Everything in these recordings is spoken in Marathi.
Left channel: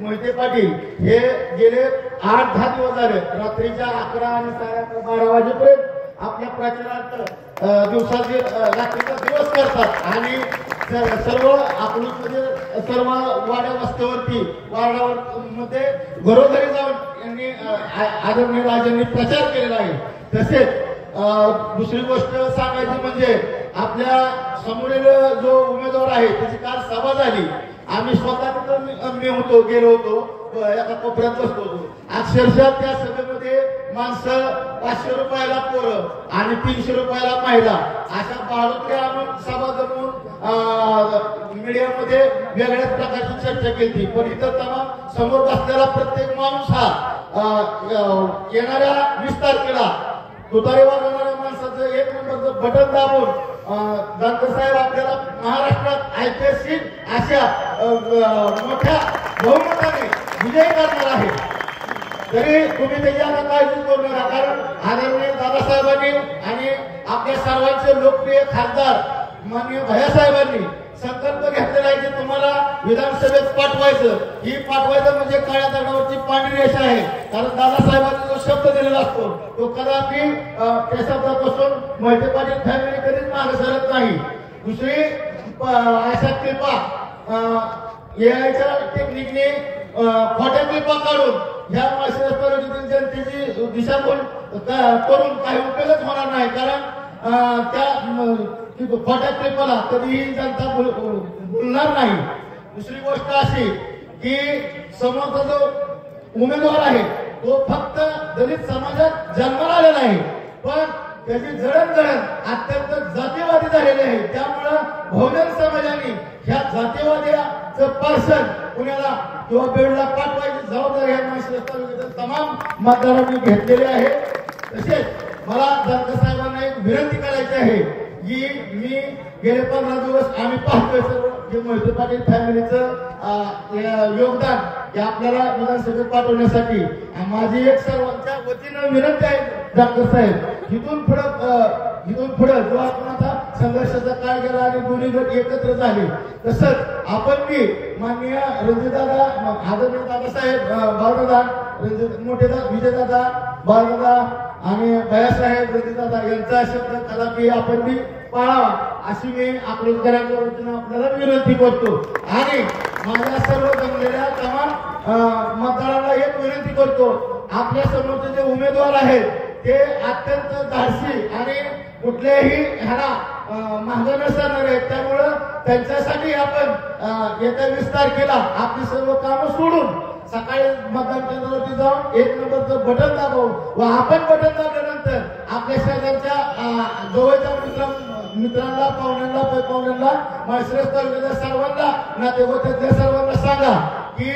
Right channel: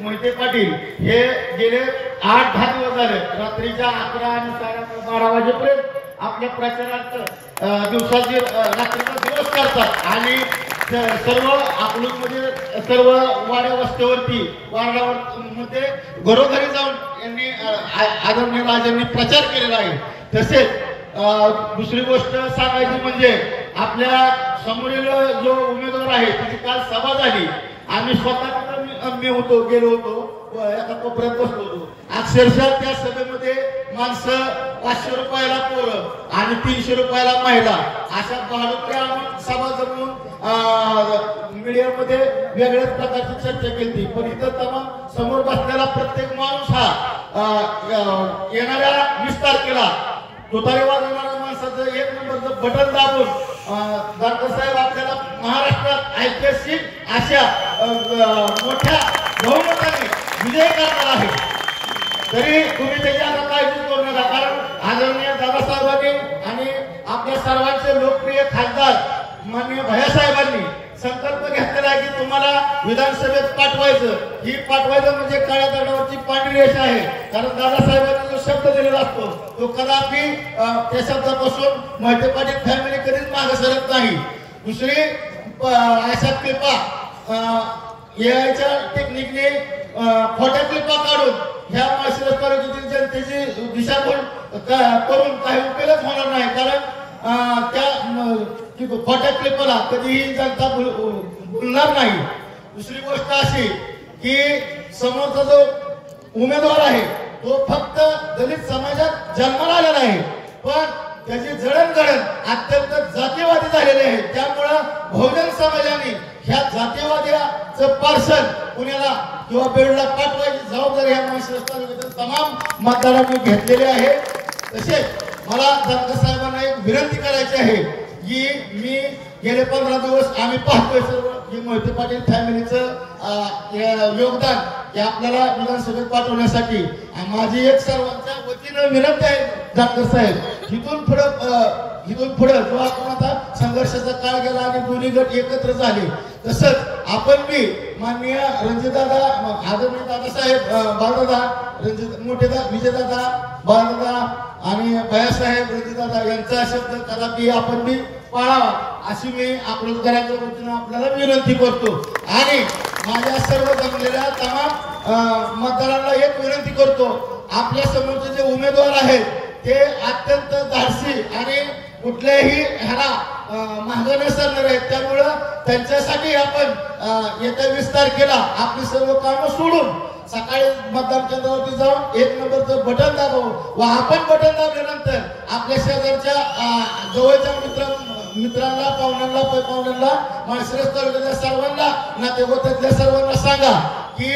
मोहिते पाटील हे गेले 8-10 दिवस झाले रात्रीच्या 11 आणि 12 वाजेपर्यंत आपल्या प्रचारार्थ दिवसाची रात्रीचा दिवस करतात आणि सर्व अकलूजमध्ये सर्व वाड्या वस्त्यावरती वार्डावर मध्ये घरोघरी जाऊन यांनी आदरणीय राजांनी प्रचार केलेला आहे। तसेच दुसरी गोष्ट सांगायची म्हणजे आपल्या समोरील जो उमेदवार आहे त्याची काल सभा झाली। आम्ही स्वतः मी होतो गेलो होतो एका कोपऱ्यात बसलो होतो। अक्षरशः त्या सभेमध्ये माणसं 500 रुपयाला पोरं आणि 300 रुपयाला महिला अशा बाळूच्या आम्ही सभा जमून मीडियामध्ये वेगळ्याच प्रकारची चर्चा केली। पण इथं तेव्हा समोर बसलेला प्रत्येक माणूस हा येणाऱ्या 20 तारखेला तुतारी वाजवणाऱ्या माणसाचं 1 नंबरचं बटन दाबून दानकर साहेब आपल्याला महाराष्ट्रात ऐतिहासिक अशा मोठ्या बहुमताने विजय करणार आहे। तरी तुम्ही त्याची आता काळजी करू नका, कारण आदरणीय दादासाहेबांनी आणि आपल्या सर्वांचे लोकप्रिय खासदार माननीय भैयासाहेबांनी संकल्प घेतलेला आहे की तुम्हाला विधानसभेत पाठवायचं। ही पाठवायचं म्हणजे काळ्या दगडावरची पांढरी रेषा आहे, कारण दादासाहेबांनी जो शब्द दिलेला असतो तो कदापि त्या शब्दापासून मोहिते पाटील फॅमिली कधीच मागे सरत नाही। दुसरी अशा क्लिपा याच्या टेक्निकने खोट्या क्लिपा काढून ह्या माळशिरस तालुक्यातील जनतेची दिशाभूल करून काही उपयोगच होणार नाही, कारण त्या खोट्या क्लिपाला कधीही जनता बोलणार नाही। दुसरी गोष्ट अशी की समोरचा जो उमेदवार आहे तो फक्त दलित समाजात जन्माला आलेला आहे, पण त्याची जडणघडण अत्यंत जातीवादी झालेली आहे। त्यामुळं बहुजन समाजाने ह्या जातीवाद्याचं पार्सल पुण्याला किंवा बेडला पाठवायची जबाबदारी ह्या माळशिरस तालुक्यातील तमाम मतदारांनी घेतलेली आहे। तसेच मला दानकर साहेबांना एक विनंती करायची आहे की मी गेले 15 दिवस आम्ही पाहतोय सर्व जे मोहिते पाटील फॅमिलीचं योगदान हे आपल्याला विधानसभेत पाठवण्यासाठी माझी एक सर्वांच्या वतीनं विनंती आहे दानकर साहेब, इथून पुढे जो आपण आता संघर्षाचा काळ गेला आणि दोन्ही गट एकत्र झाले, तसंच आपण बी माननीय रणजितदादा आदरणीय दादासाहेब बाळदादा मोठेदा विजयदादा बाळदादा आणि भैयासाहेब रणजितदादा यांचा शब्द कदापि आपण बी पाळावा अशी मी अकलूजकरांच्या वतीनं आपल्याला विनंती करतो। आणि माझ्या सर्व जमलेल्या तमाम मतदारांना एक विनंती करतो, आपल्या समोरचे जे उमेदवार आहेत ते अत्यंत धाडसी आणि कुठल्याही ह्याला मागे नसणार आहेत, त्यामुळं त्यांच्यासाठी आपण येत्या 20 तारखेला आपली सर्व कामं सोडून सकाळी मतदान केंद्रावरती जाऊन 1 नंबरचं बटन दाबवू व आपण बटन दाबल्यानंतर आपल्या शेजारच्या जवळच्या मित्रांना पाहुण्यांना माळशिरस तालुक्यातल्या सर्वांना नातेवाईकातल्या सर्वांना सांगा की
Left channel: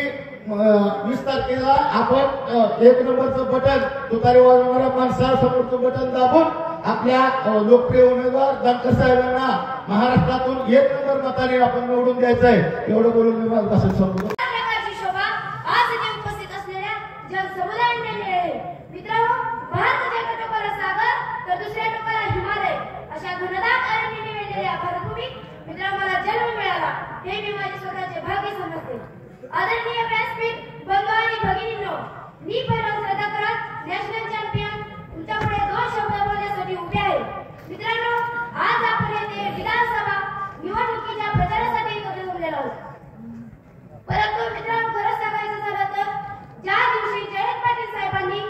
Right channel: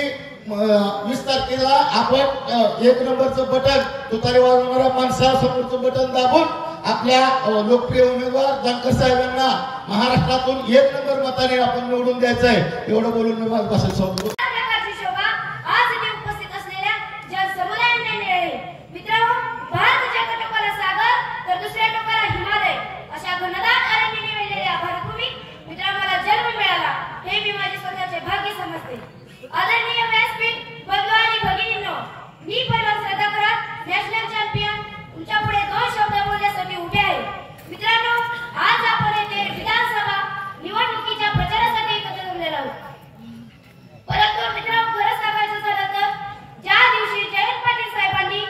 20 तारखेला आपण 1 नंबरचं बटन तुतारी वाजवणाऱ्या माणसासमोरचं बटन दाबून आपल्या लोकप्रिय उमेदवार दानकर साहेबांना महाराष्ट्रातून 1 नंबर मताने आपण निवडून द्यायचं आहे। एवढं बोलून मी माझं भाषण संपवतो। आदरणीय व्यासपीठ बंधू आणि भगिनींनो, मी परम श्रद्धा करत नॅशनल चॅम्पियन तुमच्या पुढे 2 शब्द बोलण्यासाठी उभे आहे। मित्रांनो, आज आपण येथे विधानसभा निवडणुकीच्या प्रचारासाठी एकत्र जमलेलो आहोत, परंतु मित्रांनो खरं सांगायचं झालं तर ज्या दिवशी जयंत पाटील साहेबांनी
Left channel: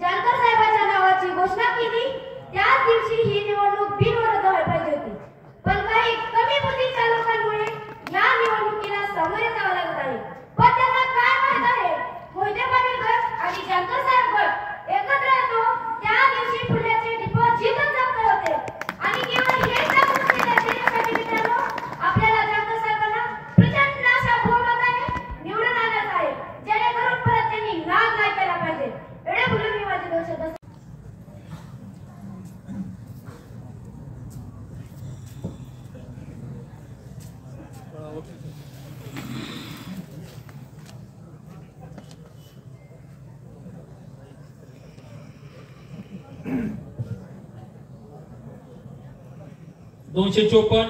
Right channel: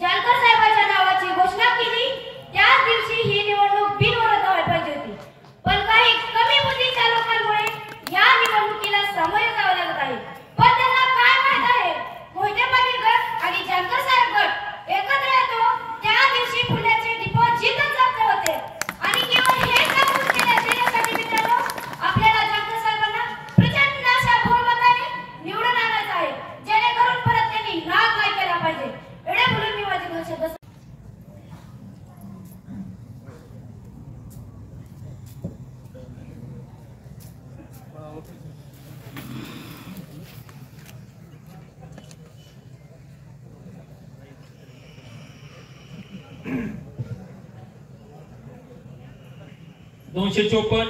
जानकर साहेबांच्या नावाची घोषणा केली त्याच दिवशी ही निवडणूक बिनविरोध व्हायला पाहिजे होती, पण काही कमी बुद्धीच्या लोकांमुळे या निवडणुकीला सामोरे जावं लागत आहे। पण त्यांना काय माहित आहे, मोहिते पाटील गट आणि जानकर साहेब गट एकत्र येतो त्या दिवशी पुण्याचे डिपॉझिटच जप्त होते आणि केवळ हे गोष्टी देण्यासाठी मित्रांनो आपल्याला जानकर साहेबांना प्रचंड अशा बहुमताने निवडून आणायचं आहे, जेणेकरून परत त्यांनी नाग नाही केला पाहिजे। एवढे बोलून मी माझी भाषण $254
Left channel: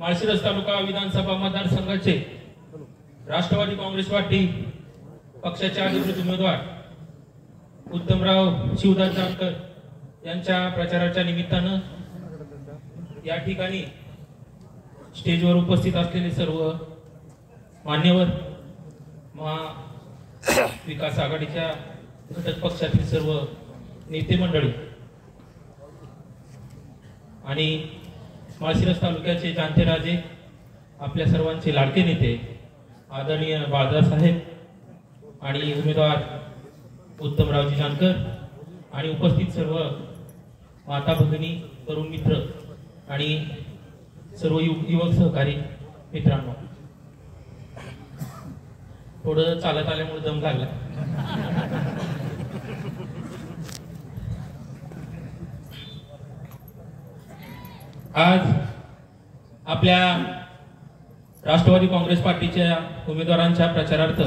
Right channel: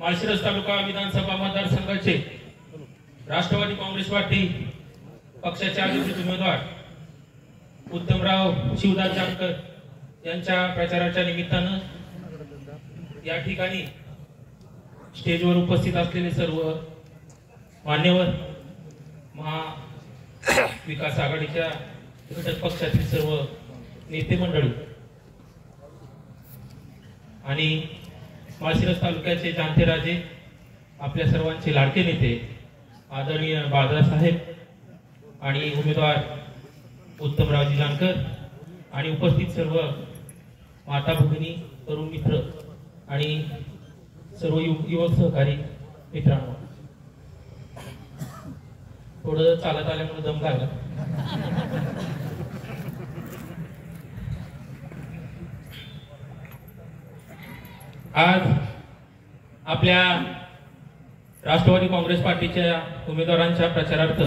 माळशिरस तालुका विधानसभा मतदारसंघाचे राष्ट्रवादी काँग्रेस पार्टी पक्षाचे अधिकृत उमेदवार उत्तमराव शिवदास जानकर यांच्या प्रचाराच्या निमित्तानं या ठिकाणी स्टेजवर उपस्थित असलेले सर्व मान्यवर, महाविकास आघाडीच्या घटक पक्षातील सर्व नेते मंडळी आणि माळशिरस तालुक्याचे जाणते राजे, आपल्या सर्वांचे लाडके नेते आदरणीय बाळासाहेब आणि उमेदवार उत्तमरावजी जानकर आणि उपस्थित सर्व माता भगिनी, तरुण मित्र आणि सर्व युवक सहकारी मित्रांनो, थोडं चालत आल्यामुळे दम लागला. आज आपल्या राष्ट्रवादी काँग्रेस पार्टीच्या उमेदवारांच्या प्रचारार्थ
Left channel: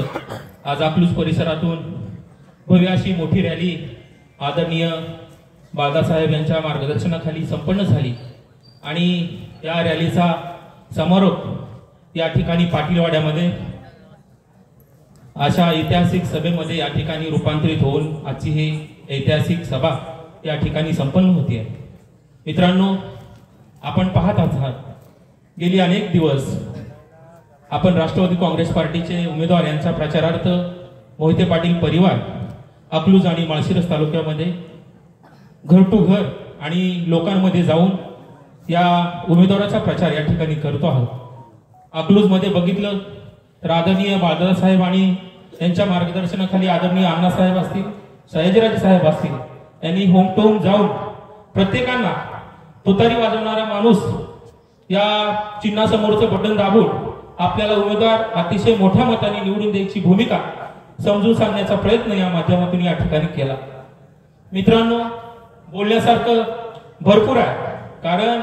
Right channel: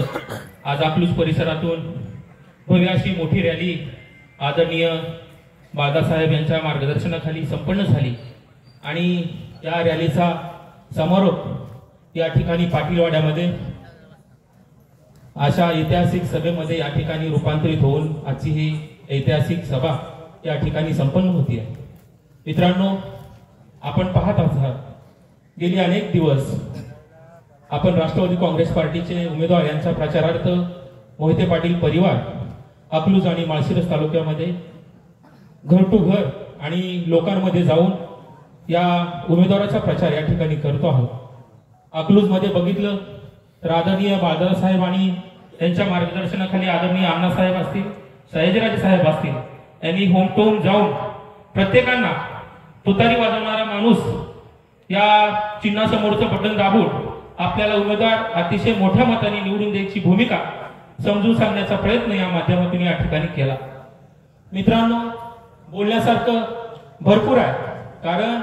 आज अकलूज परिसरातून भव्य अशी मोठी रॅली आदरणीय बाळासाहेब यांच्या मार्गदर्शनाखाली संपन्न झाली आणि या रॅलीचा समारोप या ठिकाणी पाटीलवाड्यामध्ये अशा ऐतिहासिक सभेमध्ये या ठिकाणी रूपांतरित होऊन आजची ही ऐतिहासिक सभा या ठिकाणी संपन्न होती आहे. मित्रांनो, आपण पाहत आहात गेली अनेक दिवस आपण राष्ट्रवादी काँग्रेस पार्टीचे उमेदवार यांच्या प्रचारार्थ मोहिते पाटील परिवार अकलूज आणि माळशिरस तालुक्यामध्ये घर टू घर आणि लोकांमध्ये जाऊन या उमेदवाराचा प्रचार या ठिकाणी करतो आहोत. अकलूज मध्ये बघितलं तर आदरणीय बाळासाहेब आणि यांच्या मार्गदर्शनाखाली आदरणीय अण्णासाहेब असतील, सयाजीराजे साहेब असतील, यांनी होम टू होम जाऊन प्रत्येकांना तुतारी वाजवणारा माणूस या चिन्हासमोरचं बटन दाबून आपल्याला उमेदवार अतिशय मोठ्या मताने निवडून द्यायची भूमिका समजून सांगण्याचा प्रयत्न या माध्यमातून या ठिकाणी केला. मित्रांनो, बोलण्यासारखं भरपूर आहे, कारण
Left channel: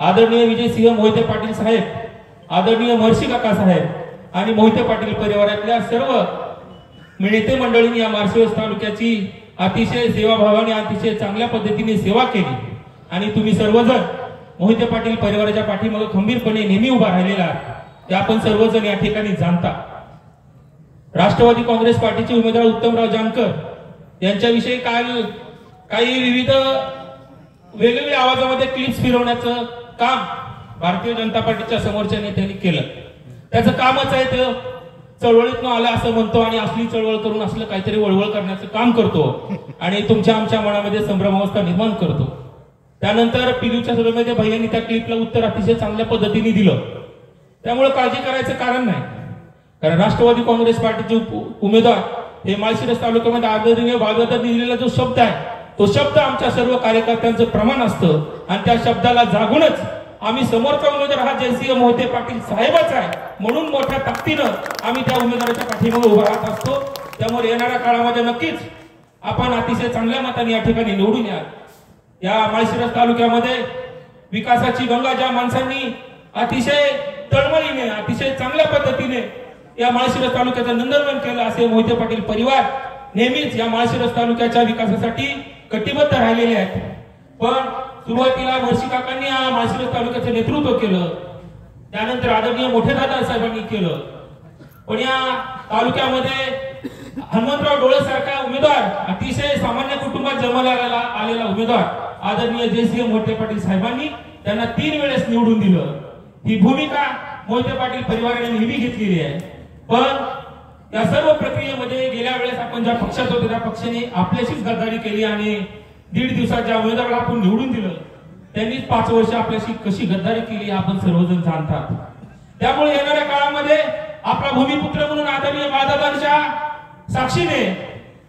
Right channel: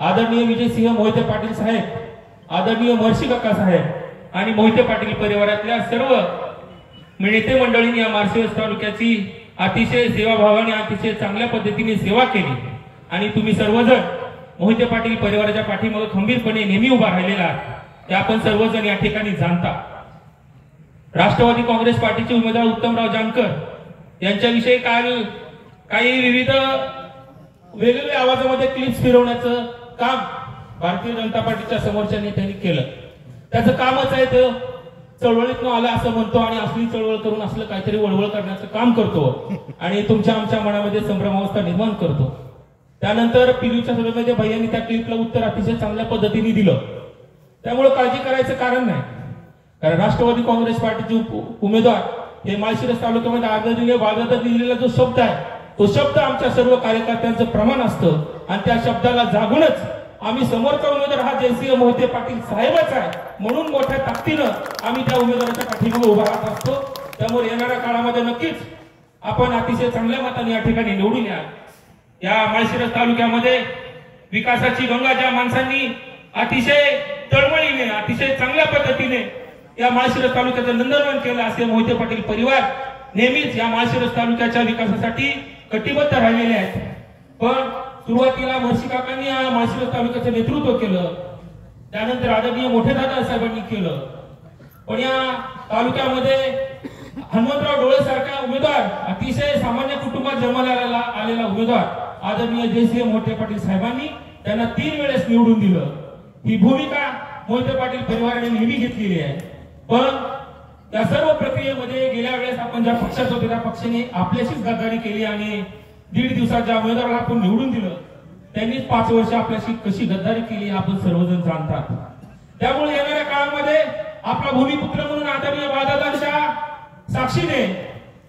आदरणीय विजयसिंह मोहिते पाटील साहेब, आदरणीय महर्षी काका साहेब आणि मोहिते पाटील परिवारातल्या सर्व नेते मंडळींनी या माळशिरस तालुक्याची अतिशय सेवाभावाने अतिशय चांगल्या पद्धतीने सेवा केली आणि तुम्ही सर्वजण मोहिते पाटील परिवाराच्या पाठीमागे खंबीरपणे नेहमी उभा राहिलेला आहात, ते आपण सर्वजण या ठिकाणी जाणता. राष्ट्रवादी काँग्रेस पार्टीचे उमेदवार उत्तमराव जानकर यांच्याविषयी काही विविध वेगवेगळ्या आवाजामध्ये क्लिप्स फिरवण्याचं काम भारतीय जनता पार्टीच्या समोरच्या नेत्यांनी केलं. त्याचं कामच आहे ते चळवळीतून आलं असं म्हणतो आणि असली चळवळ करून असलं काहीतरी वळवळ करण्याचं काम करतो आणि तुमच्या आमच्या मनामध्ये संभ्रमावस्था निर्माण करतो. त्यानंतर पिलूच्या सभेमध्ये भैयांनी त्या क्लिपला उत्तर अतिशय चांगल्या पद्धतीने दिलं. त्यामुळे काळजी करायचं कारण नाही, कारण राष्ट्रवादी काँग्रेस पार्टीचे उमेदवार हे माळशिरस तालुक्यामध्ये आदरणीय बाळासाहेबांनी दिलेला जो शब्द आहे तो शब्द आमच्या सर्व कार्यकर्त्यांचं प्रमाण असतं आणि त्या शब्दाला जागूनच आम्ही समोरचा उमेदवार हा जयसिंह मोहिते पाटील साहेबच आहे म्हणून मोठ्या ताकदीनं आम्ही त्या उमेदवाराच्या पाठीमागे उभा राहत असतो. त्यामुळे येणाऱ्या काळामध्ये नक्कीच आपण अतिशय चांगल्या मताने या ठिकाणी निवडून या माळशिरस तालुक्यामध्ये विकासाची गंगा ज्या माणसांनी अतिशय तळमळीने अतिशय चांगल्या पद्धतीने या माळशिरस तालुक्याचं नंदनवन केलं असे मोहिते पाटील परिवार नेहमीच या माळशिरस तालुक्याच्या विकासासाठी कटिबद्ध राहिलेले आहेत. पण सुरुवातीला महर्षी काकांनी या माळशिरस तालुक्याचं नेतृत्व केलं, त्यानंतर आदरणीय मोठे दादा साहेबांनी केलं. पण या तालुक्यामध्ये हनुमंतराव डोळे सारखा उमेदवार, अतिशय सामान्य कुटुंबात जन्माला आलेला उमेदवार आदरणीय जयसिंह मोहिते पाटील साहेबांनी त्यांना 3 वेळेस निवडून दिलं. ही भूमिका मोहिते पाटील परिवाराने नेहमी घेतलेली आहे. पण या सर्व प्रक्रियेमध्ये गेल्या वेळेस आपण ज्या पक्षात होते त्या पक्षाने आपल्याशीच गद्दारी केली आणि 1.5 दिवसात ज्या उमेदवाराला आपण निवडून दिलं त्यांनी 5 वर्ष आपल्याशी कशी गद्दारी केली आपण सर्वजण जाणतात. त्यामुळे येणाऱ्या काळामध्ये आपला भूमिपुत्र म्हणून आदरणीय बाळादादांच्या साक्षीने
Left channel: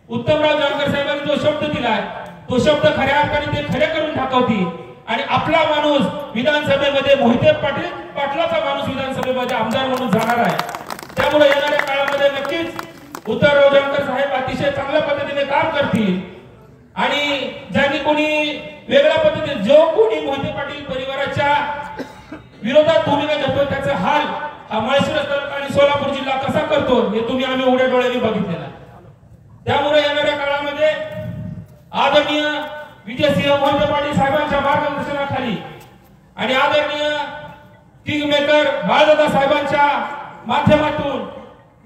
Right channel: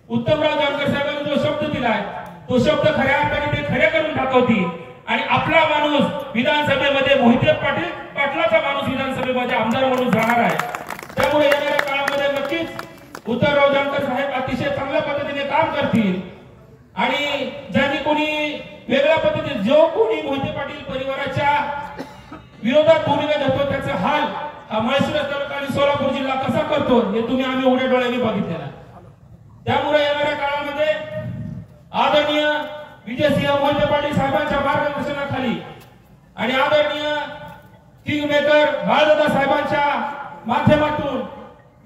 उत्तमराव जानकर साहेबांनी जो शब्द दिलाय तो शब्द खऱ्या अर्थाने ते खरे करून दाखवतील आणि आपला माणूस विधानसभेमध्ये मोहिते पाटलाचा माणूस विधानसभेमध्ये आमदार म्हणून जाणार आहे. त्यामुळे येणाऱ्या काळामध्ये नक्कीच उत्तमराव जानकर साहेब अतिशय चांगल्या पद्धतीने काम करतील आणि ज्यांनी कोणी वेगळ्या पद्धतीने जो कोणी मोहिते पाटील परिवाराच्या विरोधात भूमिका घेतो त्याचा हाल हा माळशिरस तालुका आणि सोलापूर जिल्हा कसा करतो हे तुम्ही आम्ही उघड्या डोळ्यांनी बघितलेलं आहे. त्यामुळे येणाऱ्या काळामध्ये आदरणीय विजयसिंह मोहिते पाटील साहेबांच्या मार्गदर्शनाखाली आणि आदरणीय किंग मेकर बाळादादा साहेबांच्या माध्यमातून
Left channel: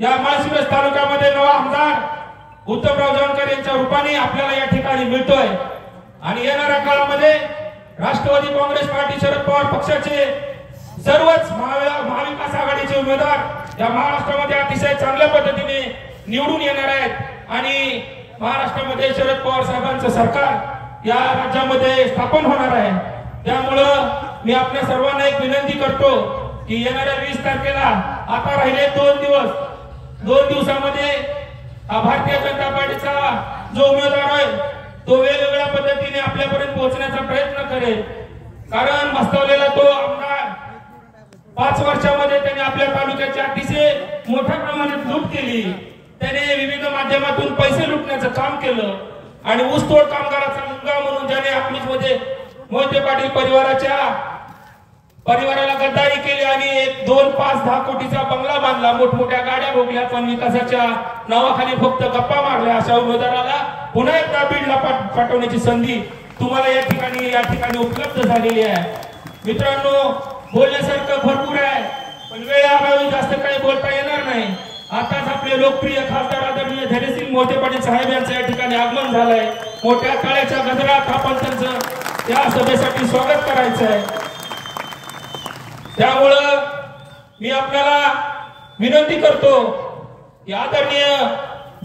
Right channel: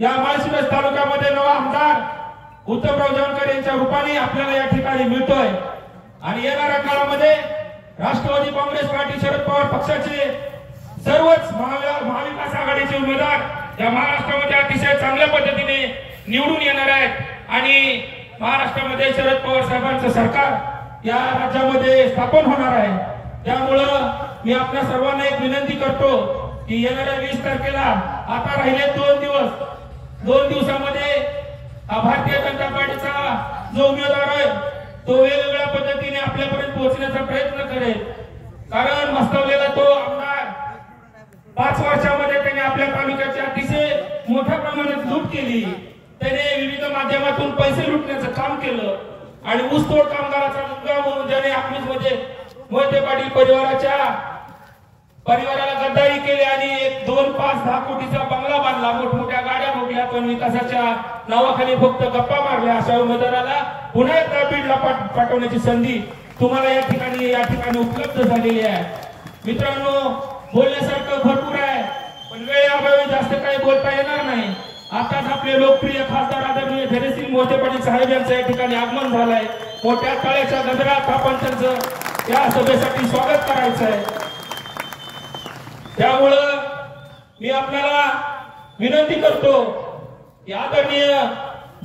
या माळशिरस तालुक्यामध्ये नवा आमदार उत्तमराव जानकर यांच्या रूपाने आपल्याला या ठिकाणी मिळतोय आणि येणाऱ्या काळामध्ये राष्ट्रवादी काँग्रेस पार्टी शरद पवार पक्षाचे सर्वच महाविकास आघाडीचे उमेदवार या महाराष्ट्रामध्ये अतिशय चांगल्या पद्धतीने निवडून येणार आहेत आणि महाराष्ट्रामध्ये शरद पवार साहेबांचं सरकार या राज्यामध्ये स्थापन होणार आहे। त्यामुळं मी आपल्या सर्वांना एक विनंती करतो की येणाऱ्या 20 तारखेला आता राहिले 2 दिवस, 2 दिवसामध्ये भारतीय जनता पार्टीचा जो उमेदवार आहे तो वेगवेगळ्या पद्धतीने आपल्यापर्यंत पोहोचण्याचा प्रयत्न करेल। कारण मस्तवलेला तो आमदार 5 वर्षामध्ये त्याने आपल्या तालुक्याची अतिशय मोठ्या प्रमाणात लूट केली। त्याने विविध माध्यमातून पैसे लुटण्याचं काम केलं आणि ऊसतोड कामगाराचा मुलगा म्हणून ज्याने आपलीमध्ये मोहिते पाटील परिवाराला गद्दारी केली आणि 1, 2, 5, 10 कोटीचा बंगला बांधला, मोठमोठ्या गाड्या भोगल्या, पण विकासाच्या नावाखाली फक्त गप्पा मारल्या। अशा उमेदवाराला पुन्हा एकदा बीडला पाठवण्याची संधी तुम्हाला या ठिकाणी उपलब्ध झालेली आहे। मित्रांनो, बोलण्यासारखं भरपूर आहे पण वेळेअभावी जास्त काही बोलता येणार नाही। आताच आपले लोकप्रिय खासदार आदरणीय धैर्यसिंह मोहिते पाटील साहेब यांचं या ठिकाणी आगमन झालंय। मोठ्या तळ्याच्या गजरात आपण त्यांचं या सभेसाठी स्वागत करायचं आहे। त्यामुळं मी आपल्याला विनंती करतो की आदरणीय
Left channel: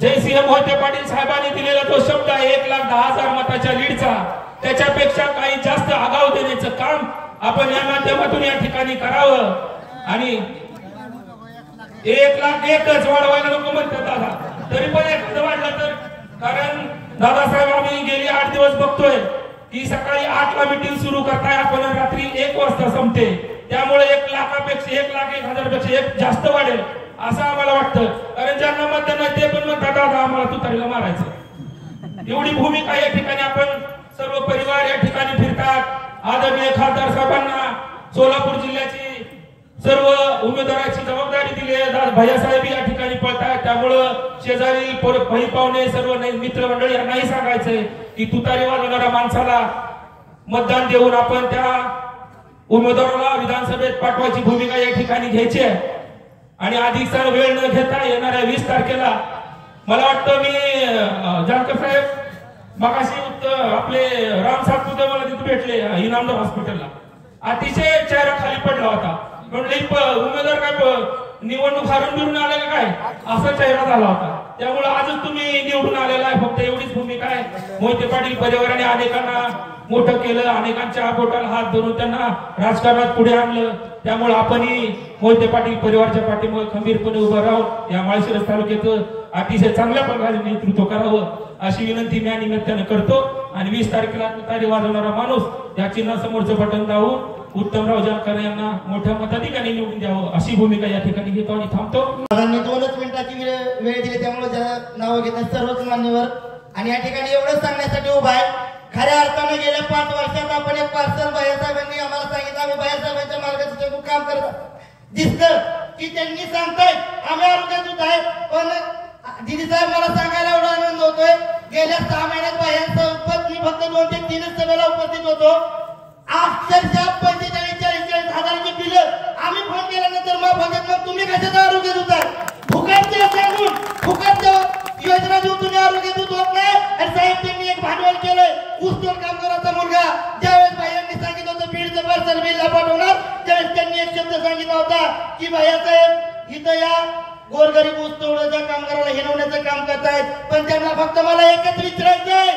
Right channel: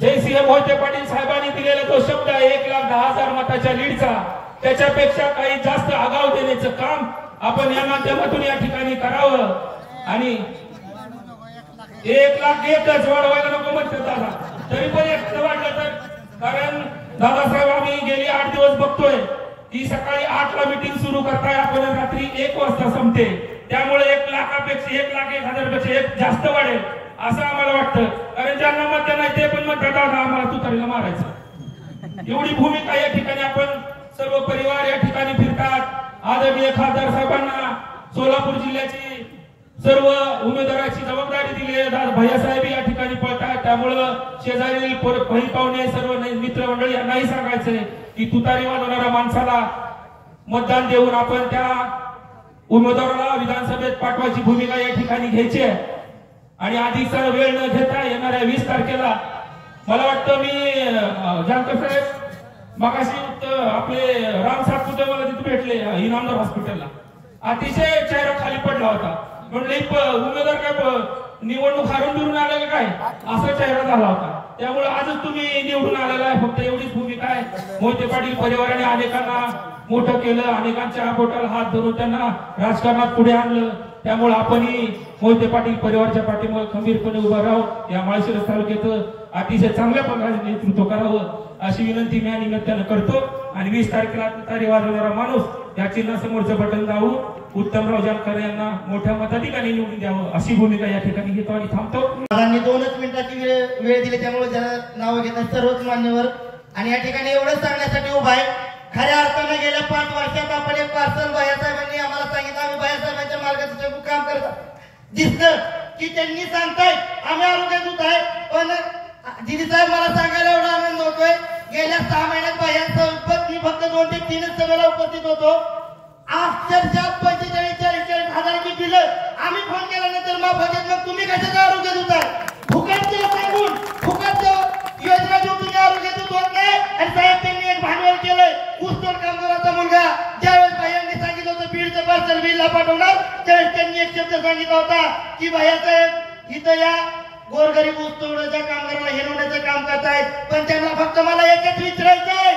जयसिंह मोहिते पाटील साहेबांनी दिलेला तो शब्द 1,10,000 मताच्या लीडचा, त्याच्यापेक्षा काही जास्त आगाऊ देण्याचं काम आपण या माध्यमातून या ठिकाणी करावं आणि 1,01,000च वाढवायला नको म्हणतात दादा, तरी पण एखादं वाढलं तर, कारण दादासाहेब आम्ही गेले 8 दिवस बघतोय की सकाळी 8ला मीटिंग सुरू करताय आपण रात्री 1 वाजता संपते। त्यामुळे 1,00,000पेक्षा 1,01,000पेक्षा 1 जास्त वाढेल असं आम्हाला वाटतं। कारण ज्यांना मत नाही ते पण म्हणतात दादा आम्हाला तुतारीला मारायचं। एवढी भूमिका या ठिकाणी आपण सर्व परिवार या ठिकाणी फिरतात। आदरणीय खासदार साहेबांना सोलापूर जिल्ह्याची सर्व उमेदवाराची जबाबदारी दिली आहे। भैयासाहेब या ठिकाणी पळतात, त्यामुळं शेजारी भाई पाहुणे सर्व मित्रमंडळी यांनाही सांगायचंय की तुतारी वाजवणाऱ्या माणसाला मतदान देऊन आपण त्या उमेदवाराला विधानसभेत पाठवायची भूमिका या ठिकाणी घ्यायची आहे। आणि अधिकचा वेळ न घेता येणाऱ्या 20 तारखेला मला वाटतं मी जानकर साहेब मगाशी आपले राम सातपुते मला तिथे भेटले इनामदार हॉस्पिटलला, अतिशय चेहरा खाली पडला होता। म्हणलं उमेदवार काय निवडणूक हारून निवडून आले का काय असा चेहरा झाला होता। त्यामुळे आजच तुम्ही निवडून आलेला आहे, फक्त एवढीच भूमिका आहे। मोहिते पाटील परिवाराने अनेकांना मोठं केलं, अनेकांच्या बोटाला हात धरून त्यांना राजकारणात पुढे आणलं। त्यामुळे आपणही मोहिते पाटील परिवाराच्या पाठीमागे खंबीरपणे उभं राहून या माळशिरस तालुक्यात अतिशय चांगल्या प्रकारे नेतृत्व करावं अशी विनंती मी या निमित्तानं करतो। आणि 20 तारखेला तुतारी वाजवणारा माणूस या चिन्हासमोरचं बटन दाबून उत्तमराव जानकर यांना मोठ्या मताधिकाने निवडून द्यावं अशी भूमिका या ठिकाणी घेतो आणि थांबतो। दादांनी 2च मिनिटाची वेळ दिली, त्यामुळे त्याला नाव घेतात सर्वच मान्यवर आणि या ठिकाणी एवढं सांगण्यासाठी उभा आहे। खऱ्या अर्थाने गेल्या 5 वर्षात आपण एक पार्सल भैयासाहेबांनी आम्हाला सांगितलं, आम्ही भैयासाहेबांच्या मार्गाचं काम करत दिसतं की त्यांनी सांगतायत आम्ही आरोग्यात आहे। पण दिदी साहेब मला सांगायला एवढा आनंद होतोय, गेल्या 6 महिन्यात भैयांसोबत मी फक्त 2 ते 3 सभेला उपस्थित होतो। अक्षरशः 45-40 हजाराची बिलं आम्ही फोन केल्यानंतर मग तुम्ही कशाचं आरोग्य दूत आहे, फुकट सांगून फुकट योजना देऊन तुम्ही आरोग्य दूत होत नाही। आणि साहेब त्यांनी एक भांडवल केलंय, ऊसतोड कामगाराचा मुलगा ज्यावेळेस भैयांनी सांगितलं होतं बीडचं पार्सल बीडला पाठवणार, त्यावेळेस त्यांनी एक शब्द सांगितला होता की भैयासाहेब इथं या गोरगरीब ऊसतोडच्या कामगाराला हिरवण्याचं काम करतायत। पण त्यांना फक्त मला एकच विचारायचंय,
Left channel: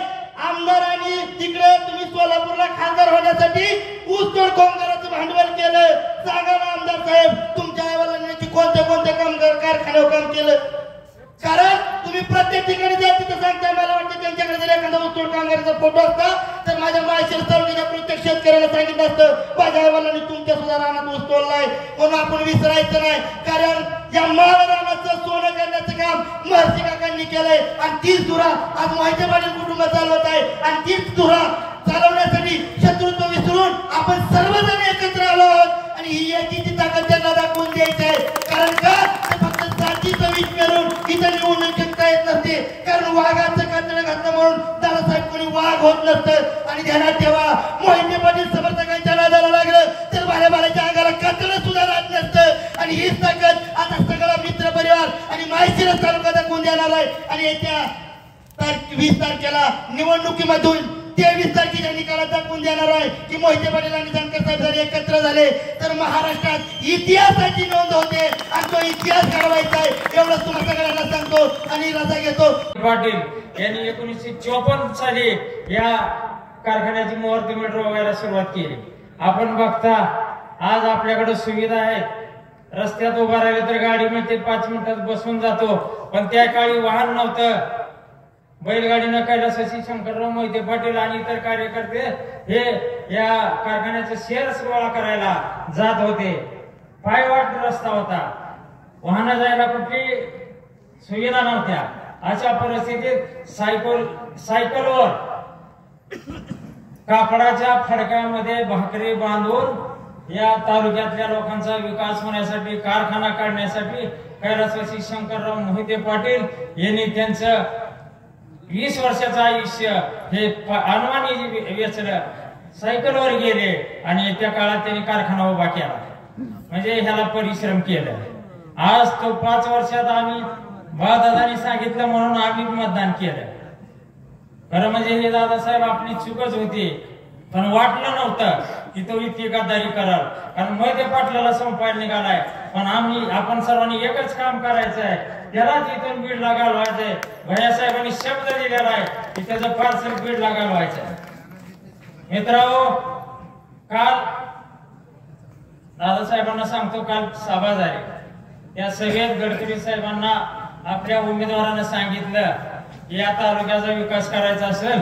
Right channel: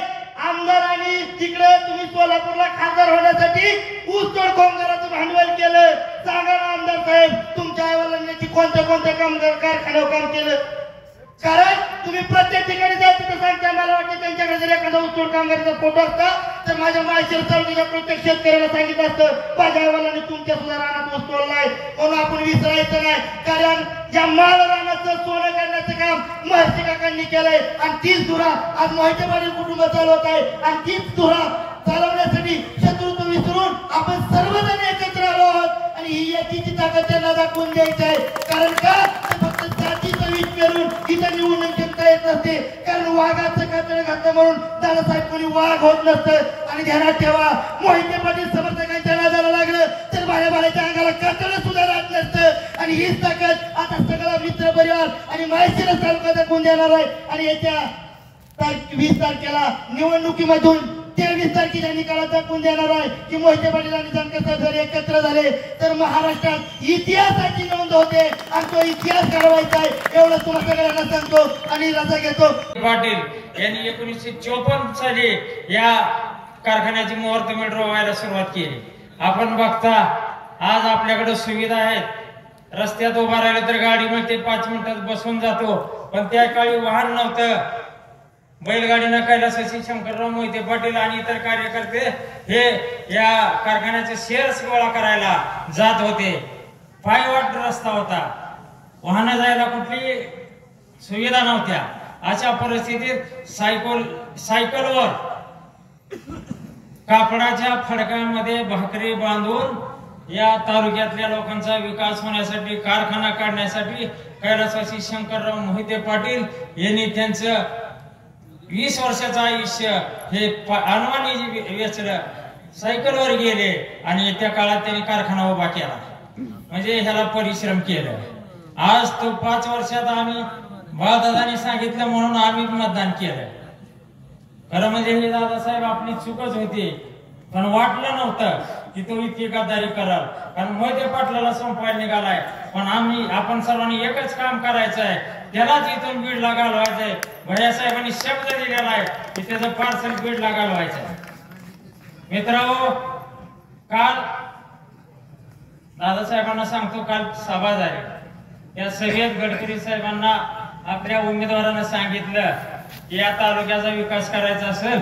आमदारांनी तिकडे तुम्ही सोलापूरला खासदार होण्यासाठी ऊसतोड कामगाराचं भांडवल केलं, सांगा ना आमदार साहेब तुमच्या आईवडिलांनी कोणत्या कामगार कारखान्यावर काम केलं? कारण तुम्ही प्रत्येक ठिकाणी जा तिथं सांगताय, मला वाटतं त्यांच्याकडे जर एखादा ऊसतोड कामगाराचा फोटो असता तर माझ्या माळशिरस तालुक्याच्या प्रत्येक शेतकऱ्याला सांगितलं असतं माझ्या आईवडिलांनी तुमच्या सुद्धा रानात ऊस तोडलाय, म्हणून आपण विसरायचं नाही। कारण या माळ रानाचं सोनं करण्याचं काम महर्षी काकांनी केलंय आणि तीच धुरा आज मोहिते पाटील कुटुंब चालवत आहे। आणि तीच धुरा चालवण्यासाठी शत्रुत्व विसरून आपण सर्वजण एकत्र आलो आहोत आणि ही एकीची ताकद त्यांना दाखवून द्यायची आहे। कारण का फक्त जातीचं वीज करून इथं निवडणूक जिंकता येत नसते, कारण वाघाचं कातडं घातलं म्हणून दादासाहेब कोणी वाघ होत नसतं। आणि ध्यानात ठेवा, मोहिते पाटील समर्थकांच्या नादाला लागलं तर बाळाच्या अंगाला कातडं सुद्धा राहत नसतं। आणि हीच ताकद आता सगळा मित्र परिवार आणि दाखवून देणार आहे आणि येत्या 20 तारखेला निवडणुकीमधून 23 तारखेच्या निकालात दाखवून देणार आहे की मोहिते पाटील आणि जानकर साहेब जर एकत्र झाले तर महाराष्ट्रात इतिहासाची नोंद होते आणि तो इतिहास घडवायचा आहे एवढं तुम्हाला सगळ्यांना सांगतो आणि रजा घेतो. पाटील यांनी 1954 साली या कारखान्याची मुहूर्त मीटर व्हायला सुरुवात केली. आपण बघता आज आपल्याकडे सुविधा आहेत. रस्त्यात उभा राहिले तर गाडी मिळते 5 मिनिटात बसून जातो. पण त्या काळी वाहन नव्हतं. बैलगाडीनं कैलासवासी शंकरराव मोहिते पाटील आणि इतर कार्यकर्ते हे या कारखान्याचे शेअर्स गोळा करायला जात होते. पायवाट रस्ता होता. वाहन जायला कुठली सुविधा नव्हत्या. अशा परिस्थितीत सायकलवर कापडाच्या फडक्यामध्ये भाकरी बांधून या तालुक्यातल्या लोकांचा विकास होण्यासाठी कारखाना काढण्यासाठी कैलासवासी शंकरराव मोहिते पाटील यांनी त्यांचं 20 वर्षाचं आयुष्य हे अनवाणी वेचलं. सायकलवर गेले आणि त्या काळात त्यांनी कारखाना उभा केला. म्हणजे ह्याला परिश्रम केलं. आज तो 5 वर्षात आम्ही बाळदादांनी सांगितलं म्हणून आम्ही मतदान केलं. खरं म्हणजे हे दादासाहेब आपली चूकच होती. पण वाटलं नव्हतं की तो इतकी गद्दारी कराल. कारण मोहिते पाटलाला संपायला निघालाय. पण आपण सर्वांनी एकच काम करायचं आहे. त्यालाच इथून बीडला घालवायचंय. भैयासाहेबांनी शब्द दिलेला आहे की त्याचं पार्सल बीडला घालवायचंय. मित्रांनो, काल दादासाहेबांना सांगतो, काल सभा झाली. त्या सभेत गडकरी साहेबांना आपल्या उमेदवारांना सांगितलं की या तालुक्याचा विकास करायचा असेल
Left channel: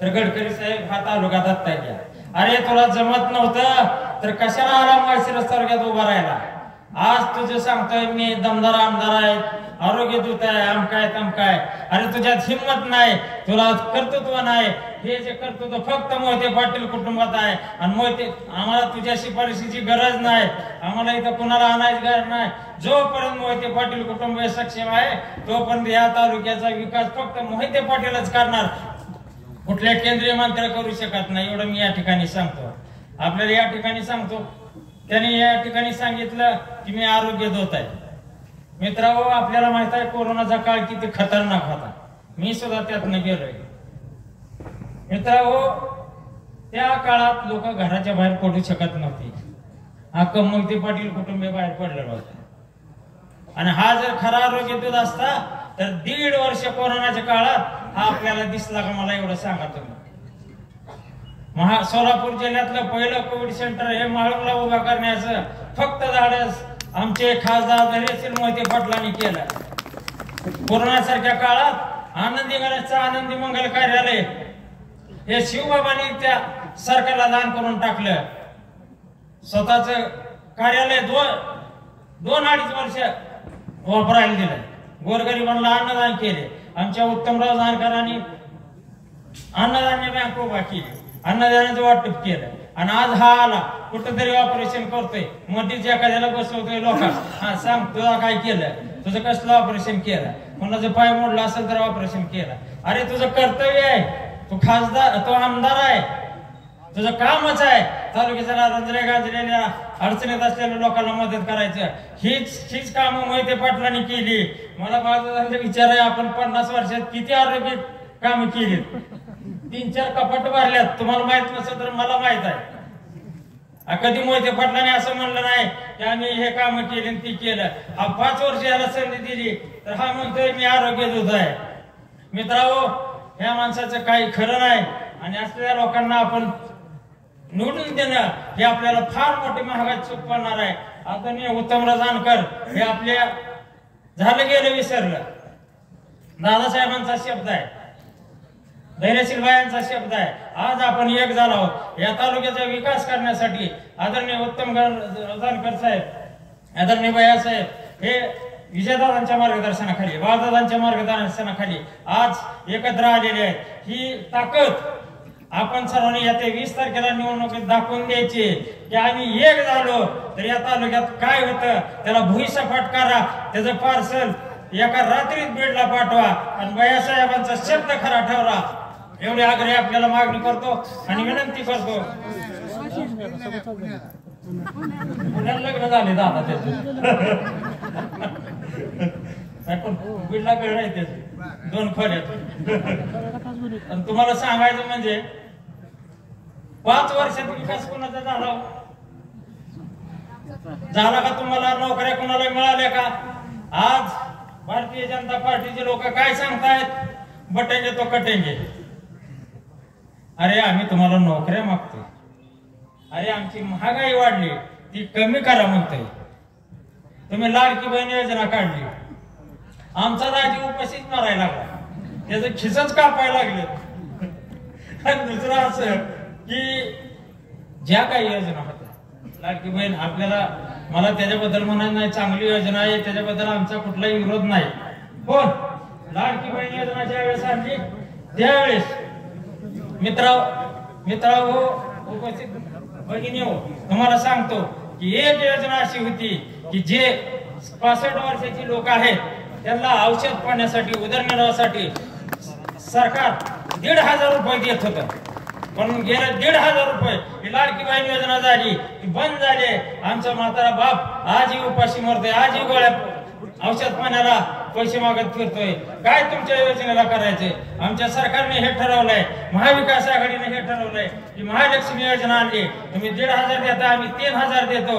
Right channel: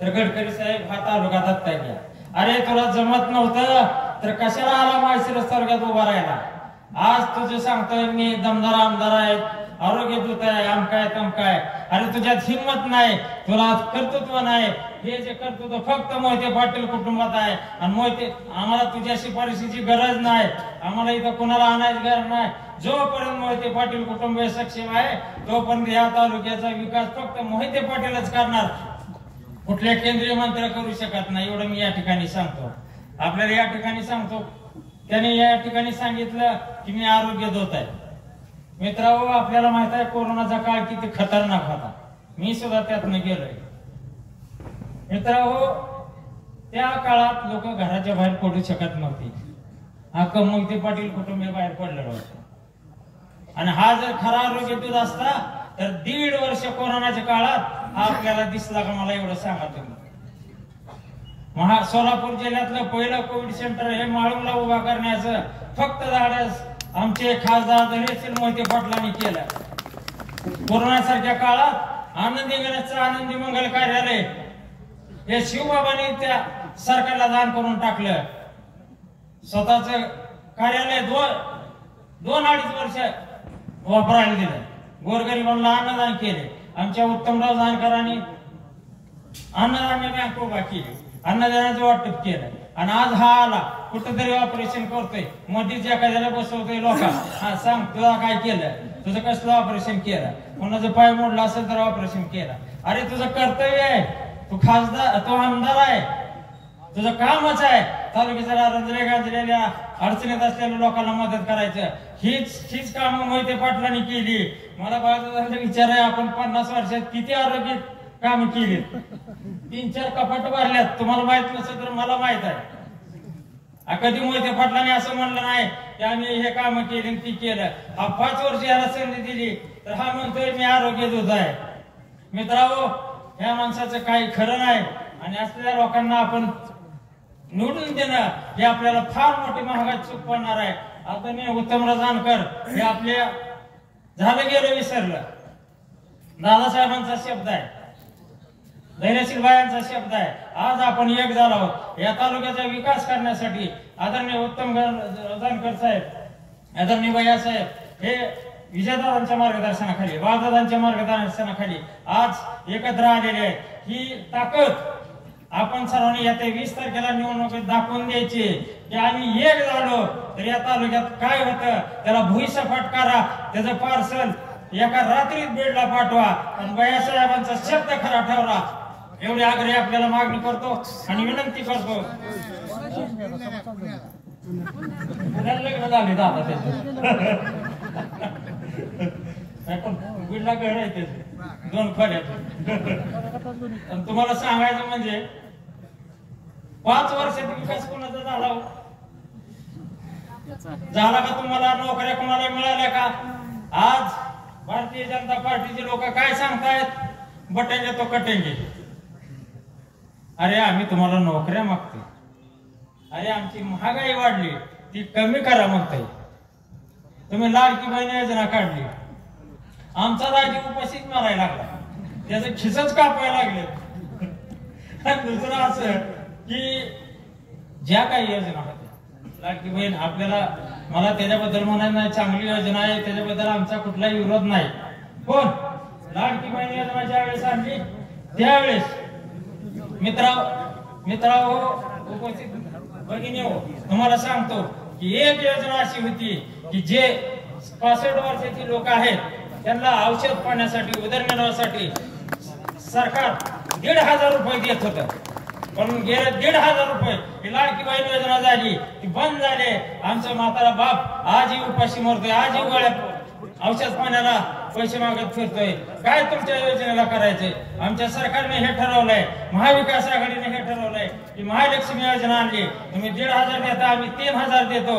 तर गडकरी साहेब हा तालुका दत्ता घ्या. अरे तुला जमत नव्हतं तर कशाला आला माळशिरस तालुक्यात उभा राहिला. आज तुझं सांगतोय मी दमदार आमदार आहे, आरोग्य दूत आहे, आमकाय तमकाय. अरे तुझ्यात हिंमत नाही, तुला कर्तृत्व नाही. हे जे कर्तृत्व फक्त मोहिते पाटील कुटुंबात आहे. आणि मोहिते आम्हाला तुझ्या शिफारशीची गरज नाही. आम्हाला इथं कुणाला आणायची गरज नाही. जोपर्यंत मोहिते पाटील कुटुंब सक्षम आहे तोपर्यंत या तालुक्याचा विकास फक्त मोहिते पाटीलच करणार. कुठल्या केंद्रीय मंत्री करू शकत नाही. एवढं मी या ठिकाणी सांगतो. आपल्याला या ठिकाणी सांगतो, त्यांनी या ठिकाणी सांगितलं की मी आरोग्य दूत आहे. मित्रांनो, आपल्याला माहित आहे कोरोनाचा काळ किती खतरनाक होता. मी सुद्धा त्यातनं गेलोय. मित्रांनो, त्या काळात लोक घराच्या बाहेर पडू शकत नव्हते. हा मोहिते पाटील कुटुंब बाहेर पडलेलं होतं. आणि हा जर खरा आरोग्य दूत असता तर 1.5 वर्ष कोरोनाच्या काळात हा आपल्याला दिसला का मला एवढं सांगा तुम्ही. सोलापूर जिल्ह्यातलं पहिलं कोविड सेंटर हे माळुंगला उभा करण्याचं फक्त धाडस आमचे खासदार धैर्यशील मोहिते पाटलांनी केलं. कोरोनासारख्या काळात आनंदी गणेशचं आनंदी मंगल कार्यालय हे शिवबाबांनी त्या सरकारला दान करून टाकलं. स्वतःच कार्यालय 2-2.5 वर्ष वापरायला दिलं. गोरगरिबांना अन्नदान केले. आमच्या उत्तमराव जानकरांनी अन्नधान्य बँक उभा केली. अन्नधान्याचं वाटप केलं. आणि आज हा आला कुठंतरी ऑपरेशन करतोय, मध्येच एखाद्याला बसवतोय. लोक हा सांग तुला काय केलं, तुझं कसलं ऑपरेशन केलं, कोणाचं पाय मोडला असेल तर ऑपरेशन केलं. अरे तुझं कर्तव्य आहे. तू खासदार, तू आमदार आहे, तुझं कामच आहे तालुक्याच्या रंजले गांजलेल्या अडचणीत असलेल्या लोकांना मदत करायचं. हीच कामं मोहिते पाटलांनी केली. मला बाळदादांचा विचार आहे, आपण 50 वर्षात किती आरोग्य कामं केली. 3-4 कपाट भरल्यात. तुम्हाला माहित नसेल तर मला माहित आहे. कधी मोहिते पाटलांनी असं म्हणलं नाही की आम्ही हे काम केले ती केलं. हा 5 वर्ष याला संधी दिली तर हा म्हणतोय मी आरोग्य दूत आहे. मित्रांनो, ह्या माणसाचं काही खरं नाही. आणि असलेल्या लोकांना आपण निवडून देणं हे आपल्याला फार मोठी महागात चूक पडणार आहे. आता मी उत्तमराव जानकर हे आपल्या झालं गेलं विसरलं. दादासाहेबांचा शब्द आहे, धैर्यशील बायांचा शब्द आहे. आज आपण एक झालो आहोत. या तालुक्याचा विकास करण्यासाठी आदरणीय उत्तम जानकर साहेब, आदरणीय भैया साहेब हे विजयदादांच्या मार्गदर्शनाखाली, बाळदादांच्या मार्गदर्शनाखाली आज एकत्र आलेले आहेत. ही ताकद आपण सर्वांनी येत्या 20 तारखेला निवडणुकीत दाखवून द्यायची की आम्ही एक झालो तर या तालुक्यात काय होतं त्याला भुईसपाट करा. त्याचं पार्सल एका रात्रीत बीडला पाठवा आणि भैयासाहेबांचा शब्द खरा ठेवला. एवढी आग्रह आपल्याला मागणी करतो आणि विनंती करतो. लग्न झाले दादा त्याचे नाही पण बीडला गड आहे त्याचं 2 फळ्यात. आणि तुम्हाला सांगायचं म्हणजे 5 वर्षात विकास कोणाचा झाला का? तुम्हाला नोकऱ्या कोणाला मिळाल्या का? आज भारतीय जनता पार्टीचे लोक काय सांगतायत? बटेंगे तो कटेंगे. अरे आम्ही तुम्हाला नोकऱ्या मागतोय. अरे आमची महागाई वाढली ती कमी करा म्हणतोय. तुम्ही लाडकी बहीण योजना काढली, आमचा राजी उपाशीच मारायला लागला, त्याचं खिसच कापायला लागले. आणि दुसरं असं की ज्या काही योजना होत्या लाडकी बहीण, आपल्याला मला त्याच्याबद्दल म्हणायचं नाही, चांगली योजना आहे, त्याच्याबद्दल आमचा कुठलाही विरोध नाही. पण लाडकी बहीण योजना ज्यावेळेस आणली त्यावेळेस मित्रांनो उपस्थित भगिनी हो, तुम्हाला सांगतो की एक योजना अशी होती की जे 65 वर्षाची लोक आहेत त्यांना औषध पाण्यासाठी, उदरनिर्वाहासाठी सरकार 1,500 रुपये देत होतं. पण गेले 1,500 रुपये ही लाडकी बहीण योजना झाली ती बंद झाली. आमचा म्हातारा बाप आजही उपाशी मरतोय, आजही गोळ्या औषध पाण्याला पैसे मागत फिरतोय. काय तुमच्या योजनेला करायचंय? आमच्या सरकारने हे ठरवलंय, महाविकास आघाडीने हे ठरवलंय की महालक्ष्मी योजना आणली, तुम्ही 1,500 देता, आम्ही 3,000 देतो.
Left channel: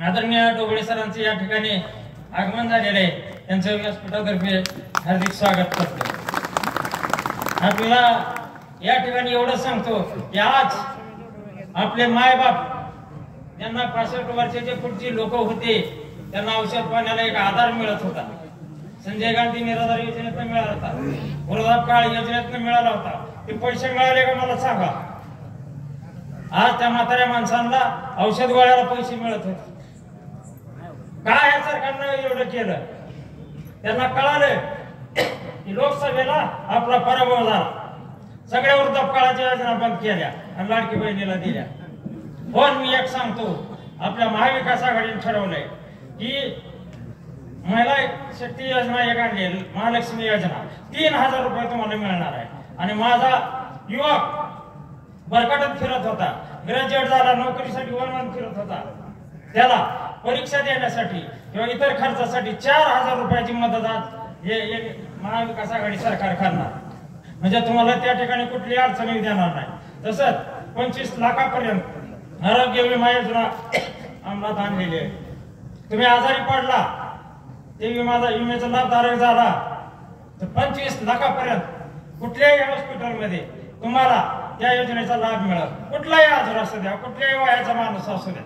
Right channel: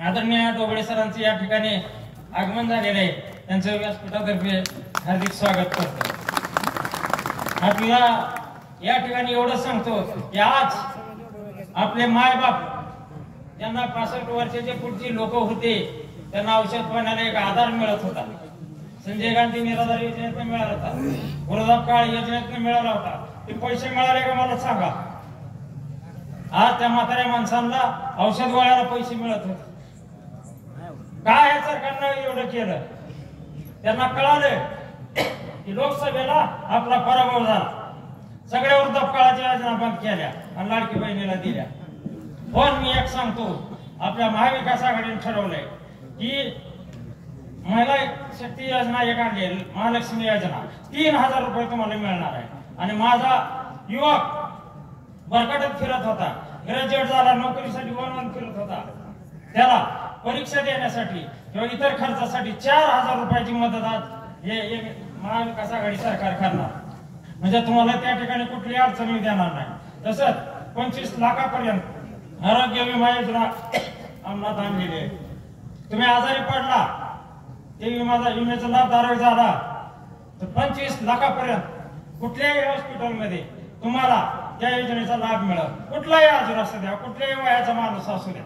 आदरणीय डोबळे सरांचे या ठिकाणी आगमन झालेलं आहे, त्यांचं व्यासपीठातर्फे हार्दिक स्वागत करतो. आपल्याला या ठिकाणी एवढं सांगतो की आज आपले मायबाप ज्यांना 65 वर्षाच्या पुढची लोक होते त्यांना औषध पाण्याला एक आधार मिळत होता. संजय गांधी निराधार योजनेतून मिळाला होता, वृद्धापकाळ योजनेतून मिळाला होता. ते पैसे मिळाले का मला सांगा? आज त्या म्हाताऱ्या माणसांना औषध गोळ्याला पैसे मिळत होते. काय या सरकारनं एवढं केलं? त्यांना कळालं की लोकसभेला आपला पराभव झाला, सगळ्या वृद्धापकाळाच्या योजना बंद केल्या आणि लाडकी बहिणीला दिल्या. पण मी एक सांगतो, आपल्या महाविकास आघाडीने ठरवलंय की महिला शक्ती योजना एक आणली, महालक्ष्मी योजना, 3,000 रुपये तुम्हाला मिळणार आहे. आणि माझा युवक बरकाटत फिरत होता, ग्रॅज्युएट झाला, नोकरीसाठी वन फिरत होता, त्याला परीक्षा देण्यासाठी किंवा इतर खर्चासाठी 4,000 रुपयाची मदत आज हे महाविकास आघाडी सरकार करणार. म्हणजे तुम्हाला त्या ठिकाणी कुठली अडचणी देणार नाही. तसंच 25 लाखापर्यंत आरोग्य विमा योजना अंमलात आणलेली आहे. तुम्ही आजारी पडला, ते विम्याचा लाभ धारक झाला तर 25 लाखापर्यंत कुठल्याही हॉस्पिटलमध्ये तुम्हाला त्या योजनेचा लाभ मिळेल. कुठलाही आजार असू द्या, कुठल्याही वयाचा माणूस असू द्या.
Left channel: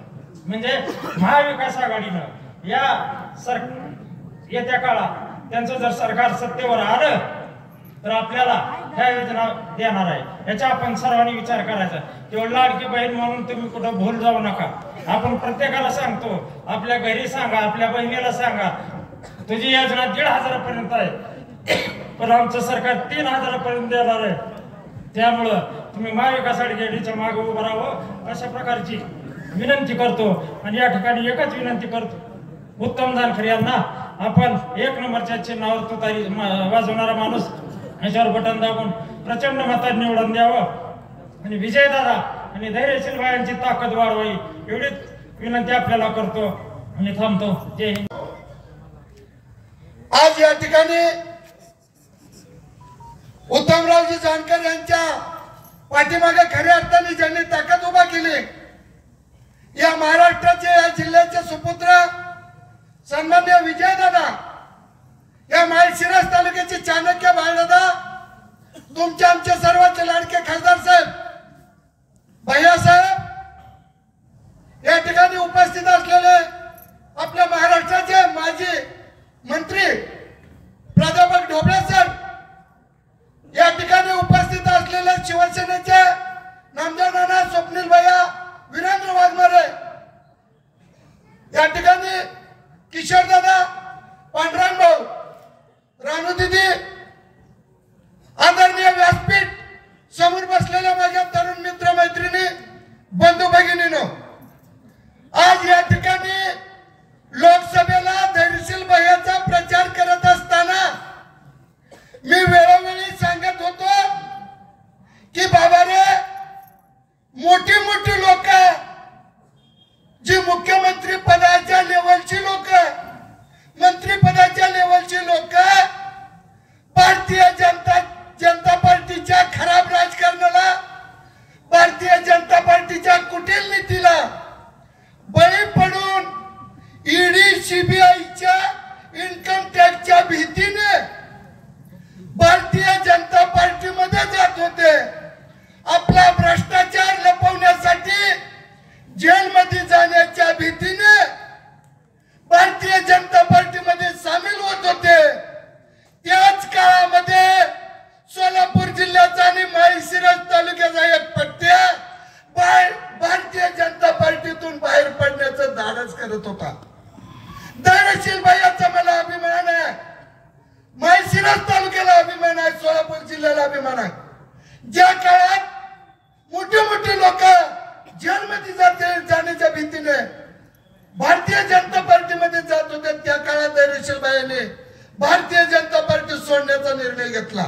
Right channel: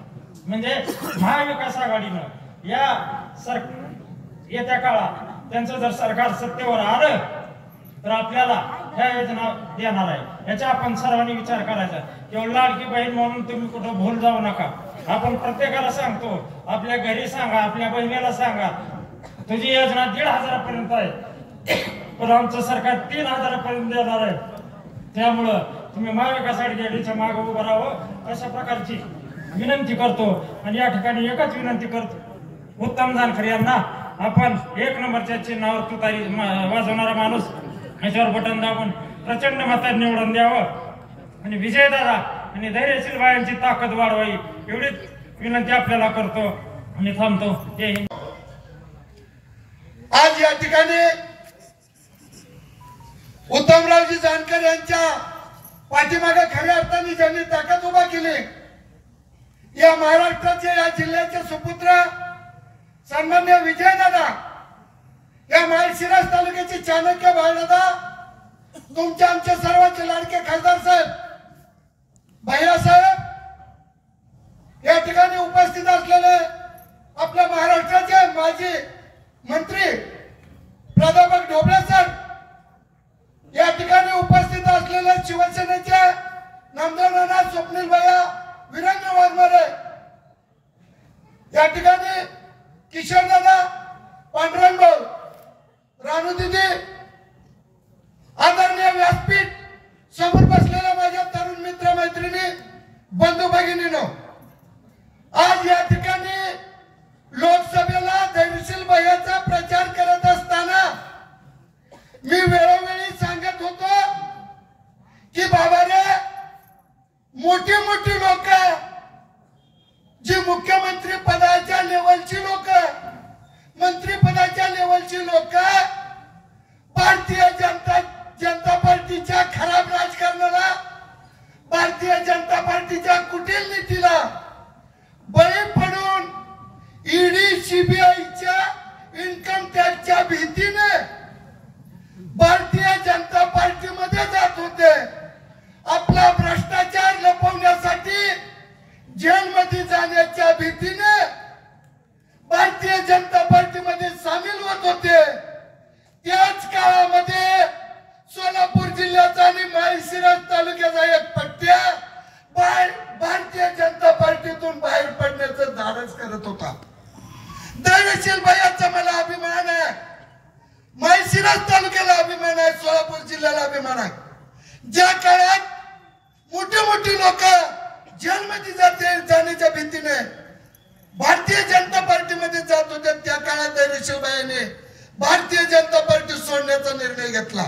म्हणजे महाविकास आघाडीनं येत्या काळात त्यांचं जर सरकार सत्तेवर आलं तर आपल्याला ह्या योजना देणार आहे. याचा आपण सर्वांनी विचार करायचा. केवळ लाडकी बहीण म्हणून तुम्ही कुठं भूल जाऊ नका. आपण प्रत्येकाला सांगतो, आपल्या घरी सांगा, आपल्या बहिणीला सांगा, तुझी योजना 1,500 पर्यंत आहे, पण आमचं सरकार 3,000 पर्यंत देणार आहे. त्यामुळं तुम्ही महाविकास आघाडीच्या मागे उभं राहावं अशा प्रकारची विनंती करतो. आणि या ठिकाणी एकच विनंती करतो, उत्तम जानकर यांना आपण 1 नंबरच्या चिन्हावर तुतारी वाजवणारा माणूस याच्यावर बटन दाबून प्रचंड मतांनी निवडून द्यावं आणि विजयदादा आणि धैर्यशील बायांची ताकद वाढवावी एवढीच विनंती आपल्याला करतो आणि थांबतो. जय हिंद. आज या ठिकाणी उत्तमरावजी जानकर यांच्या पाठीमागे खऱ्या अर्थाने ज्यांनी ताकद उभा केली, या महाराष्ट्राचे, या जिल्ह्याचे सुपुत्र सन्मान्य विजयदादा, या माळशिरस तालुक्याचे चाणक्य बाळदादा, तुमचे आमचे सर्वांचे लाडके खासदार साहेब, भैयासाहेब, या ठिकाणी उपस्थित असलेले आपल्या महाराष्ट्राचे माजी मंत्री प्राध्यापक ढोबळे सर, या ठिकाणी उपस्थित असलेले शिवसेनेचे नामदेव नाना, स्वप्नील भैया, वीरेंद्र वाघमारे, या ठिकाणी किशोर दादा, पांडुरंग भाऊ, रानू दिदी, आदरणीय व्यासपीठ समोर बसलेल्या माझ्या तरुण मित्र मैत्रिणी, बंधू भगिनींनो, आज या ठिकाणी लोकसभेला धैर्यशील भैयाचा प्रचार करत असताना मी वेळोवेळी सांगत होतो की बाबा रे, मोठी मोठी लोक, जी मुख्यमंत्री पदाच्या लेवलची लोक, मंत्री पदाच्या भीतीने भारतीय जनता पार्टीमध्ये जात होते. आपला भ्रष्टाचार लपवण्यासाठी जेलमध्ये जाण्याच्या भीतीने भारतीय जनता पार्टीमध्ये सामील होत होते. त्याच काळामध्ये सोलापूर जिल्ह्याचा आणि माळशिरस तालुक्याचा एक पट्ट्या भारतीय जनता पार्टीतून बाहेर पडण्याचं धाडस करत होता. धैर्यशील भैयाचा मला अभिमान आहे, माळशिरस तालुक्याला अभिमान आहे, सोलापूर जिल्ह्याला अभिमान आहे. ज्या काळात मोठे मोठे लोक जेलमध्ये जाण्याच्या भीतीने भारतीय जनता पार्टीमध्ये जात होते, त्या काळात धैर्यशील भैयाने भारतीय जनता पार्टी सोडण्याचा निर्णय घेतला.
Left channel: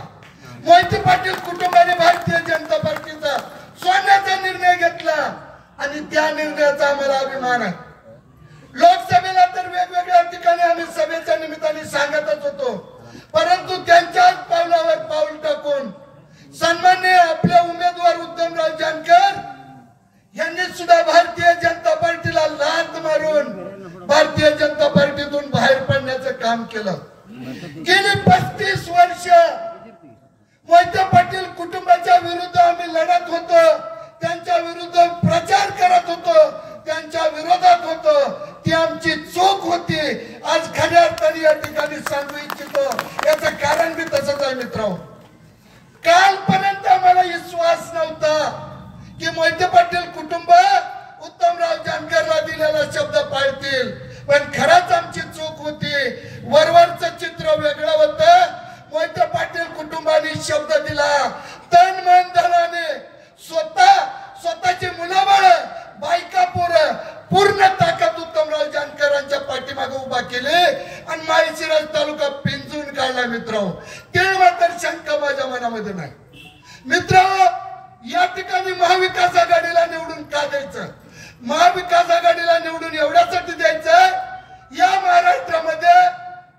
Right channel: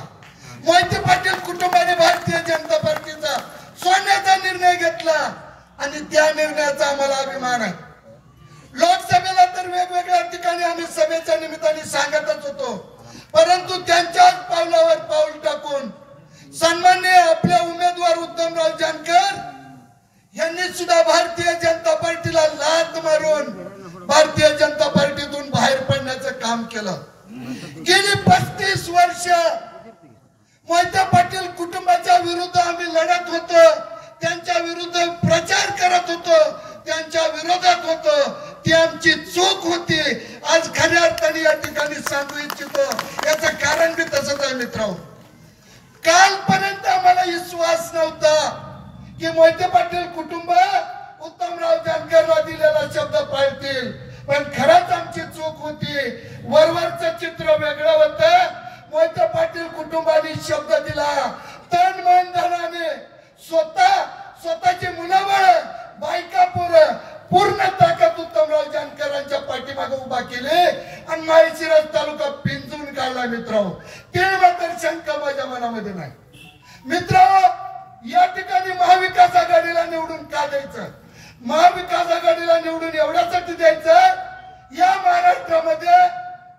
मोहिते पाटील कुटुंबाने भारतीय जनता पार्टीचा सोडण्याचा निर्णय घेतला आणि त्या निर्णयाचा आम्हाला अभिमान आहे. लोकसभेला तर वेगवेगळ्या ठिकाणी आम्ही सभेच्या निमित्ताने सांगतच होतो, परंतु त्यांच्याच पावलावर पाऊल टाकून सन्माननीय आपले उमेदवार उत्तमराव जानकर यांनी सुद्धा भारतीय जनता पार्टीला लाथ मारून भारतीय जनता पार्टीतून बाहेर पडण्याचं काम केलं. गेली 35 वर्ष मोहिते पाटील कुटुंबाच्या विरुद्ध आम्ही लढत होतो, त्यांच्या विरुद्ध प्रचार करत होतो, त्यांच्या विरोधात होतो. ती आमची चूक होती. आज खऱ्या अर्थाने या ठिकाणी सांगू इच्छितो, याचं कारण बी तसंच आहे मित्रांनो. कालपर्यंत आम्हाला विश्वास नव्हता की मोहिते पाटील कुटुंब उत्तमराव जानकरला दिलेला शब्द पाळतील, पण खरंच आमची चूक होती. वरवरचं चित्र वेगळं होतं. मोहिते पाटील कुटुंबाने शब्द दिला, तन मन धनाने स्वतःची मुलाबाळ बायका पूर्ण ताकद उत्तमराव जानकरांच्या पाठीमागे उभा केले आणि माळशिरस तालुका पिंजून काढला. मित्रांनो, ते मात्र शंका माझ्या मनामध्ये नाही. मित्रांनो, या ठिकाणी महाविकास आघाडीला निवडून का द्यायचं? महाविकास आघाडीला निवडून एवढ्यासाठी द्यायचं, या महाराष्ट्रामध्ये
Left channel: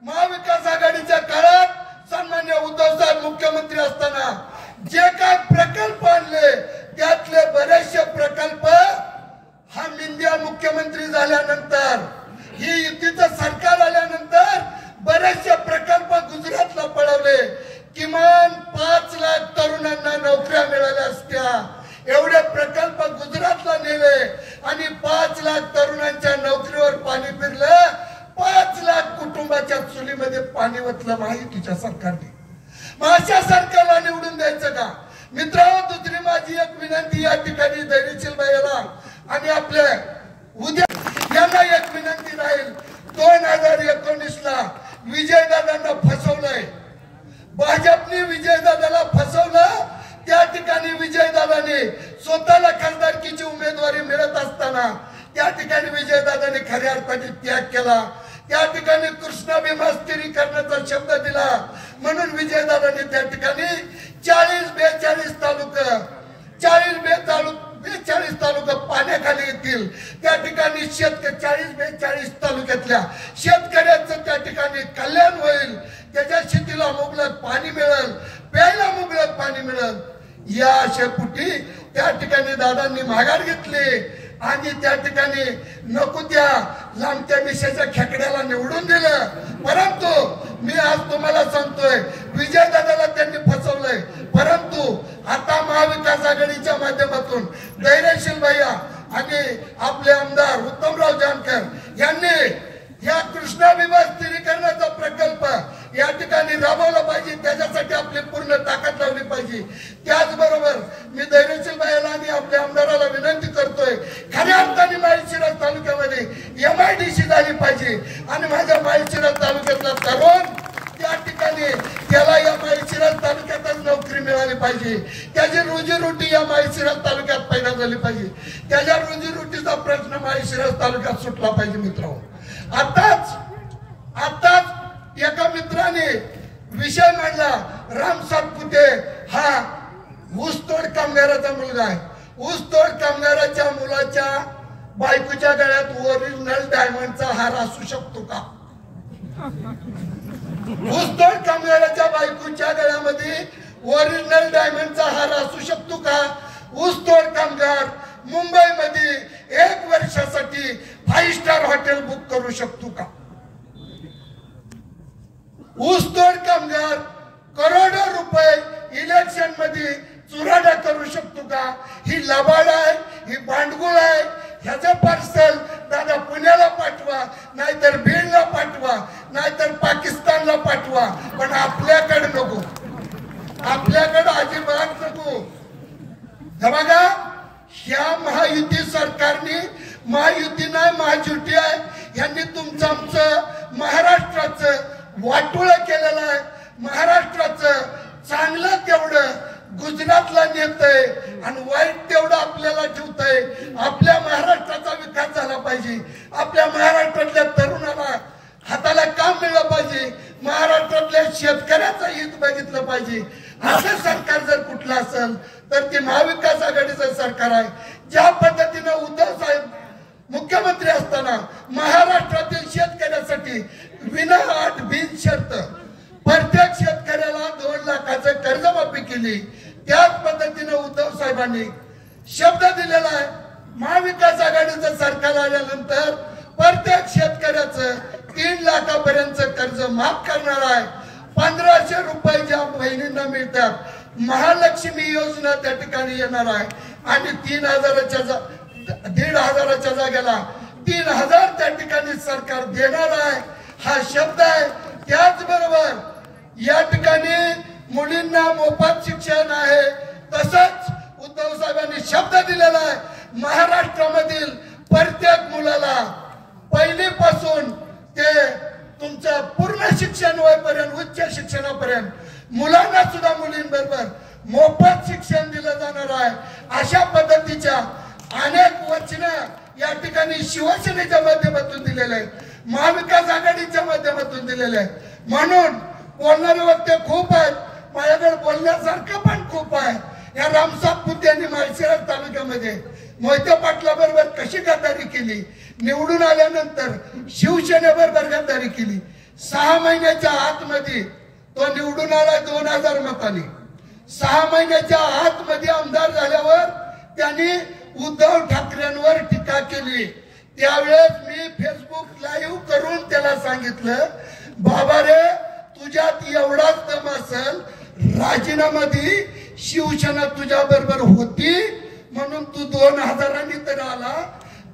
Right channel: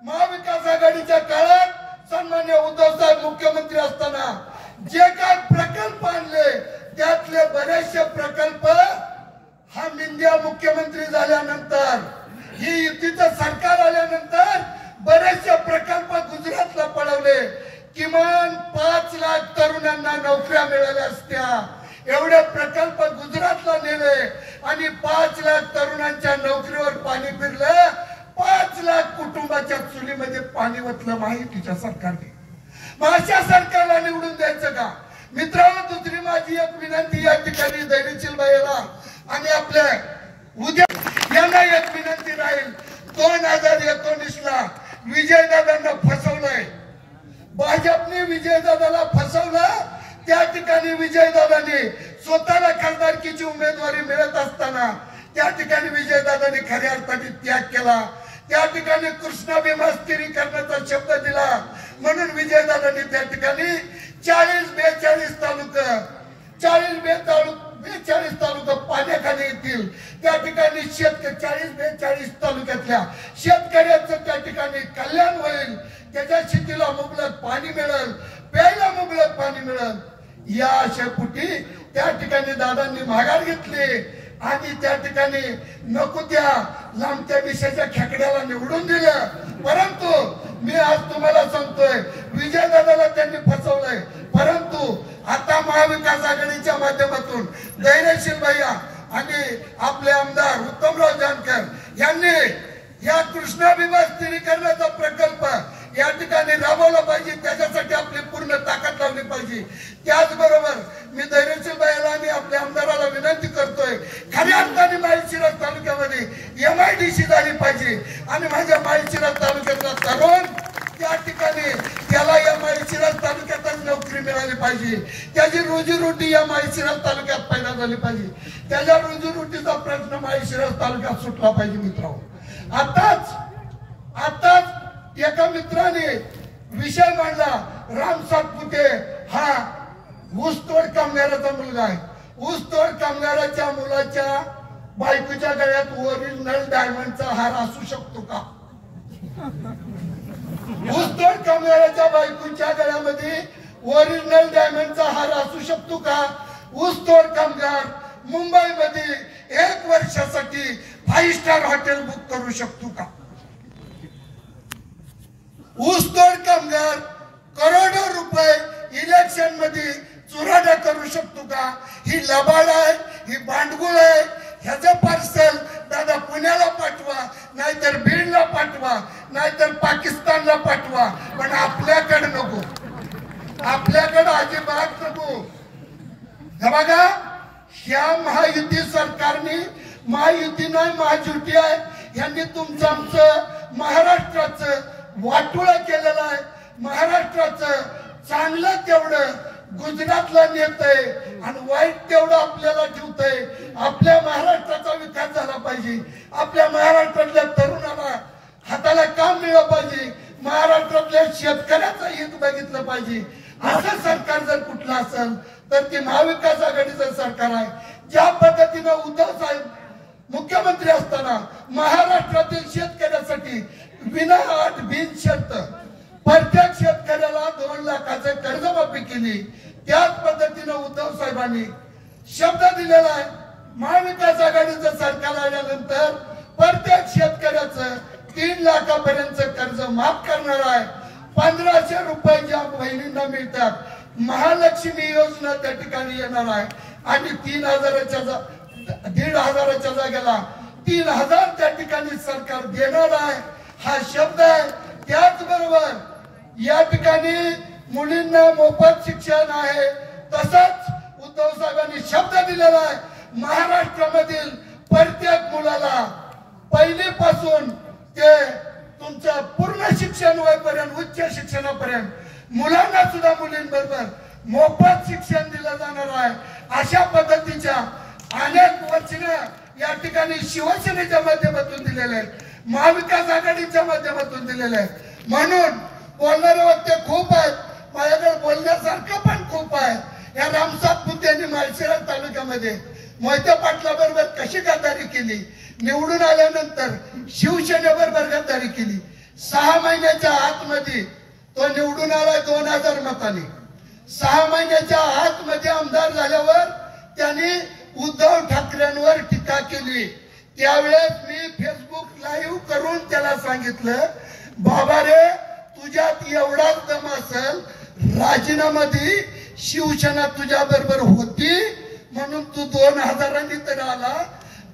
महाविकास आघाडीच्या काळात सन्मान्य उद्धव साहेब मुख्यमंत्री असताना जे काय प्रकल्प आणले त्यातले बरेचसे प्रकल्प हा लिंद्या मुख्यमंत्री झाल्यानंतर, ही युतीचं सरकार आल्यानंतर बरेचसे प्रकल्प गुजरातला पळवले. किमान 5 लाख तरुणांना नोकऱ्या मिळाल्या असत्या, एवढे प्रकल्प गुजरातला नेले आणि 5 लाख तरुणांच्या नोकरीवर पाणी फिरलं. 5 लाख कुटुंबाच्या चुलीमध्ये पाणी ओतलं महायुतीच्या सरकारने. मग अशा सरकारला निवडून द्यायचं का? मित्रांनो, दुसरी माझी एक विनंती या ठिकाणी धैर्यशील भैयाला आणि आपल्या उद्या यांना एक विनंती राहील. 2019ला विजयदादांना फसवलंय, भाजपने विजयदादाला फसवलं. त्या ठिकाणी विजयदादाने स्वतःला खासदारकीची उमेदवारी मिळत असताना त्या ठिकाणी विजयदादाने खऱ्या अर्थाने त्याग केला. त्या ठिकाणी कृष्णा भीमा स्थिरीकरणाचा शब्द दिला म्हणून विजयदादांनी त्या ठिकाणी 40-42 तालुका 40-42 तालुका पाण्याखाली येतील. त्या ठिकाणी 40-42 तालुक्यातल्या शेतकऱ्यांचं त्या ठिकाणी कल्याण होईल, त्याच्या शेतीला मुबलक पाणी मिळेल, प्यायला मुबलक पाणी मिळेल. या आशेपोटी त्या ठिकाणी दादांनी माघार घेतली आणि त्या ठिकाणी नको त्या लांबच्या मिशाच्या खेकड्याला निवडून दिलं. परंतु मी आज तुम्हाला सांगतोय, विजयदादाला त्यांनी फसवलंय. परंतु आता महाविकास आघाडीच्या माध्यमातून धैर्यशील भैया आणि आपले आमदार उत्तमराव जानकर यांनी या कृष्णा भीमा स्थिरीकरणाचा प्रकल्प या ठिकाणी राबवला पाहिजे, त्याच्यासाठी आपली पूर्ण ताकद लावली पाहिजे. त्याचबरोबर मी धैर्यशील भैयाला आणि आपल्या आमदाराला विनंती करतोय, खऱ्या अर्थाने माळशिरस तालुक्यामध्ये MIDC झाली पाहिजे आणि माझ्या माळशिरस तालुक्यातला तरुण त्या ठिकाणी त्याला या माळशिरस तालुक्यातच नोकरी मिळाली पाहिजे. त्याची रोजीरोटी या माळशिरस तालुक्यात पैदा झाली पाहिजे. त्याच्या रोजीरोटीचा प्रश्न माळशिरस तालुक्यात सुटला पाहिजे. मित्रांनो, आताच एका मित्राने विषय मांडला, राम सातपुते हा ऊसतोड कामगाराचा मुलगा आहे. ऊसतोड कामगाराच्या मुलाच्या बायकोच्या गळ्यात ओरिजिनल डायमंडचा हार असू शकतो का? ऊसतोड कामगाराच्या बायकोच्या गळ्यामध्ये ओरिजिनल डायमंडचा हार असू शकतो का? ऊसतोड कामगार मुंबईमध्ये 1 वर्षासाठी 5 स्टार हॉटेल बुक करू शकतो का? ऊसतोड कामगार करोडो रुपये इलेक्शन मध्ये चुराडा करू शकतो का? ही लबाड आहे, ही भांडगुळ आहे. ह्याचं पार्सल दादा पुण्याला पाठवा, नाहीतर बीडला पाठवा, नाहीतर पाकिस्तानला पाठवा, पण आपल्याकडे नको, आपल्याकडे अजिबात नको. हे बघा, ह्या महायुती सरकारने, महायुतीनं महाजुती आहे, यांनी तुमचं आमचं महाराष्ट्राचं वाटोळं केलेलं आहे. महाराष्ट्राचं चांगलं तेवढं गुजरातला नेतंय आणि वाईट तेवढं आपल्याला ठेवतंय. आपल्या महाराष्ट्राचा विकास झाला पाहिजे, आपल्या महाराष्ट्रातल्या तरुणाला हाताला काम मिळलं पाहिजे, महाराष्ट्रातल्या शेतकऱ्याचं हित बघितलं पाहिजे. असं सरकार जर कुठलं असेल तर ते महाविकास आघाडीचं सरकार आहे. ज्या पद्धतीनं उद्धव साहेब मुख्यमंत्री असताना महाराष्ट्रातील शेतकऱ्यासाठी विना अट बिन शर्त प्रत्येक शेतकऱ्याला 2 लाखाचं कर्जमाफी केली, त्याच पद्धतीनं उद्धव साहेबांनी शब्द दिलेला आहे. महाविकास आघाडीचं सरकार आल्यानंतर प्रत्येक शेतकऱ्याचं 3 लाखापर्यंत कर्ज माफ करणार आहे. 1500 रुपये ज्या बहिणींना मिळतात, महालक्ष्मी योजना त्या ठिकाणी येणार आहे आणि 1,500च्या जागेला 3,000 त्या ठिकाणी सरकार देणार आहे. हा शब्द आहे. त्याचबरोबर या ठिकाणी मुलींना मोफत शिक्षण आहे. तसंच उद्धव साहेबांनी शब्द दिलेला आहे, महाराष्ट्रामधील प्रत्येक मुलाला पहिलीपासून ते तुमचं पूर्ण शिक्षण होईपर्यंत, उच्च शिक्षणापर्यंत मुलांना सुद्धा मुलींबरोबर मोफत शिक्षण दिलं जाणार आहे. अशा पद्धतीच्या अनेक वचनं या ठिकाणी शिवसेनेच्या माध्यमातून दिलेले आहेत, महाविकास आघाडीच्या माध्यमातून दिलेले आहेत. म्हणून बोलणारे वक्ते खूप आहेत, माझ्याकडे बोलण्यासारखं पण खूप आहे. या रामसाहेब पुते यांनी माळशिरस तालुक्यामध्ये मोहिते पाटलाबरोबर कशी गद्दारी केली, निवडून आल्यानंतर शिवसेनेबरोबर गद्दारी केली. 6 महिन्याच्या आतमध्ये तो निवडून आला 2000 मतांनी. 6 महिन्याच्या आतमध्ये आमदार झाल्यावर त्यांनी उद्धव ठाकरेंवर टीका केली. त्यावेळेस मी फेसबुक लाईव्ह करून त्याला सांगितलं, बाबा रे, तुझ्यात एवढाच दम असेल, राजीनामा दे, शिवसेना तुझ्या बरोबर होती म्हणून तू 2000 तर आला.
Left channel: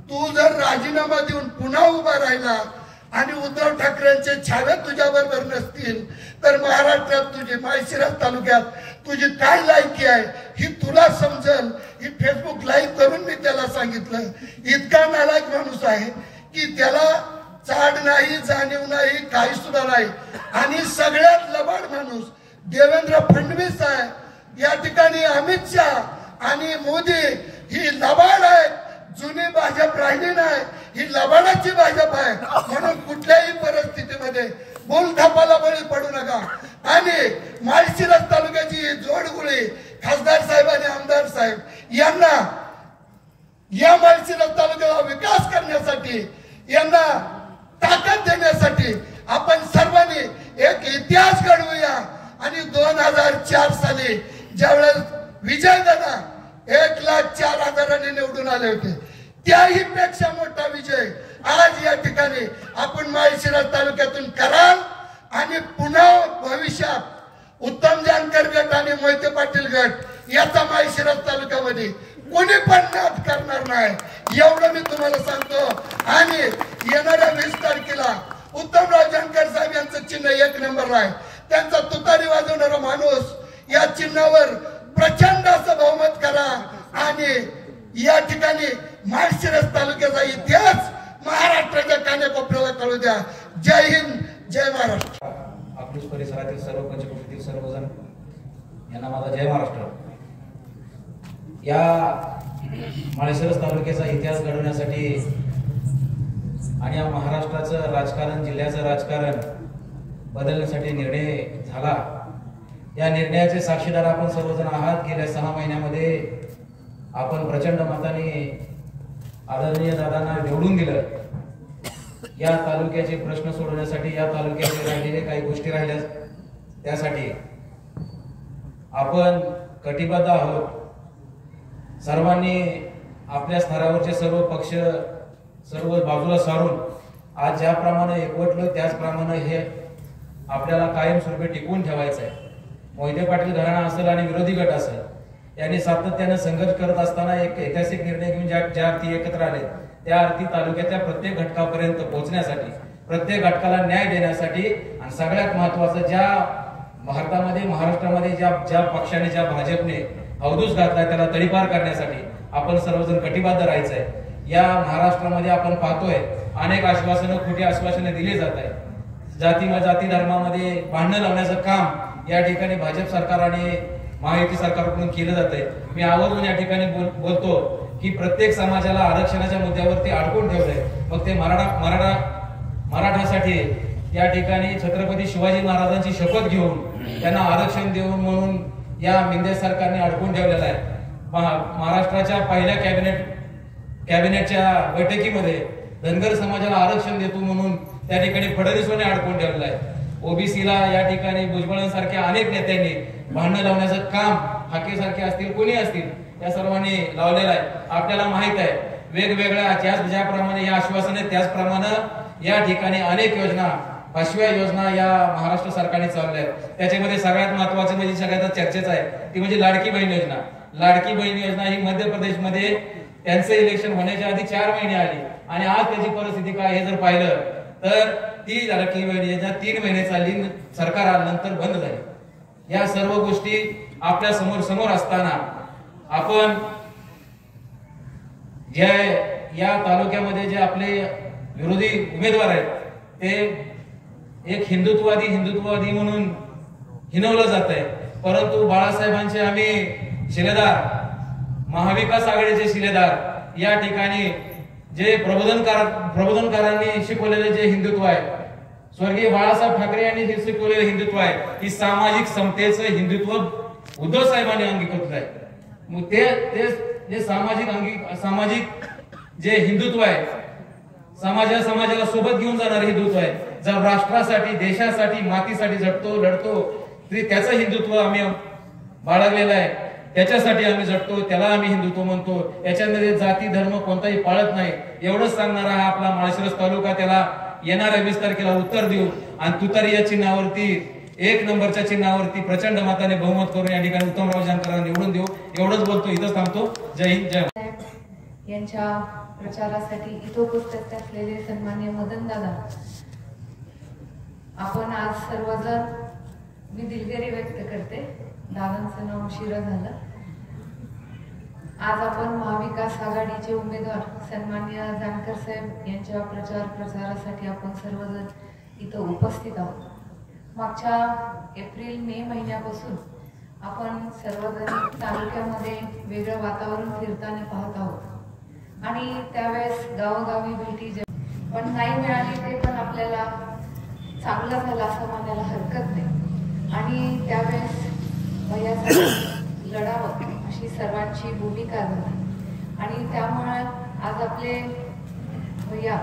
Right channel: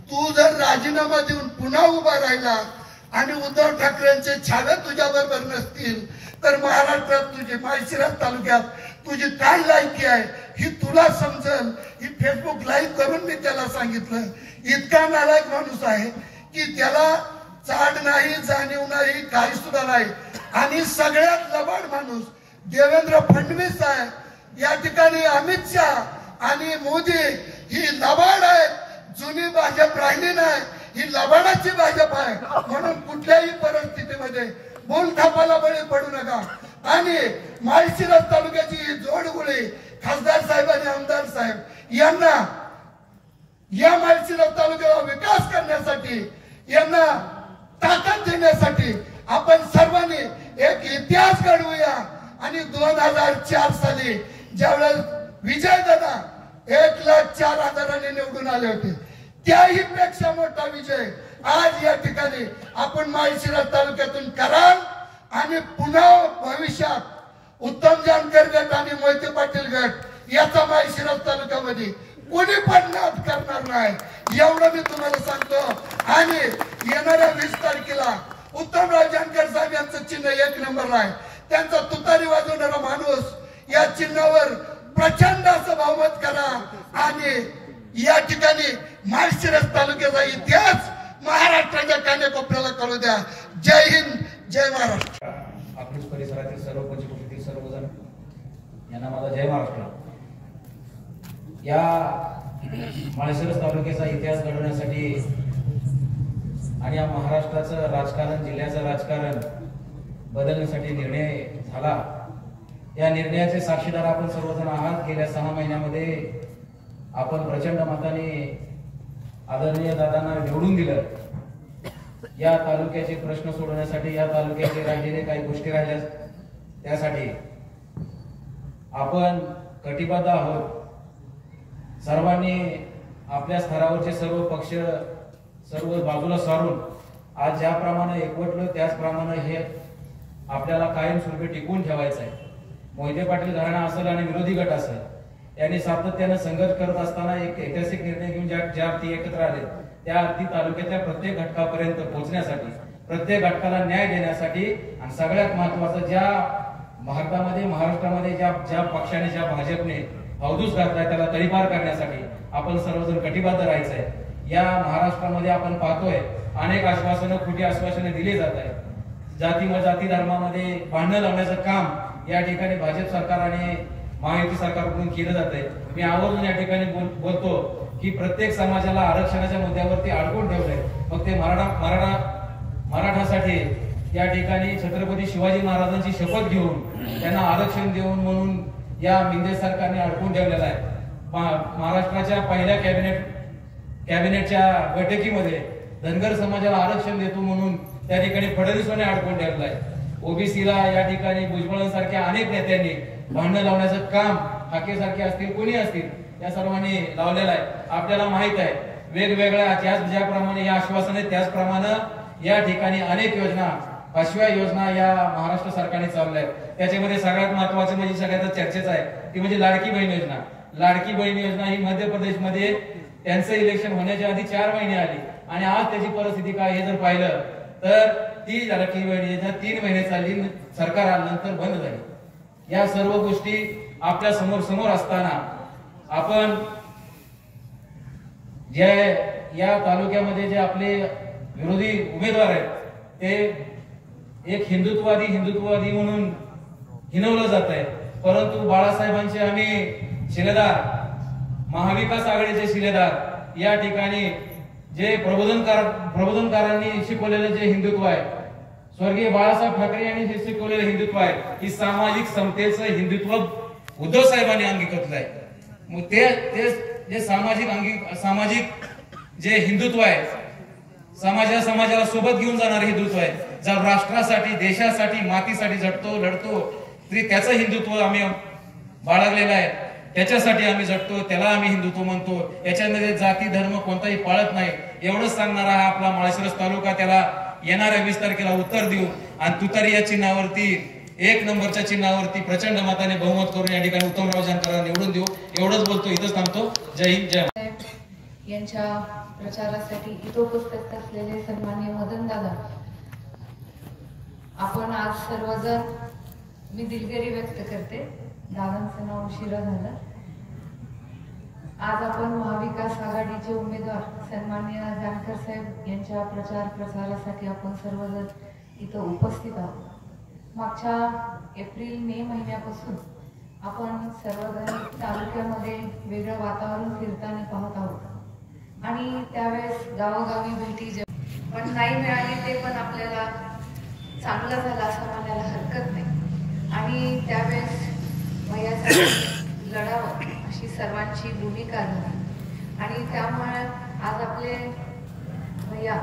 तू जर राजीनामा देऊन पुन्हा उभा राहिला आणि उद्धव ठाकरेंचे छावे तुझ्या बरोबर नसतील तर महाराष्ट्रात तुझे माळशिरस तालुक्यात तुझी काय लायकी आहे ही तुला समजेल. ही फेसबुक लाईव्ह करून मी त्याला सांगितलं. इतका नालायक माणूस आहे की त्याला चाड नाही, जाणीव नाही, काही सुद्धा नाही. आणि सगळ्यात लबाड माणूस देवेंद्र फडणवीस आहे. या ठिकाणी अमित शाह आणि मोदी ही लबाड आहे. जुनी भाजप राहिली नाही, ही लबाडाची भाजप आहे. म्हणून कुठल्याही परिस्थितीमध्ये बोलथापाला बळी पडू नका. आणि माळशिरस तालुक्याची जोडगुळी खासदार साहेब आणि आमदार साहेब यांना या माळशिरस तालुक्याला विकास करण्यासाठी, यांना ताकद देण्यासाठी आपण सर्वांनी एक इतिहास घडवूया. आणि 2004 साली ज्यावेळेस विजयदादा 1,04,000 निवडून आले होते, त्याही पेक्षा मोठा विजय आज या ठिकाणी आपण माळशिरस तालुक्यातून कराल. आणि पुन्हा भविष्यात उत्तम जानकर गट आणि मोहिते पाटील गट याचा माळशिरस तालुक्यामध्ये कोणी पण नाद करणार नाही, एवढं मी तुम्हाला सांगतो. आणि येणाऱ्या 20 तारखेला उत्तमराव जानकर साहेब यांचं चिन्ह 1 नंबर आहे. त्यांचा तुतारी वाजवणारा माणूस या चिन्हावर प्रचंड असं बहुमत करा आणि या ठिकाणी माळशिरस तालुक्याचा इतिहास महाराष्ट्राच्या कानाकोपऱ्याला कळू द्या. जय हिंद, जय महाराष्ट्र. अकलूज परिसरातील सर्व पंचकृषीतील सर्वजण यांना माझा जय महाराष्ट्र. या माळशिरस तालुक्याचा इतिहास घडवण्यासाठी आणि या महाराष्ट्राचं राजकारण, जिल्ह्याचं राजकारण बदलण्यासाठी निर्णय झाला. या निर्णयाचे साक्षीदार आपण सर्वजण आहात. गेल्या 6 महिन्यामध्ये आपण प्रचंड मताने आदरणीय दादांना निवडून दिलं. या तालुक्याचे प्रश्न सोडवण्यासाठी, या तालुक्याचे राहिलेले काही गोष्टी राहिल्या त्यासाठी आपण कटिबद्ध आहोत. सर्वांनी आपल्या स्तरावरचे सर्व पक्ष सर्व बाजूला सारून आज ज्याप्रमाणे एकवटलो त्याचप्रमाणे हे आपल्याला कायमस्वरूपी टिकवून ठेवायचा आहे. मोहिते पाटील घराणा असेल आणि विरोधी गट असेल यांनी सातत्याने संघर्ष करत असताना एक ऐतिहासिक निर्णय घेऊन ज्या अर्थी एकत्र आले त्या अर्थी तालुक्याच्या प्रत्येक घटकापर्यंत पोहोचण्यासाठी, प्रत्येक घटकाला न्याय देण्यासाठी आणि सगळ्यात महत्वाचं ज्या भारतामध्ये महाराष्ट्रामध्ये ज्या पक्षाने ज्या भाजपने अवधूत घातलाय त्याला तडीपार करण्यासाठी आपण सर्वजण कटिबद्ध राहायचंय. या महाराष्ट्रामध्ये आपण पाहतोय अनेक आश्वासनं, खोटी आश्वासने दिली जात आहे. जाती धर्मामध्ये भांडण लावण्याचं काम या ठिकाणी भाजप सरकार आणि महायुती सरकारकडून केलं जात आहे. मी आवर्जून या ठिकाणी बोलतो की प्रत्येक समाजाला आरक्षणाच्या मुद्द्यावरती अडकून ठेवलंय. मग ते मराठासाठी या ठिकाणी छत्रपती शिवाजी महाराजांची शपथ घेऊन त्यांना आरक्षण देऊन म्हणून या मिंदे सरकारने अडकून ठेवलेलं आहे. महाराष्ट्राच्या पहिल्या कॅबिनेटच्या बैठकीमध्ये धनगर समाजाला आरक्षण देतो म्हणून त्या ठिकाणी फडणवीसांनी अडकून ठेवलेलं आहे. ओबीसीला या ठिकाणी भुजबळांसारख्या अनेक नेत्यांनी भांडण लावण्याचं काम, हाकेसारखे असतील कोणी असतील या सर्वांनी लावलेलं आहे. आपल्याला माहित आहे वेगवेगळ्या ज्याप्रमाणे या आश्वासने त्याचप्रमाणे या ठिकाणी अनेक योजना, 5व्या योजना या महाराष्ट्र सरकारने चालवल्या आहेत. त्याच्यामध्ये सगळ्यात महत्वाचं म्हणजे सगळ्यात चर्चेचं आहे ती म्हणजे लाडकी बहीण योजना. लाडकी बहीण योजना ही मध्य प्रदेशमध्ये त्यांचं इलेक्शन होण्याच्या आधी 4 महिने आली आणि आज त्याची परिस्थिती काय हे जर पाहिलं तर ती लाडकी बहीण योजना 3 महिने चालली, सरकार आल्यानंतर बंद झाली. या सर्व गोष्टी आपल्या समोर असताना आपण जे या तालुक्यामध्ये जे आपले विरोधी उमेदवार आहेत ते एक हिंदुत्ववादी म्हणून हिनवलं जात आहे. परंतु बाळासाहेबांचे आम्ही शिलेदार, महाविकास आघाडीचे शिलेदार, या ठिकाणी जे प्रबोधनकारांनी शिकवलेले जे हिंदुत्व आहे, स्वर्गीय बाळासाहेब ठाकरे यांनी जे शिकवलेलं हिंदुत्व आहे की सामाजिक समतेचं हिंदुत्व उद्धव साहेबांनी अंगीकारलं आहे. मग ते जे सामाजिक जे हिंदुत्व आहे, समाजाला सोबत घेऊन जाणारे हिंदुत्व आहे. जर राष्ट्रासाठी, देशासाठी, मातीसाठी लढतो तरी त्याचं हिंदुत्व आम्ही बाळगलेलं आहे. त्याच्यासाठी आम्ही झटतो, त्याला आम्ही हिंदुत्व म्हणतो. याच्यामध्ये जाती धर्म कोणताही पाळत नाही. एवढंच सांगणारा हा आपला माळशिरस तालुका, त्याला येणाऱ्या 20 तारखेला उत्तर देऊ आणि तुतारी या चिन्हावरती, 1 नंबरच्या चिन्हावरती प्रचंड मताने बहुमत करून या ठिकाणी उत्तमराव जानकरांना निवडून देऊ. एवढंच बोलतो, इथंच थांबतो. जय हिंद, जय. यांच्या प्रचारासाठी इथं उपस्थित असलेले सन्माननीय मदन दादा, आपण आज सर्वजण, मी दिलगिरी व्यक्त करते, दादांचं नाव उशिरा झालं. आज आपण महाविकास आघाडीचे उमेदवार सन्माननीय जानकर साहेब यांच्या प्रचारासाठी आपण सर्वजण इथं उपस्थित आहोत. मागच्या एप्रिल-मे महिन्यापासून आपण सर्वजण तालुक्यामध्ये वेगळं वातावरण फिरताना पाहत आहोत आणि त्यावेळेस गावोगावी भेटी पण नाही मिळाली, ते पण आपल्याला चांगलं झालं असं म्हणायला हरकत नाही. आणि त्यावेळेस वयासाठी लढावं अशी सर्वांची भूमिका झाली आणि त्यामुळे आज आपले भैया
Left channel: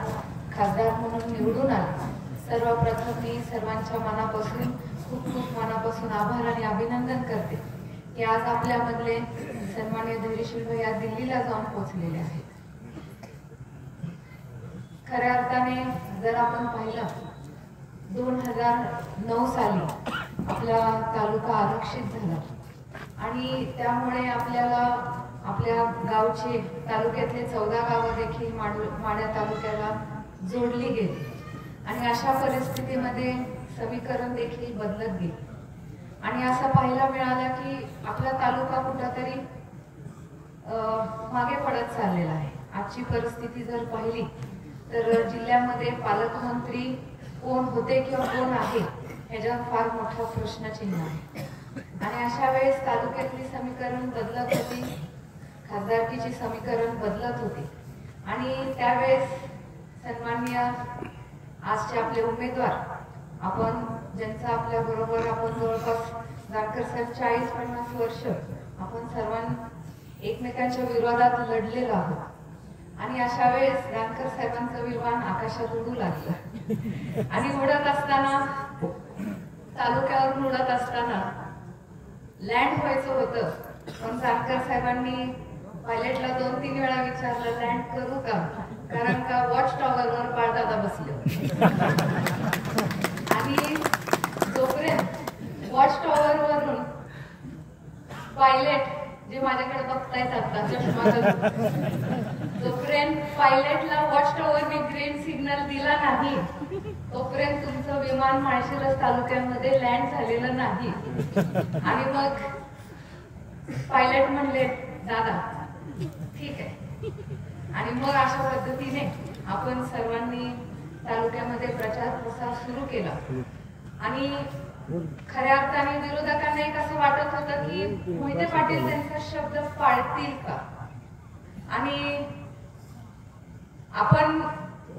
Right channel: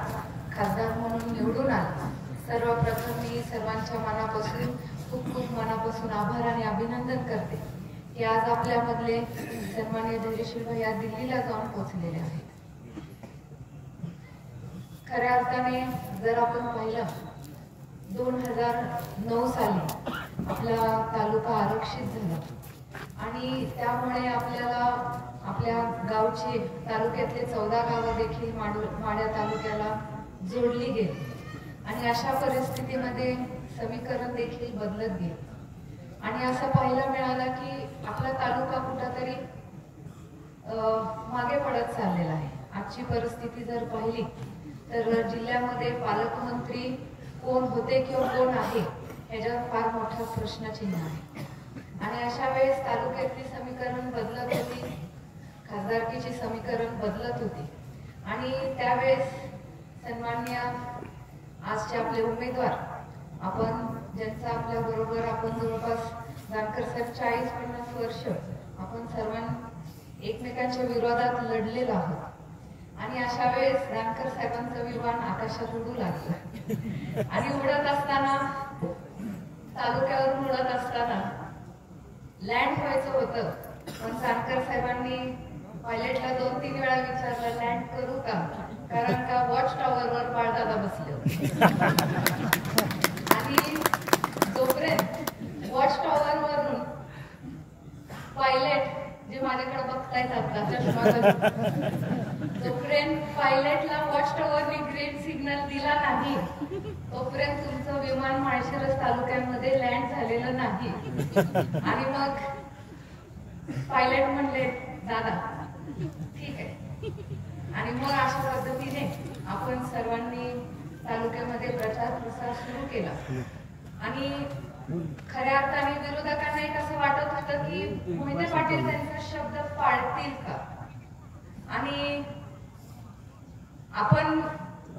खासदार म्हणून निवडून आले. सर्वप्रथम मी सर्वांच्या मनापासून खूप मनापासून आभार आणि अभिनंदन करते की आज आपल्यामधले सन्माननीय धैर्यशील भैया दिल्लीला जाऊन पोहोचलेले आहेत. खऱ्या अर्थाने जर आपण पाहिलं 2009 साली आपला तालुका आरक्षित झाला आणि त्यामुळे आपल्याला आपल्या गावचे तालुक्यातले 14 गावं देखील माढा तालुक्याला जोडली गेली आणि अशा परिस्थितीमध्ये समीकरण देखील बदलत गेले आणि असं पाहायला मिळालं की आपला तालुका कुठंतरी मागे पडत चाललेला आहे. आजची परिस्थिती जर पाहिली तर जिल्ह्यामध्ये पालकमंत्री कोण होते किंवा कोण आहे ह्याच्यावर फार मोठा प्रश्नचिन्ह आहे आणि अशा वेळेस तालुक्यातली समीकरण बदलत होती, खासदारकीची समीकरण बदलत होती आणि त्यावेळेस सन्माननीय आजचे आपले उमेदवार, आपण ज्यांचा आपल्या बरोबर आपण जवळपास जानकर साहेब 40-50 वर्ष आपण सर्वांनी एकमेकांच्या विरोधात लढलेलो आहोत आणि अशा वेळेस जानकर साहेबांचं विमान आकाशात उडू लागलं आणि उडत असताना, तालुक्यावरून उडत असताना लँड व्हायचं होतं पण जानकर साहेबांनी पायलटला 2-3 वेळा विचारलं लँड करू का, कारण का वॉच टॉवरवर बाळदादा बसले आणि वाटत होतं. जोपर्यंत पायलटला वॉच टॉवरने ग्रीन सिग्नल दिला नाही तोपर्यंत तुमचं विमान माळशिरस तालुक्यामध्ये लँड झालेलं नाही. आणि मग पायलट म्हणले दादा ठीक आहे. आणि मग अशा पद्धतीने आपण सर्वांनी तालुक्यामध्ये प्रचार प्रसार सुरू केला. आणि खऱ्या अर्थाने विरोधकांना एक असं वाटत होतं की मोहिते पाटील त्यांचा शब्द पाळतील का. आणि आपण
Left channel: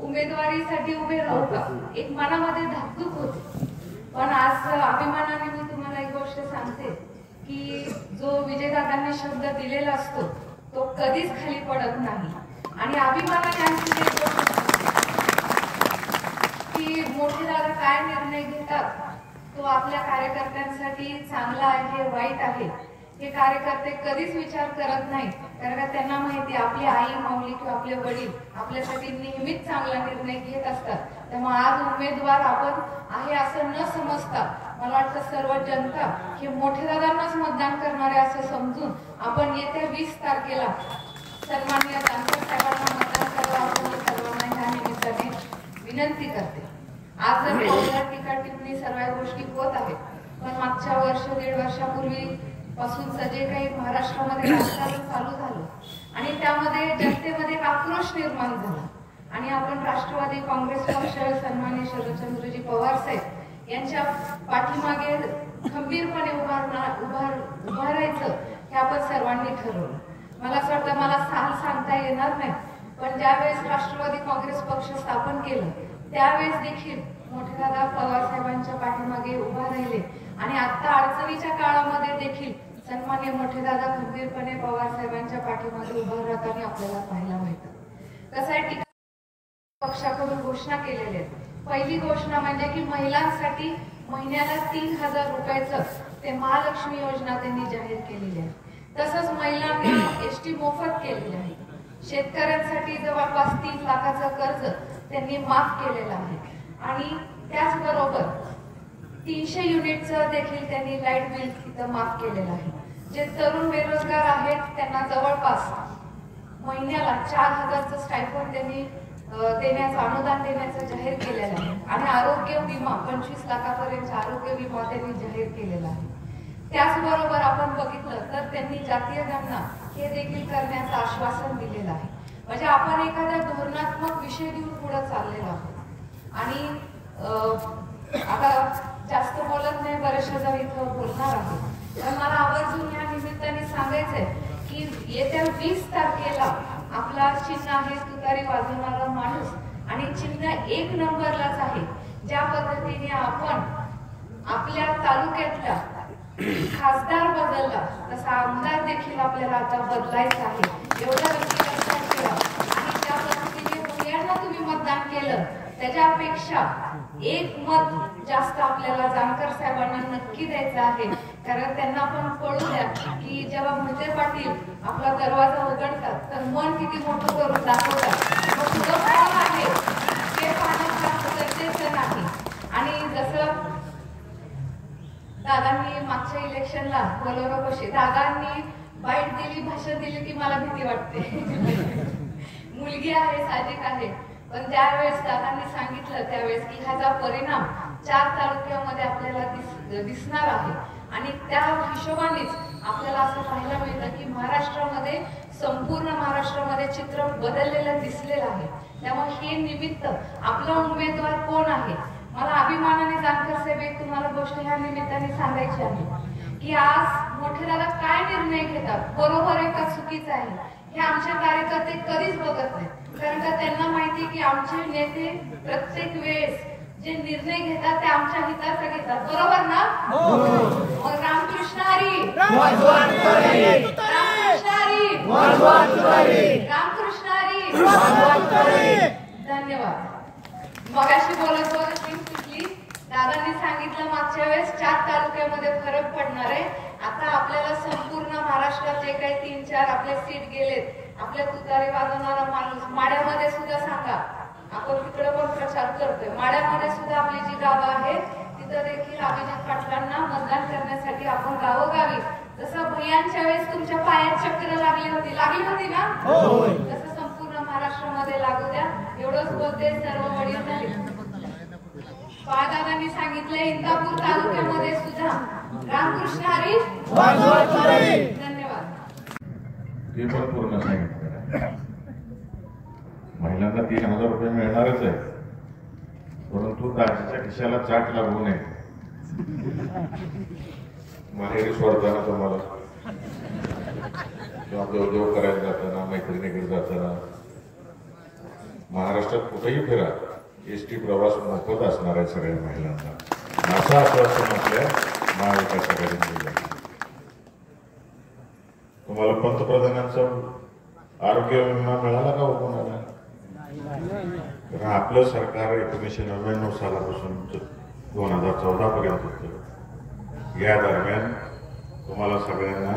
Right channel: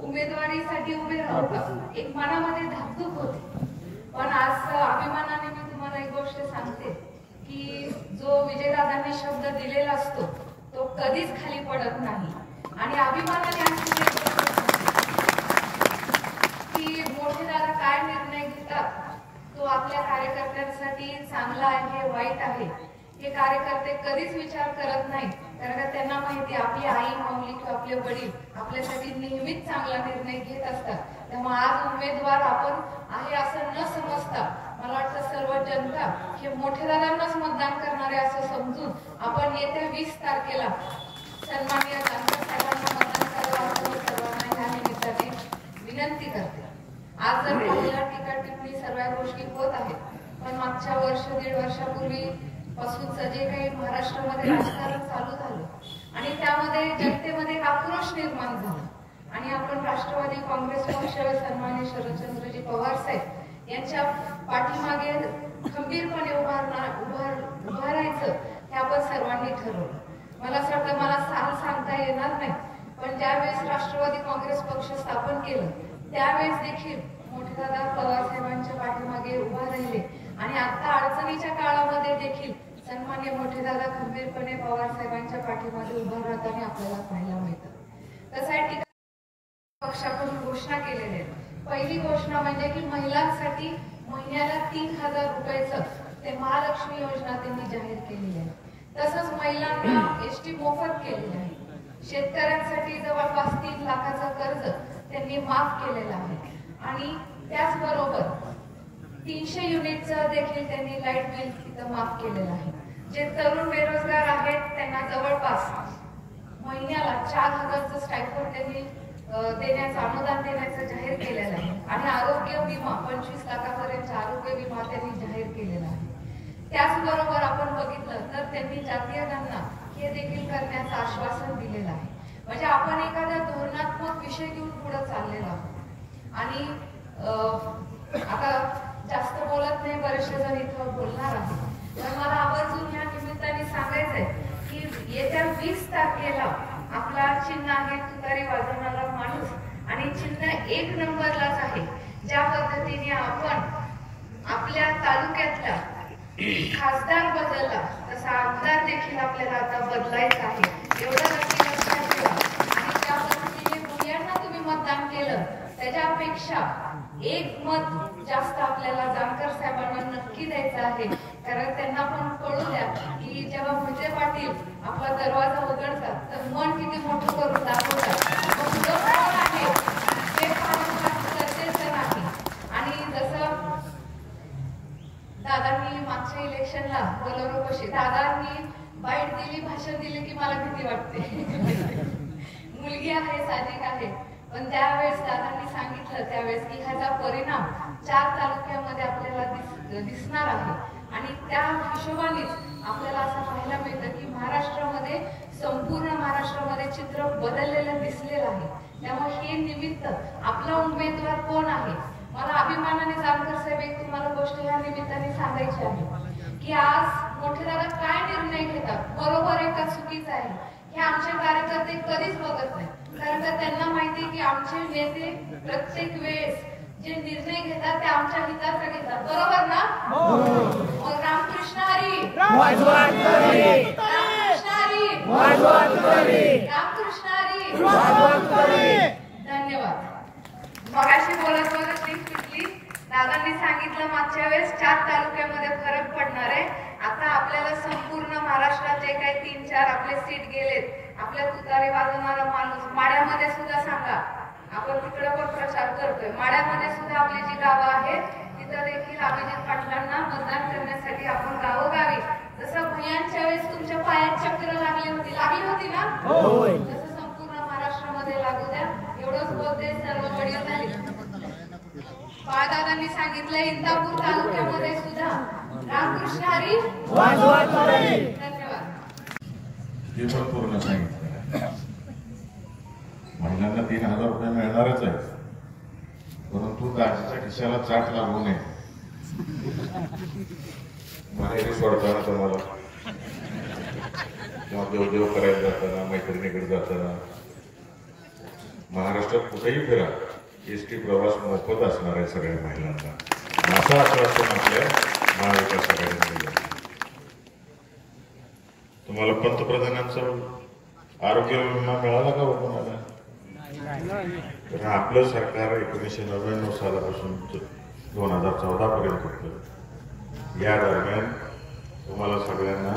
उमेदवारीसाठी उभे राहू का एक मनामध्ये धाकधूक होती. पण आज अभिमानाने मी तुम्हाला एक गोष्ट सांगते की जो विजयदादांनी शब्द दिलेला असतो तो कधीच खाली पडत नाही. आणि अभिमानाने आणखी एक गोष्ट की मोठे दादा काय निर्णय घेतात तो आपल्या कार्यकर्त्यांसाठी चांगला आहे वाईट आहे हे कार्यकर्ते कधीच विचार करत नाही. कारण त्यांना माहिती आपली आई माऊली किंवा आपले वडील आपल्यासाठी नेहमीच चांगला निर्णय घेत असतात. त्यामुळे आज उमेदवार आपण आहे असं न समजता मला वाटतं सर्व जनता हे मोठे दादांनाच मतदान करणारे असं समजून आपण येत्या 20 तारखेला सन्माननीय जानकर साहेबांना मतदान करायला आपण सर्वांना ह्या निमित्ताने विनंती करते. आज जर पाहिलं टीका टिप्पणी सर्व गोष्टी होत आहेत पण मागच्या वर्ष 1.5 वर्षापूर्वी पासूनच जे काही महाराष्ट्रामध्ये राजकारण चालू झालं आणि त्यामध्ये जनतेमध्ये आक्रोश निर्माण झाला. आणि आपण राष्ट्रवादी काँग्रेस पक्ष सन्माननीय शरदचंद्रजी पवार साहेब यांच्या पाठीमागे खंबीरपणे उभारायचं हे आपण सर्वांनी ठरवलं. मला असं वाटतं मला साल सांगता येणार नाही पण ज्यावेळेस राष्ट्रवादी काँग्रेस पक्ष स्थापन केलं त्यावेळेस देखील मोठेदादा पवार साहेबांच्या पाठीमागे उभा राहिले. आणि आता अडचणीच्या काळामध्ये देखील सन्मान्य मोठेदादा खंबीरपणे पवार साहेबांच्या पाठीमागे उभा राहताना आपल्याला पाहायला मिळतं. कसं आहे पक्षाकडून घोषणा केलेल्या आहेत. पहिली घोषणा म्हणजे की महिलांसाठी महिन्याला 3000 रुपयाचं ते महालक्ष्मी योजना त्यांनी जाहीर केलेली आहे. तसंच महिलांना एसटी मोफत केलेली आहे. शेतकऱ्यांसाठी जवळपास 3 लाखाचं कर्ज त्यांनी माफ केलेलं आहे. आणि त्याचबरोबर 300 युनिटचं देखील त्यांनी लाईट बिल तिथं माफ केलेलं आहे. जे तरुण बेरोजगार आहेत त्यांना जवळपास महिन्याला 4000चं स्टायफंड त्यांनी देण्याचं अनुदान देण्याचं जाहीर केलेलं आहे. आणि आरोग्य विमा 25 लाखापर्यंत आरोग्य विमा त्यांनी जाहीर केलेला आहे. त्याचबरोबर आपण बघितलं तर त्यांनी जातीय गणना हे देखील करण्याचं आश्वासन दिलेलं आहे. म्हणजे आपण एखादा धोरणात्मक विषय घेऊन पुढे चाललेलो आहोत. आणि आता जास्त बोलत नाही बरेचसे जण इथं बोलणार आहे पण मला आवर्जून या निमित्ताने सांगायचंय की येत्या 20 तारखेला आपला चिन्ह आहे तुतारी वाजवणारा माणूस आणि चिन्ह 1 नंबरलाच आहे. ज्या पद्धतीने आपण आपल्या तालुक्यातला खासदार बदलला तसा आमदार देखील आपल्याला आता बदलायचा आहे. एवढा नक्की लक्षात ठेवा. आणि ज्या पद्धतीने मुलांना तुम्ही मतदान केलं त्याच्यापेक्षा 1 मत जास्त आपल्याला जानकर साहेबांना नक्की द्यायचं आहे. कारण त्यांना पण कळू द्या की जेव्हा मोहिते पाटील आपला दरवाजा उघडतात तर मन किती मोठं करून दाखवतात आहे हे पाहणं फार गरजेचं नाही. आणि जसं दादांनी मागच्या इलेक्शनला बोलावलं कशी दादांनी बाईट दिली भाषण दिली की मला भीती वाटते. मुलगी आहे साहजिक आहे पण त्यावेळेस दादांनी सांगितलं त्यावेळेस की ह्याचा परिणाम 4 तालुक्यामध्ये आपल्याला दिसणार आहे. आणि त्या हिशोबानेच आपल्याला असं पाहायला मिळतं की महाराष्ट्रामध्ये संपूर्ण महाराष्ट्रामध्ये चित्र बदललेलं दिसलेलं आहे. त्यामुळे हे निमित्त आपला उमेदवार कोण आहे मला अभिमानाने जानकर साहेब एक तुम्हाला गोष्ट ह्या निमित्ताने सांगायची आहे की आज मोठेदादा काय निर्णय घेतात बरोबर आहे का चुकीचं आहे हे आमचे कार्यकर्ते कधीच बघत नाही. कारण का त्यांना माहिती की आमचे नेते प्रत्येक वेळेस जे निर्णय घेतात ते आमच्या हिताचा घेतात. बरोबर ना? रामकृष्ण हरी, रामकृष्ण हरी, रामकृष्ण हरी. धन्यवाद. मगाशी बोलत तिथली दादांनी सांगितलं मागच्या वेळेस 4 तालुक्यामध्ये फरक पडणार आहे. आता आपल्याला संपूर्ण महाराष्ट्रात जे काही 3-4 आपले सीट गेलेत आपल्या तुतारी वाजवणारा माणूस माड्यामध्ये सुद्धा सांगा आपण तिकडे पण प्रचार करतोय. माड्यामध्ये सुद्धा आपली जी गावं आहेत तिथं देखील अभिजित पाटलांना मतदान करण्यासाठी आपण गावोगावी जसं भैयांच्या वेळेस तुमच्या पायात चक्र लागली होती ना तसं संपूर्ण महाराष्ट्रामध्ये लागू द्या. एवढंच बोलते. सर्व वडील झाले. बाळदादांनी सांगितलं इंदापूर तालुक्यामध्ये सुद्धा रामकृष्ण हरी. धन्यवाद. हे पण पूर्ण सांगितलं. महिलांना 3000 रुपये मिळणारच आहे, परंतु दाजीच्या खिशाला चाट लागू नये. माहेरी सोडताना तुम्हाला किंवा देवदेव करायला जाताना, मैत्रिणीकडे जाताना, महाराष्ट्रात कुठेही फिरा, एसटी प्रवास मोफत असणार आहे सगळ्या महिलांना, असं आश्वासन आपल्या महाविकास आघाडीने दिलं. तुम्हाला पंतप्रधानांचा आरोग्य विमा मिळाला का कोणाला? आपलं सरकार 1999 सालापासून 2014 पर्यंत होतं. या दरम्यान तुम्हाला सगळ्यांना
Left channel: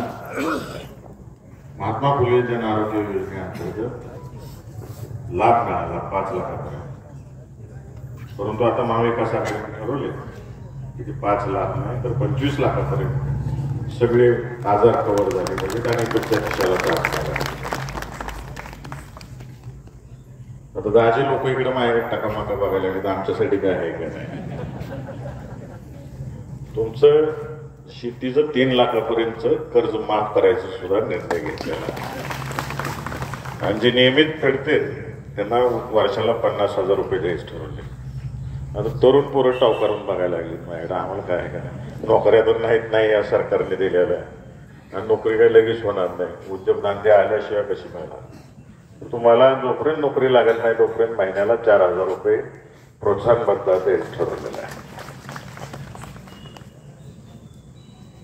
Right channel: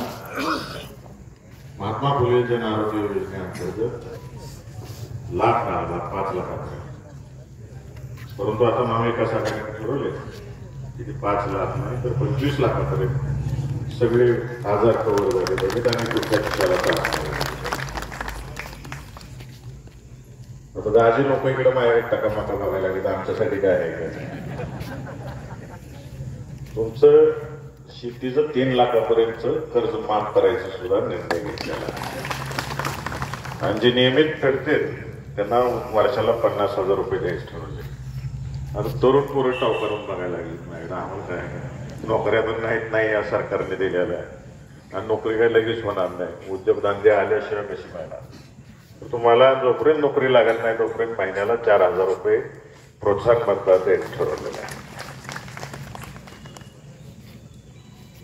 महात्मा फुले जन आरोग्य योजनेअंतर्गत लाभ मिळाला 5 लाखापर्यंत. परंतु आता महाविकास आघाडीने ठरवले की ते 5 लाख नाही तर 25 लाखापर्यंत सगळे आजार कव्हर झाले पाहिजेत आणि तुमच्या खिशाला त्रास झाला. आता दाजी लोक इकडे माझ्याकडे टकामाका बघायला लागले, आमच्यासाठी काय आहे काय नाही. तुमचं शेतीचं 3 लाखापर्यंत कर्ज माफ करायचं सुद्धा निर्णय घेतलेला आणि जे नियमित फेडते त्यांना वर्षाला 50,000 रुपये द्यायचे ठरवले. आता तरुण पोरं टाव करून बघायला लागली माझ्याकडे, आम्हाला काय आहे काय, नोकऱ्या पण नाही या सरकारने दिलेल्या आणि नोकरी काही लगेच होणार नाही, उद्योगधंदे आल्याशिवाय कशी मिळणार. तुम्हाला जोपर्यंत नोकरी लागत नाही तोपर्यंत महिन्याला 4,000 रुपये प्रोत्साहन भत्ता द्यायचं ठरवलेलं आहे.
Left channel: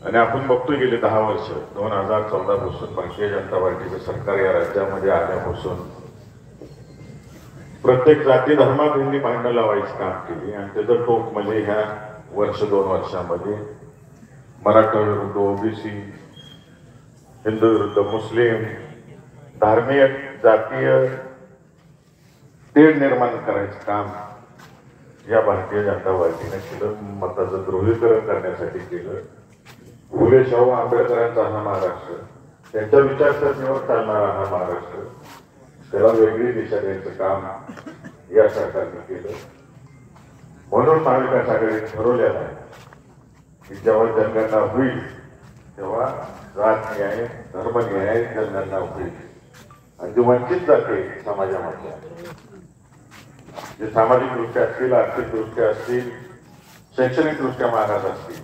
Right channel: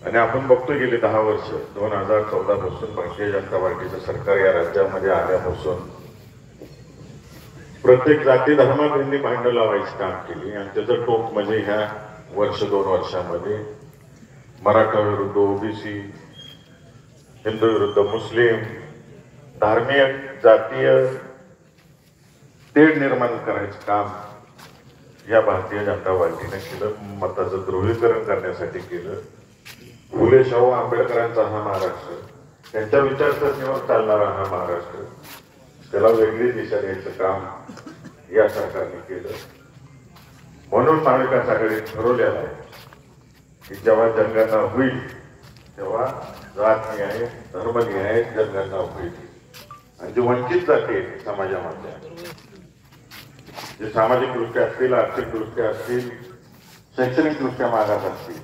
आणि आपण बघतो गेली 10 वर्ष 2014 पासून भारतीय जनता पार्टीचं सरकार या राज्यामध्ये आल्यापासून प्रत्येक जाती धर्मात हिंदी भांडणं लावायची काम केली आणि त्याचं टोक म्हणजे ह्या 1-2 वर्षामध्ये मराठा विरुद्ध ओबीसी, हिंदू विरुद्ध मुस्लिम, धार्मिक जातीय तेढ निर्माण करायचं काम या भारतीय जनता पार्टीने केलं. मताचं ध्रुवीकरण करण्यासाठी केलं. फुले शाहू आंबेडकरांचा हा महाराष्ट्र, त्यांच्या विचारसरणीवर चालणारा हा महाराष्ट्र, त्याला वेगळी दिशा द्यायचं काम या सरकारने केलं. म्हणून महाविकास आघाडीने ठरवलेलं आहे की जेव्हा जनगणना होईल तेव्हा जात न्याय, धर्मन्याय जनगणना होईल आणि जे वंचित जाती समाजामध्ये, जे सामाजिकदृष्ट्या असतील, आर्थिकदृष्ट्या असतील, शैक्षणिकदृष्ट्या मागास असतील,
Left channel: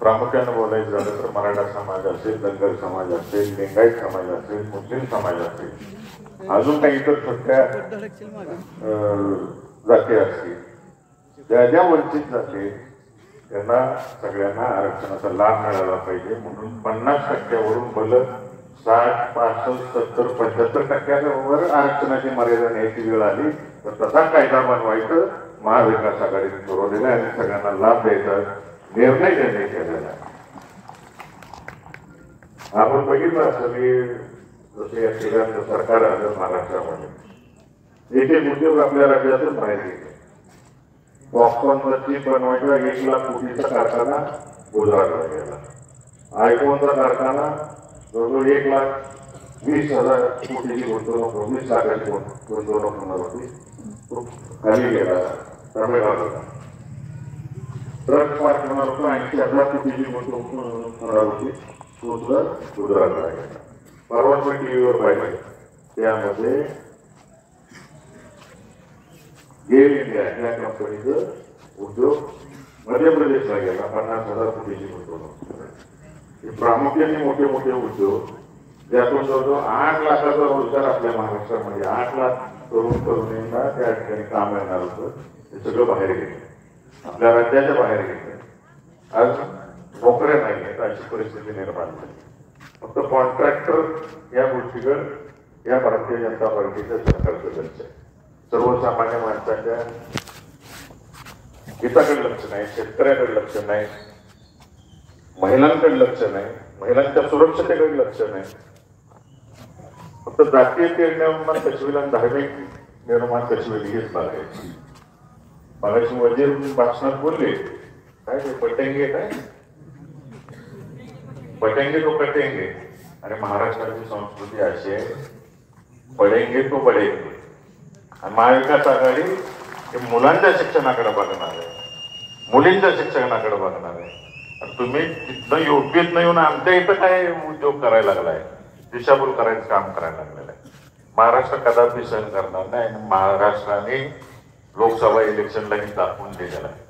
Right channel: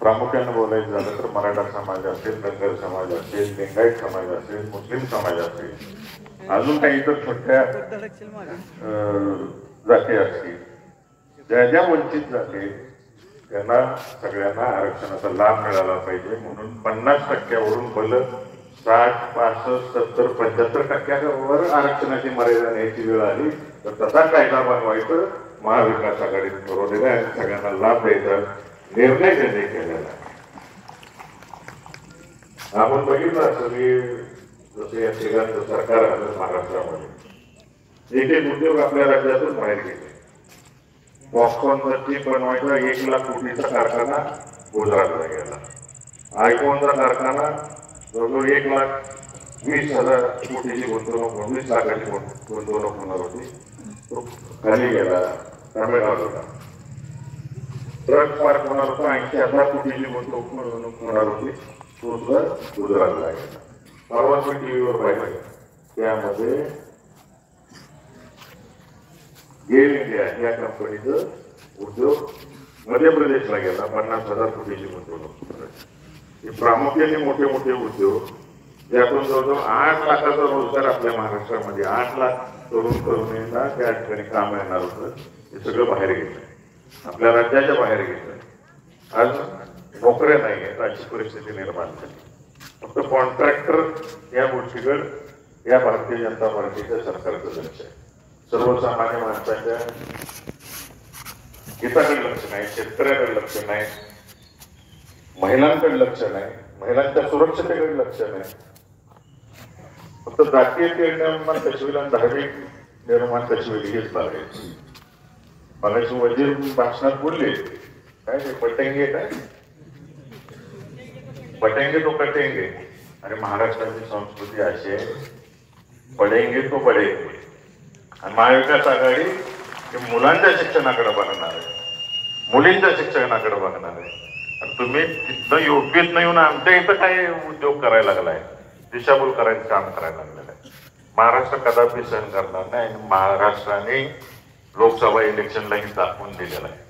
प्रामुख्याने बोलायचं झालं तर मराठा समाज असेल, धनगर समाज असेल, लिंगायत समाज असेल, मुस्लिम समाज असेल, अजून काही इतर छोट्या जाती असतील, ज्या वंचित जाती त्यांना सगळ्यांना आरक्षणाचा लाभ मिळाला पाहिजे. म्हणून 50% भलं 60, 65, 70, 75% आरक्षणाची मर्यादा न्यायची वेळ आली तर तसा कायदा बनवायचं महाविकास आघाडीने ठरवलेला आहे आणि सगळ्यांना लाभ द्यायचा निर्णय त्यांनी केलेला आहे. आपण बघितलं असं की जसं या तिघांचं सरकार आलं महाराष्ट्रामध्ये, एक उद्योग आपल्या राज्यातून बाहेर गेले. पॉपकॉर्नचा चिप बनवायचा 1 लाख कोटीचा कारखाना गुजरातला गेला. आयफोनचा कारखाना जवळजवळ 1,20,000 कोटीची गुंतवणूक, 19 लाखाची गुंतवणूक होणार होती, तो खाली गेला तामिळनाडूला. ट्रक पार्क होणार होता 80,000 कोटीची गुंतवणूक होणार होती, तो सुद्धा गुजरातला गेला. परवा टीव्हीवर पाहिजे त्यामध्ये गेल इंडिया या कंपनीचं उद्योग मध्य प्रदेशला गेला, 50,000 कोटीची गुंतवणूक. प्रामुख्याने मोठे मोठे उद्योग ज्यातून जवळजवळ 8 लाखाचा रोजगार आपल्या महाराष्ट्रामध्ये, 8 लाख तरुणांना त्या ठिकाणी काम मिळणार होतं, ते सगळं बाहेर गेलं, आपल्या राज्याच्या बाहेर गेलं. आज नोकऱ्या नाही आहेत अशी परिस्थिती निर्माण झाली. फक्त कॉन्ट्रॅक्टर या गोष्टीकडे या भारतीय जनता पार्टीच्या सरकारचं लक्ष आहे. सर्वसामान्य माणसाच्या हिताकडे लक्ष नाही, शेतकऱ्याकडे लक्ष नाही, महिलांकडे लक्ष नाही, महिलांच्या सुरक्षतेकडे लक्ष नाही. फक्त जातीय तेढ निर्माण कशी होईल आणि धार्मिक निर्माण कशी होईल हेच बघायचं. मगाशी वजीर भाषणात बोलले काय ते पटेंगे, काय पटेंगे तो कटेंगे, आणि महाराष्ट्राची संस्कृती अशी आहे, पडेंगे तो बडेंगे. आणि महाविकास आघाडी हे मुलांच्या शिक्षणाकडे बघणार आहे, मुलींच्या शिक्षणाकडे बघणार आहे. आणि तुम्ही तिथनं योग्यत नाही येऊन आमच्या इथं काय उद्योग करायला लागलाय, दिशाभूल करायचं काम करायला लागलेलं आहे. महाराष्ट्र कदापि सहन करणार नाही. आणि महाराष्ट्राने लोकसभा इलेक्शनलाही दाखवून दिलेलं आहे.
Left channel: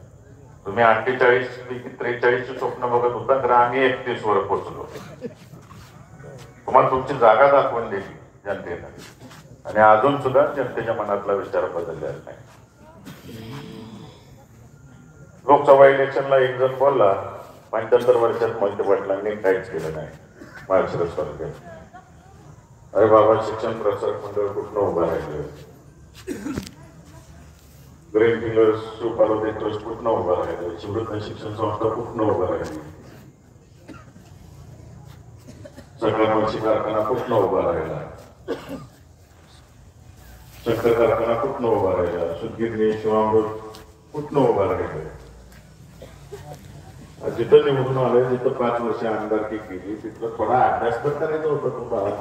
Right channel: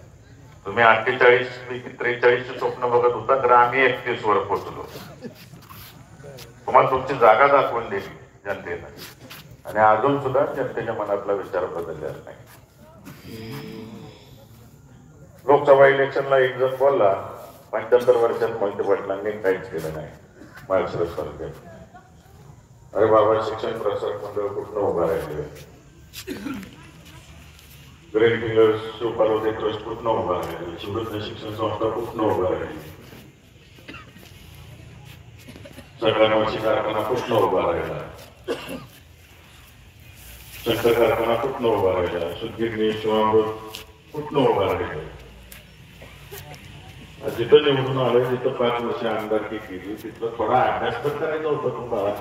तुम्ही 48 पैकी 43 स्वप्न बघत होता, तर आम्ही 31 वर पोहोचलो. तुम्हाला तुमची जागा दाखवून दिली जनतेनं, आणि अजून सुद्धा जनतेच्या मनातला विचार बदललेला नाही. लोकसभा इलेक्शनला एक जण बोलला, 75 वर्षात मोहिते पाटलांनी काहीच केलं नाही महाराष्ट्र तालुक्यात. अरे बाबा, शिक्षण प्रसारक मंडळ कुठनं उभं राहिलं, ग्रीन फिलर्स शिवपार्वती ट्रस्ट कुठनं उभं राहिलं, शिवरत्न शिक्षण संस्था कुठनं उभं राहिली, सगळ्यांवरची कारखाना कुठनं उभा राहिला, शंकर कारखाना कुठनं उभा राहिला, सुदगिरणी शिवामृत कुठनं उभा राहिलं. जिथं निवडून आलोय, जिथं 5 वर्ष आमदारकी केली, तिथलं थोडा अभ्यास तर करायचा होता तुम्हाला.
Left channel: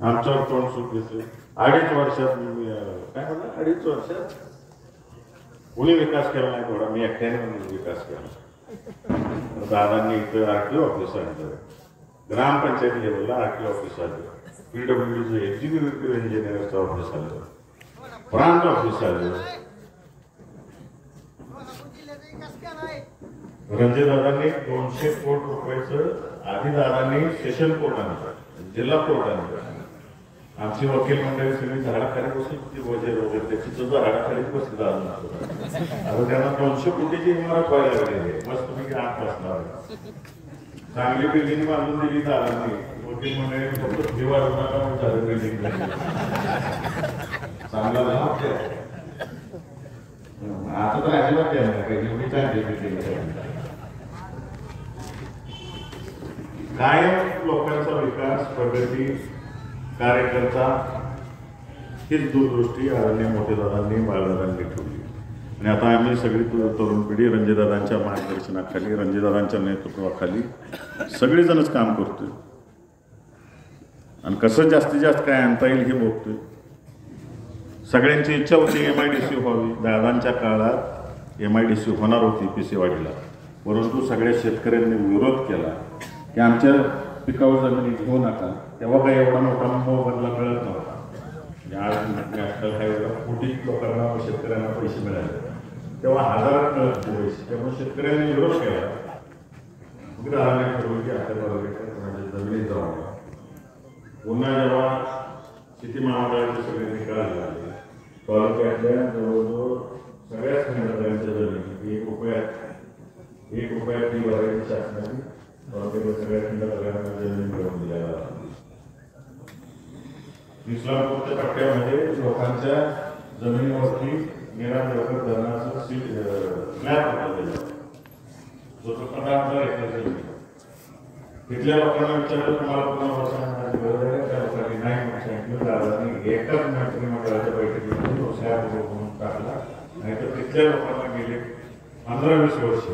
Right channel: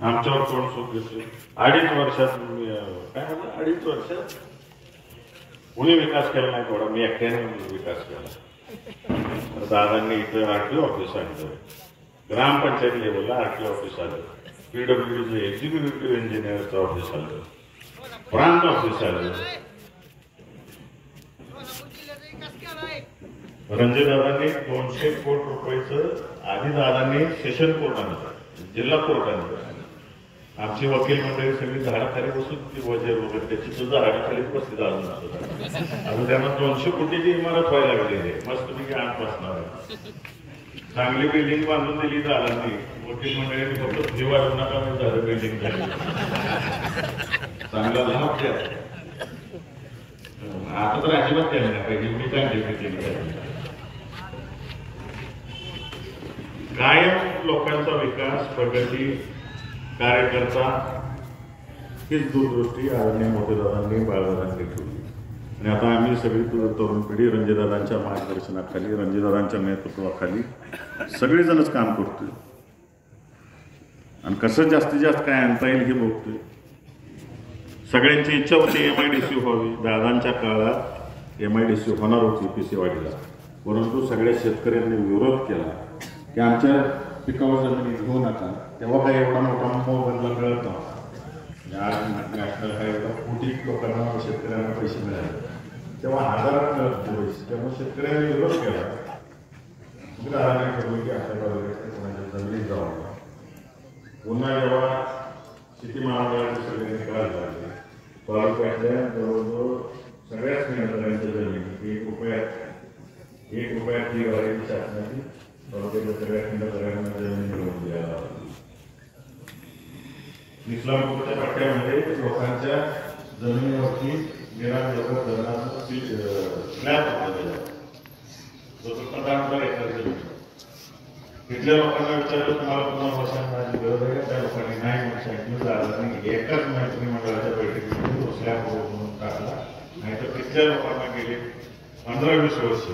आमच्यावर कोण सुख दिसले 2.5 वर्षात. काय झालं 2.5 वर्षात कोणी विकास केला नाही, थोडा मी एकट्याने विकास केला. दादांनी इथं आरटीओ ऑफिस आणलं, ग्रामपंचायत लेवलला आरटीओ ऑफिस आलं, पीडब्ल्यूडीचं एक्झिक्युटिव्ह इंजिनियरचं ऑफिस आलं, प्रांत ऑफिस आलं. रणजितदादांनी 200 कोटी रुपयाचं आधी दादांनी सेशन कोर्ट आणलं, जिल्हा कोर्ट आणलं. आमची वकील मंडळी सगळी झाडाखाली बसून ती वजीर वगैरे त्याची सुद्धा झाडाखालीच बसली दादा. आता त्यांना 200 कोटीची इमारत व्हायला लागली, मस्त मी आत बसणार. चांगली बिल्डिंग बांधून दिली दादांनी, वकील मंडळींनी फक्त दिवाळी नका म्हणून झालं बिल्डिंग झाली. चांगला लाभ द्या. आता तर अजिबात द्यायला पाहिजे, मी चांगली केली पाहिजे. कायम लोकांचा विकास, प्रगती, कार्यकर्ता हीच दूरदृष्टी आदरणीय मोठेदादांनी बाळादादांनी ठेवली. आणि आता आम्ही सगळी तरुण पिढी रणजितदादांच्या मार्गदर्शनाखाली, रणजितदादांच्या नेतृत्वाखाली सगळेजणच काम करतो. आणि कसं जास्तीत जास्त काय आणता येईल हे बघतो. सगळ्यांची इच्छा होती MIDC व्हावी. दादांच्या काळात MIDC होणार होती पेशेवाडीला, परंतु सगळ्या शेतकऱ्यांनी विरोध केला की आमच्या पिकाऊ जमिनी घेऊ नका. तेव्हा काही एवढा मोठा मोबदला मिळत नव्हता. आज नॅशनल हायवेला कोटी लोकांना, शेतकऱ्यांना पैसे मिळाले, तेव्हा हजारात मिळत पैसे. त्यामुळे शेतकऱ्यांनी विरोध केला. मग दादाने ठरवलं की आपल्या तालुक्यात कोणाच्या जमिनीत जाऊ. पुन्हा जेव्हा शेती महामंडळाचे सगळे निकाल झाले, तालुक्यातल्या जवळजवळ सगळ्याच खंडाऱ्यांच्या जमिनी 1 रुपयात ती भरायची शासनाची तालुक्याच्या सगळ्या खंडाऱ्यांना जमीन मिळवून दिल्या. इस्लामपूरच्या पट्ट्यामध्ये लोकांच्या जमिनीवरती निराम जगत धरणाचा स्लॅब होता, जो 15,000 एकर जमीन. तिथल्या लोकांना विचारलं तुम्हाला पुन्हा बसण्याची गरज आहे का? त्या लोकांनी नाही म्हणून सांगितलं. दादांनी एकाच मंत्रिमंडळाच्या बैठकीमध्ये तो स्लॅब म्हणून टाकला. नाही तर तिथल्या लोकांना गेली 15-20 वर्ष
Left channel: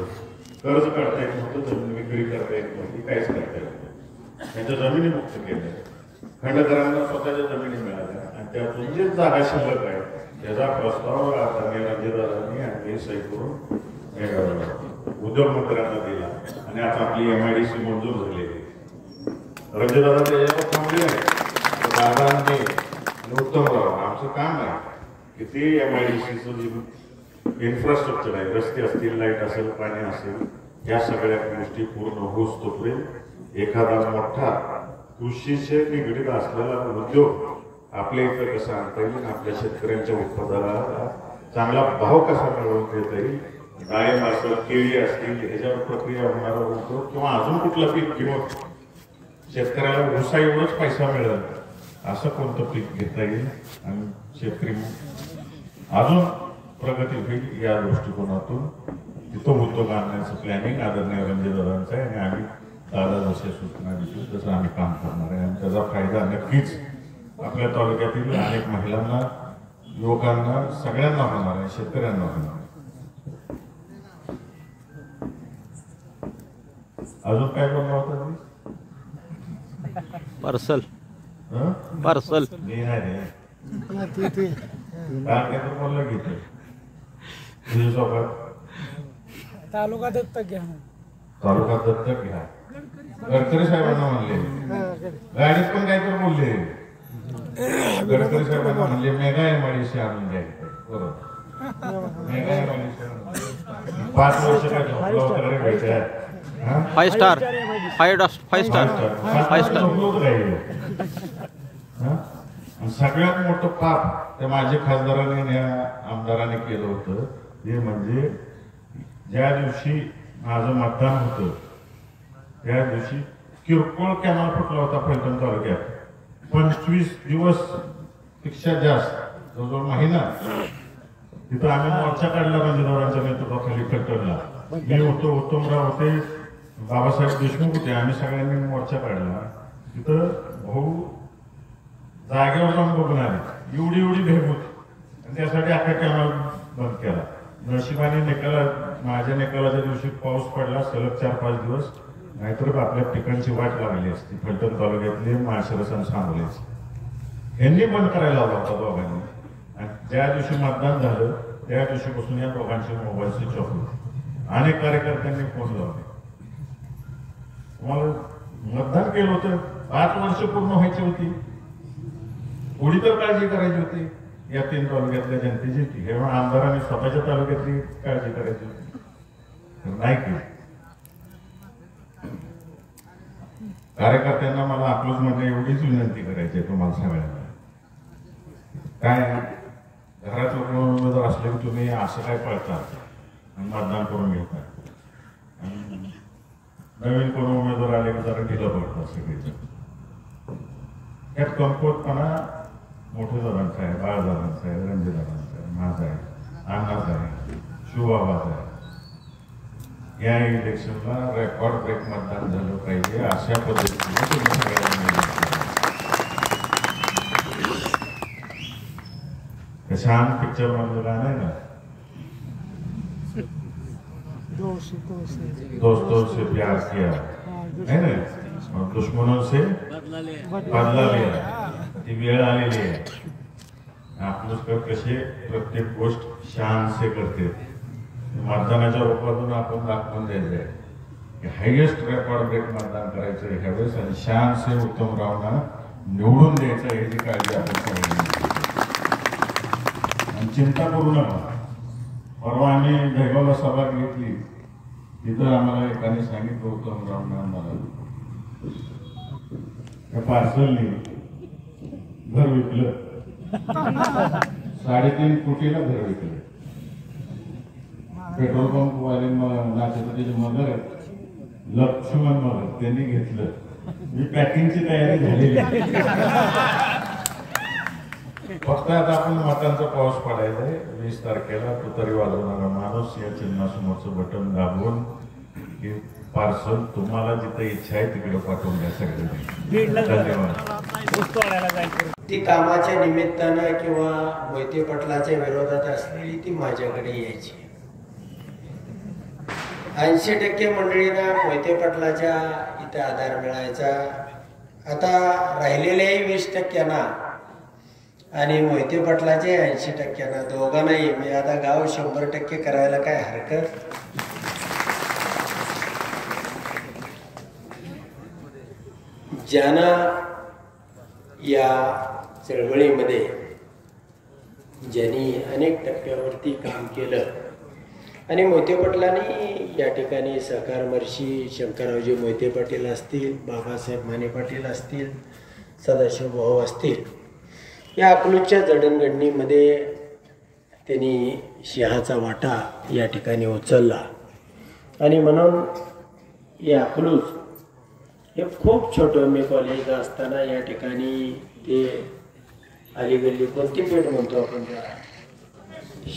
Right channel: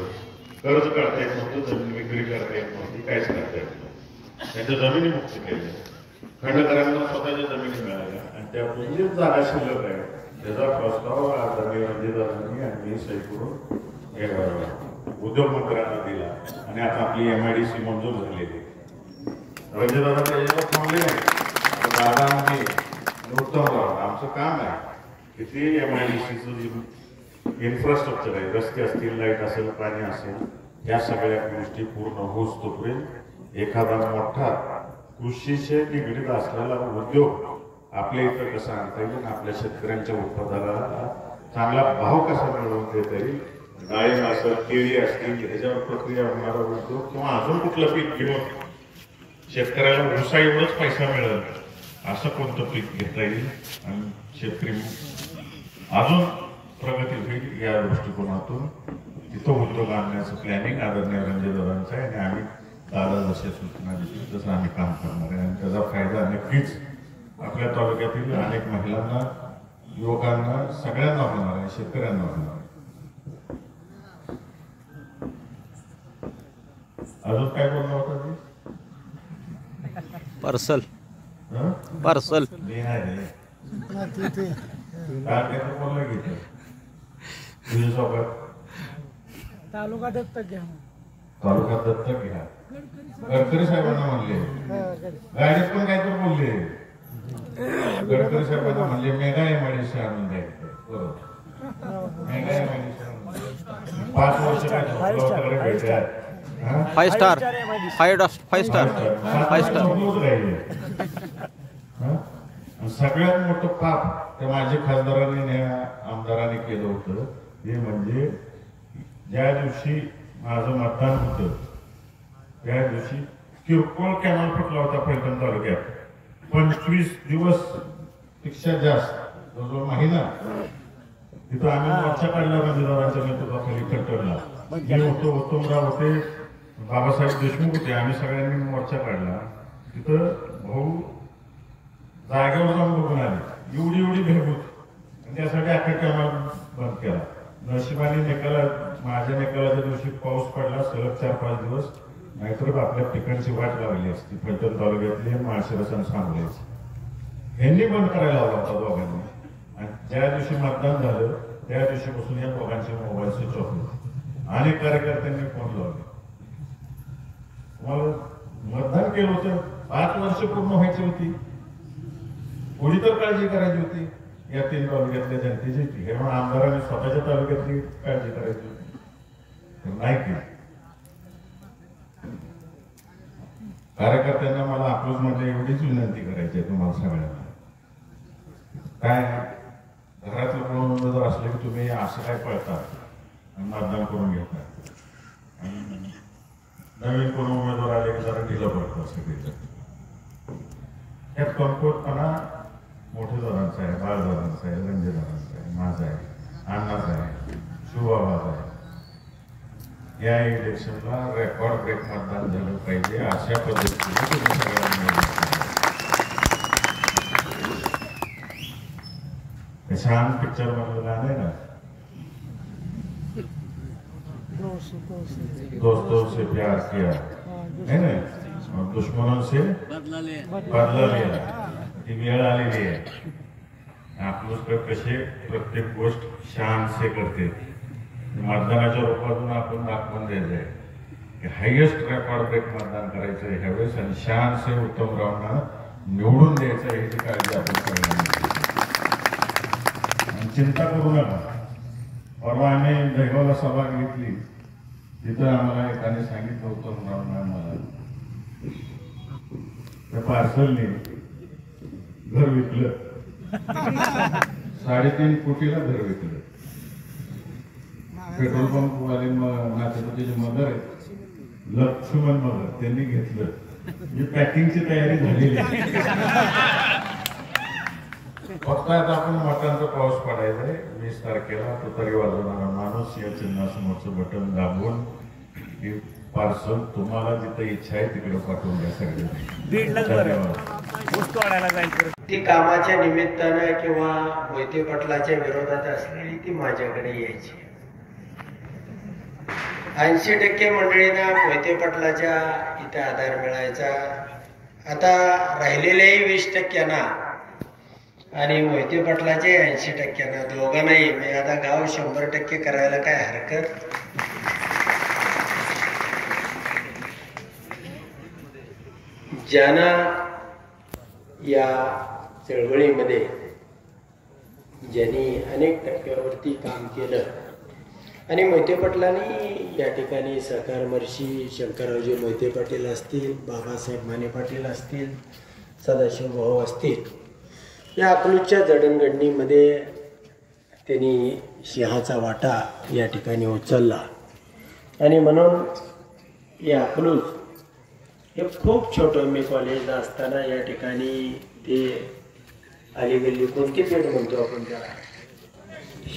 कर्ज काढता येत नव्हतं, जमीन विक्री करता येत नव्हती, काहीच करता येत नव्हतं. त्यांच्या जमिनी मुक्त केल्या, खंडकरांना स्वतःच्या जमिनी मिळाल्या. आणि त्यातून जे जागा शिल्लक आहे त्याचा प्रस्ताव रणजितदादांनी आणि सही करून उद्योग मंत्र्यांना दिला. आणि आता आपली MIDC मंजूर झालेली आहे. रणजितदादा त्याच्यावर थांबले आहे. दादांनी उत्तम व्हावं आमचं काम आहे की ते MIDCचं जे इन्फ्रास्ट्रक्चर आहे, रस्ते असतील, लाईट असेल, पाणी असेल, या सगळ्या गोष्टी पूर्ण होस तोपर्यंत एखादा मोठा कृषीशी निगडीत असलेला उद्योग आपल्या इथं कसा आणता येईल, आपल्या शेतकऱ्यांच्या उत्पादनाला चांगला भाव कसा मिळवून देता येईल, डाळिंब असेल, केळी असतील, ह्याच्यावर प्रक्रिया होणारा उद्योग किंवा अजून कुठलं पीक, किंवा शेतकऱ्याला ऊसा एवढंच पैसा मिळेल असं कोणतं पीक घेता येईल आणि शेतकरी अजून प्रगती होईल, या दृष्टिकोनातून तिथं उद्योग आणण्याचं प्लॅनिंग आदरणीय रणजितदादांचं आहे. आणि आम्ही दादा जसे सूचना देतील तसं आम्ही काम करणार आहे. आणि त्याचा फायदा नक्कीच आपल्या तालुक्यातील अनेक महिलांना, युवकांना, सगळ्यांना होणार आहे, शेतकऱ्यांना होणार आहे. अजून काय बोलणं होतं? पार्सल हं? पार्सल मी नाही रे. काय बोललं की ते? तुझ्या सोबत तालुका दत्तक घ्या. तालुका दत्तक घ्या. गडकरी साहेबांना म्हणले, गाडीत पण काहीतरी बोलले. गडकरी साहेबांना म्हणले मेगा एमआयडीसी आणून द्यायचं. बरोबर, मेगा एमआयडीसी 5 वर्ष काय झोपलं वगैरे भेटल्या. 5 स्टार 5 स्टार सगळ्यात मोठं पाप ते माझ्या खासदारांनी आणि आमदारांनी केलं होतं ते म्हणजे ज्या दिवशी माझं मतदान होतं त्या दिवशी किरकोळ कॅनल फुटला होता पैठण तालुक्यात. 25 दिवस पेक्षा जास्त, जवळजवळ महिना तिथं आम्ही मोर्चा काढला. रणजितरावांच्या नेतृत्वाखाली पैठणला मी होतो, उत्तमराव होते, बाबासाहेब देशमुख होते. आम्ही सगळ्यांनी मोर्चा काढला. तिथं भाऊ जागेवर जाऊन बघून आले. एवढी भेट होती आणि त्यासाठी अख्खा कॅनल बंद केला. नशिबाने माझ्या निकालाच्या दिवशी पाऊस पडला सलग 4-5 दिवस, नाहीतर आपल्या पिकांची वाट लागली असती. फलटण तालुक्यातले माळशिरस आणि सांगोलेचे यांनी बंद करायला लावला होता दोघांनी. आणि ज्या दिवशी मतदान झालं त्या दिवशीपासून या दोघांचे मोबाईल स्विच ऑफ होते. अनेक कार्यकर्त्यांनी फोन लावले. तुम्हाला मतदान केलं होतं, 5 वर्ष पूर्ण व्हायची होती, थोडी तर काळजी करायची होती या 3 तालुक्यातल्या जनतेची. हे म्हणून आमदारांनी स्वतःच्या तालुक्यातली काळजी करायची होती, नाही केली. कार्यकर्त्यांना मला अकलूज म्हणजे एवढीच विनंती करायची आहे तुम्हाला सगळ्यांना. काय घरातले कोण उमेदवार असले की तुम्ही असं काय पळता आणि मतदान करून घेता, आणि नवीन कोण उमेदवार आले की जरा ढिलं पडतं सगळीच. यात कमकुवतपणा मोठे दादांचा आहे, बाळदादांचा आहे, रणजितदादांचा आहे, माझा आहे, अण्णाचा आहे, शिवबाबाचा आहे. या इलेक्शनला रेकॉर्ड ब्रेक मतदान झालं पाहिजे अशा पद्धतीने तुम्ही सगळ्यांनी छान पिक्चर मधलं गाणं आहे ना, दोस्तों से प्यार किया है ना, दुश्मनों से बदला लिया. ती वेळ आलेली आहे. आपलं कसे प्रत्येक गोष्ट शान से करते. मतदानाच्या रूपातून आपण दाखवून द्यायचंय की हायएस्ट रेकॉर्ड ब्रेक मतदान करायचं ह्यावेळेस आणि शान से उत्तमरावांना निवडून द्यायचं ह्याची काळजी आपण सगळ्यांनी. आणि चिंता करू नका. परवा आम्ही जळगावला सभा घेतली, तिथं आम्हाला एकाने सांगितलं उत्तमरावांना आम्हाला त्या पार्सलने घर विकलं, 3.5 कोटीला घर विकलं. पेट्रोल पंप वाले नातेपुतीचे मदर आहेत, लक्ष्मण मदर, त्यांनी घेतलं. मी पॅकिंगची तयारी झालेली आहे. फक्त आता आपण मतांचा पाऊस पडायचा आहे. 20 तारखेला तुतारी वाजवणारा माणूस या चिन्हासमोरचं बटन दाबून की पार्सल तुम्हाला जिथं इच्छा आहे तिकडे पाठवून द्या सगळे. धन्यवाद. ती कामाच्या निमित्तानं किंवा मोहिते पाटलाच्या विरोधात असलेली ती माझ्याकडे यायची. 80% मंडळींना मोहिते पाटलाच्या इथे आधार मिळायचा. आता राहिलेल्याही 20%ना आणि मोहिते पाटलाचे 80%ना, दोघांनाही मी आता गाव 100% करायला काय हरकत. ज्यांना या चळवळीमध्ये ज्यांनी अनेक टप्प्यावरती काम केलं आणि मोहिते पाटलांनी या ठिकाणी सहकारमर्षी शंकररावजी मोहिते पाटील असतील, बाबासाहेब माने पाटील असतील, सदाशिव भाऊ असतील, या अकलूजच्या जडणघडणीमध्ये त्यांनी सिंहाचा वाटा या ठिकाणी उचलला. आणि म्हणून या अकलूज हे खूप छोटं, मी कॉलेजला असताना या ठिकाणी ते अलीगल्ली कोणती पेठ म्हणतो आपण त्याला,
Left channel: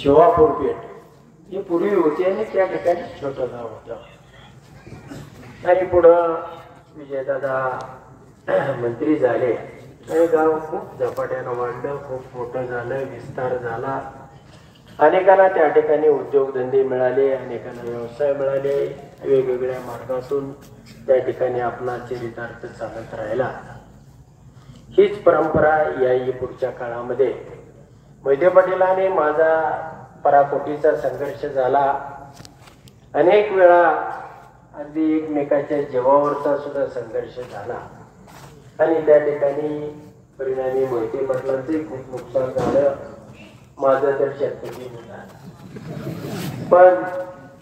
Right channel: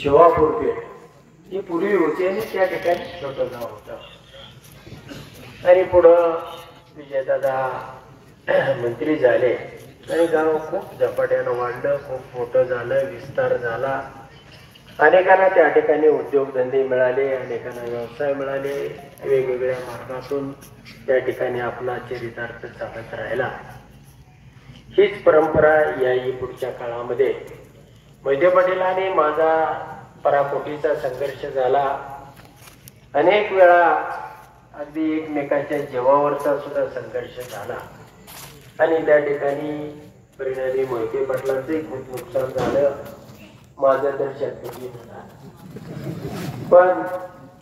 शिवापूर पेठ ही पूर्वी होती आणि त्या ठिकाणी छोटं गाव होतं. आणि पुढं विजयदादा मंत्री झाले आणि गाव खूप झपाट्यानं वाढलं, खूप मोठं झालं, विस्तार झाला. अनेकांना त्या ठिकाणी उद्योगधंदे मिळाले, अनेकांना व्यवसाय मिळाले, वेगवेगळ्या मार्गातून त्या ठिकाणी आपला चरितार्थ चालत राहिला. हीच परंपरा याही पुढच्या काळामध्ये मोहिते पाटील आणि माझा पराकोटीचा संघर्ष झाला. अनेक वेळा अगदी एकमेकाच्या जीवावरचा सुद्धा संघर्ष झाला आणि त्या ठिकाणी परिणामी मोहिते पाटलांचे खूप नुकसान झालं. माझं तर शेतकरी पण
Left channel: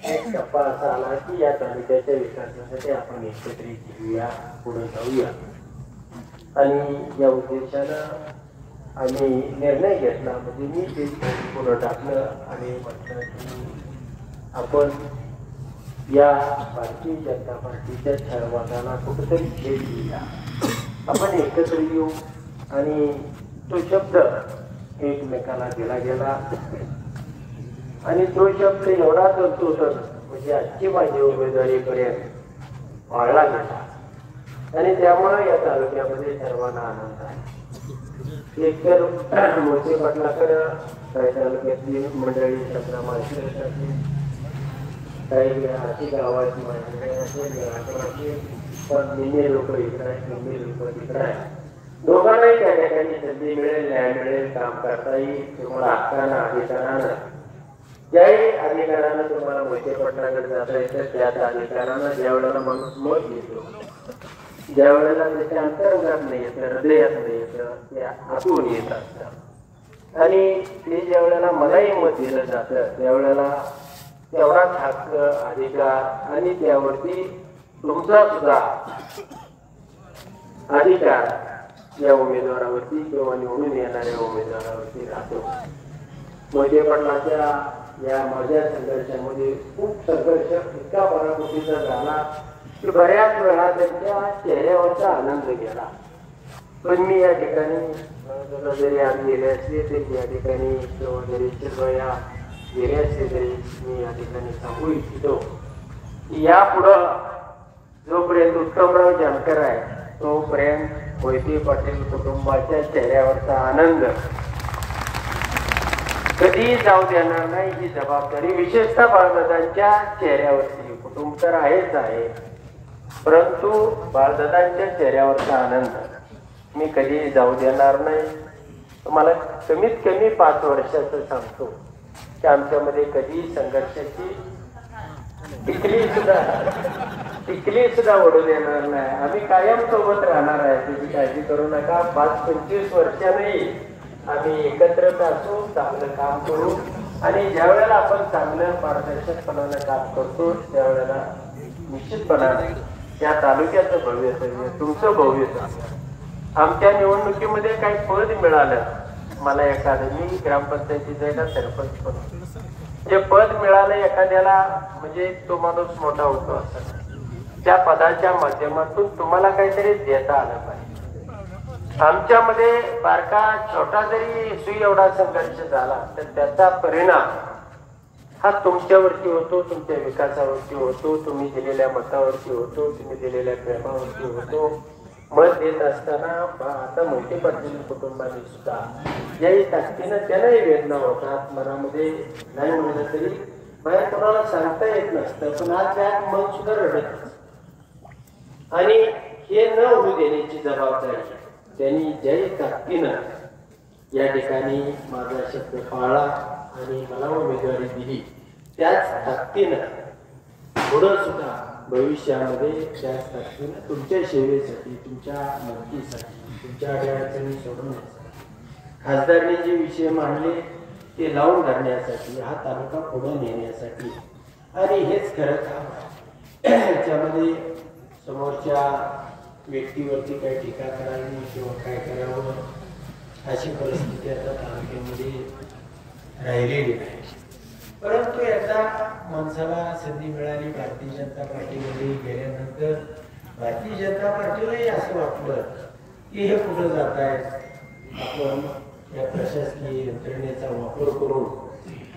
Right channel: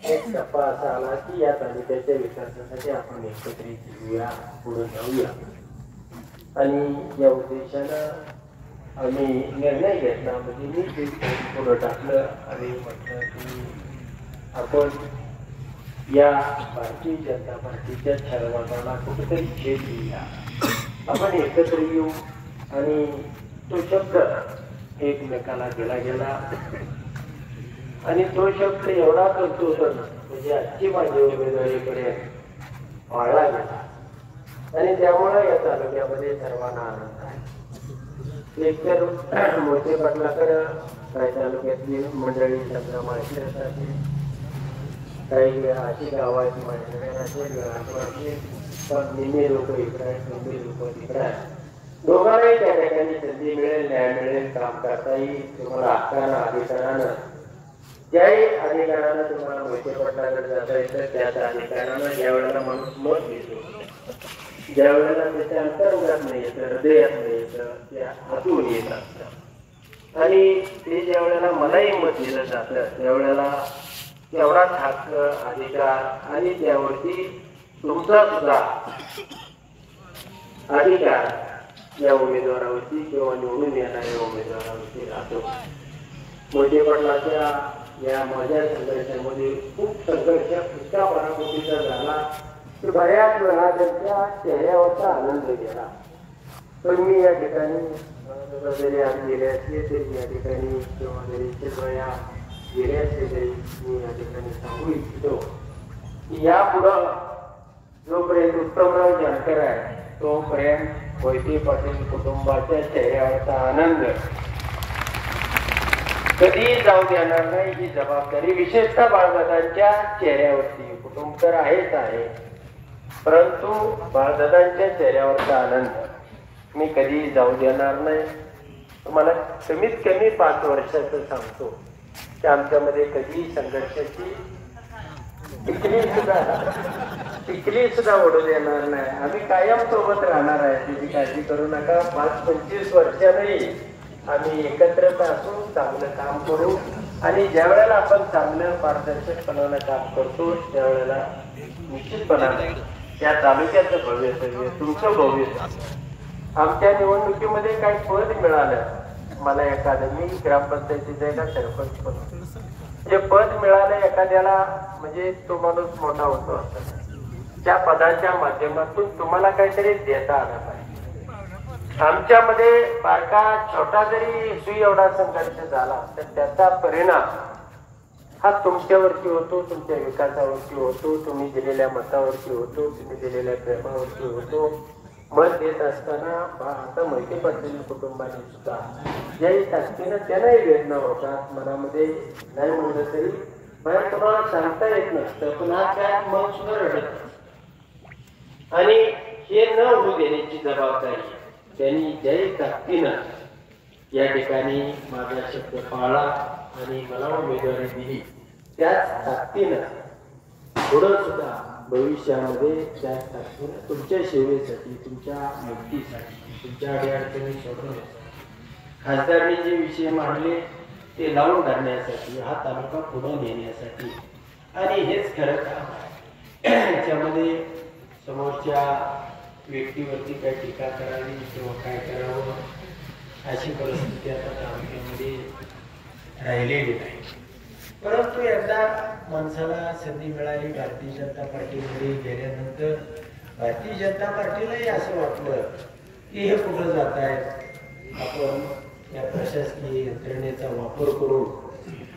एक टप्पा असा आला की या तालुक्याच्या विकासासाठी आपण एकत्रित येऊया, पुढे जाऊया आणि या उद्देशानं आम्ही निर्णय घेतला. म्हणजे मी ते पुढे टाकलं आणि म्हटलं की आपण या भारतीय जनता पार्टीच्या छळवादाला कुठेतरी छेद देऊया, आपण एकत्र येऊ. आणि तो शब्द एकमेकाला दिला गेला आणि तो शब्द एवढा तंतोतंत म्हणजे आजची माझी उमेदवारीपर्यंत वाढला गेला आणि त्यामुळे या तालुक्यामध्ये सर्वांना आनंद आहे. एकतर मोहिते पाटलाकडे काही तालुक्यातली मंडळी चंद्रामासाठी काही अशी गावात निम्मे लोक इकडे आहेत, निम्मे लोक तिकडे आहेत. दोघांनाही त्या ठिकाणी संधी मिळेल, न्याय मिळेल, काम करता येईल. तुम्हाला हक्कानं अधिकारानं ज्याही अधिकारानं तुम्हाला मोहिते पाटलाकडे जाता येतं त्याच अधिकारानं ज्या वेळेला माणूस मत घेतो, ज्या वेळेला त्याच्या अंतर्गत नाही येतं, हृदयात नाही येतं, ते आतून येत असतं आणि ते ज्या वेळेला मलाही मत दिलं जातं त्यावेळेला तेवढाच हक्क, अधिकार आणि त्यावरती तुमचा सुद्धा अधिकार या उमेदवारावरती किंवा निवडून येणाऱ्या उमेदवारावरती राहतो. मोहिते पाटलाच्या या माझ्या संघर्षामध्ये खूप संघर्ष इतका पराकोटीचा झाला की बऱ्याच वेळा त्यांच्या चेहऱ्यावरचा आनंद गेला. पण मी या ठिकाणी जरी आज गेले असले तरी या ठिकाणी किंवा गेल्याच्या वेळा गेले असले तरी मी या ठिकाणी सांगू इच्छितो की यापुढं जोपर्यंत उत्तमराव जानकर आहे तोपर्यंत मोहिते पाटील कुटुंबाच्या चेहऱ्यावरचा आनंद कधी जाऊ देणार नाही. ही जबाबदारी विशेषतः बाळदादांच्या चेहऱ्यावरती, कुटुंब तर आहेच आहे परंतु बाळदादांच्या चेहऱ्यावरचा आनंद मी कधी जाऊ देणार नाही. तुम्हाला कमीत कमी 5 वर्षाचं सांगतो की आमच्यामध्ये कधी संघर्षाची टिकली सुद्धा ओढू देणार नाही. आम्ही कायम सोबत राहणार आहे, त्याची काळजी करू नका. 5-25 वर्षांनी आम्ही एकत्रच असू, चांगलं काम करू आणि ज्या वेळेला आपण चांगलं पारदर्शकपणानं काम करतो त्यावेळेला निश्चितपणाने त्या तालुक्याचं भवितव्य, तुमचं भवितव्य. आमच्या निवडणुकीमध्ये काही पद मिळालं मला एखादं, मी ग्रामपंचायतीचा एका सरपंच पण जे पद मिळालं एखाद्याला म्हणजे तो माणूस मोठा होतो असं त्या पदाच्या माध्यमातून तुम्हाला काहीतरी देता आलं पाहिजे. आमच्यामध्ये बारका छोटा जरी सुई एवढा संघर्ष झाला तर त्याचा परिणाम हा तुमच्यावरती होतो, तुमच्या विकासावरती होतो, तुम्ही दिलेल्या मतावरती होतो, तुम्ही दिलेल्या प्रेमावरती होतो. मत देत असताना आता मोहिते पाटील कुटुंबाने सुद्धा ज्याही ताकदीनं त्यांनाही वेदना होतात मनामध्ये, नाही म्हणलं तरी बाहेर कोणाला सांगता येत नसतं पण आज त्या मन सुद्धा रडत आणि हे न होऊ देण्याची जबाबदारी त्यांनी ज्याही ताकदीनं या ठिकाणी माझा शब्द पाळला आणि मला उमेदवारी दिली त्याच ताकदीनं पुढं सुद्धा भविष्यामध्ये त्याच ताकदीनं तुमच्या सेवेसाठी, तुमच्या मदतीसाठी, तुमच्या अडचणी सोडवण्यासाठी, खासदारांनी जे विषय मांडले ते लावून धरण्यासाठी, हा तालुका पुढे नेण्यासाठी आणि हेच खरं काम आहे. याच्यामध्ये समोरच्या व्यक्तीवरती काही टीका करावी किंवा काय करावं अशी परिस्थिती आता तालुक्यामध्ये राहिलेली नाही. परंतु एकदा माणसाला संधी मिळाली भारतीय जनता पार्टीमध्ये गेल्यानंतर भारतीय जनता पार्टीलाही असं वाटलं की हे कुठं जात आहेत, आपण या प्रशासकीय यंत्रणेचा वापर करून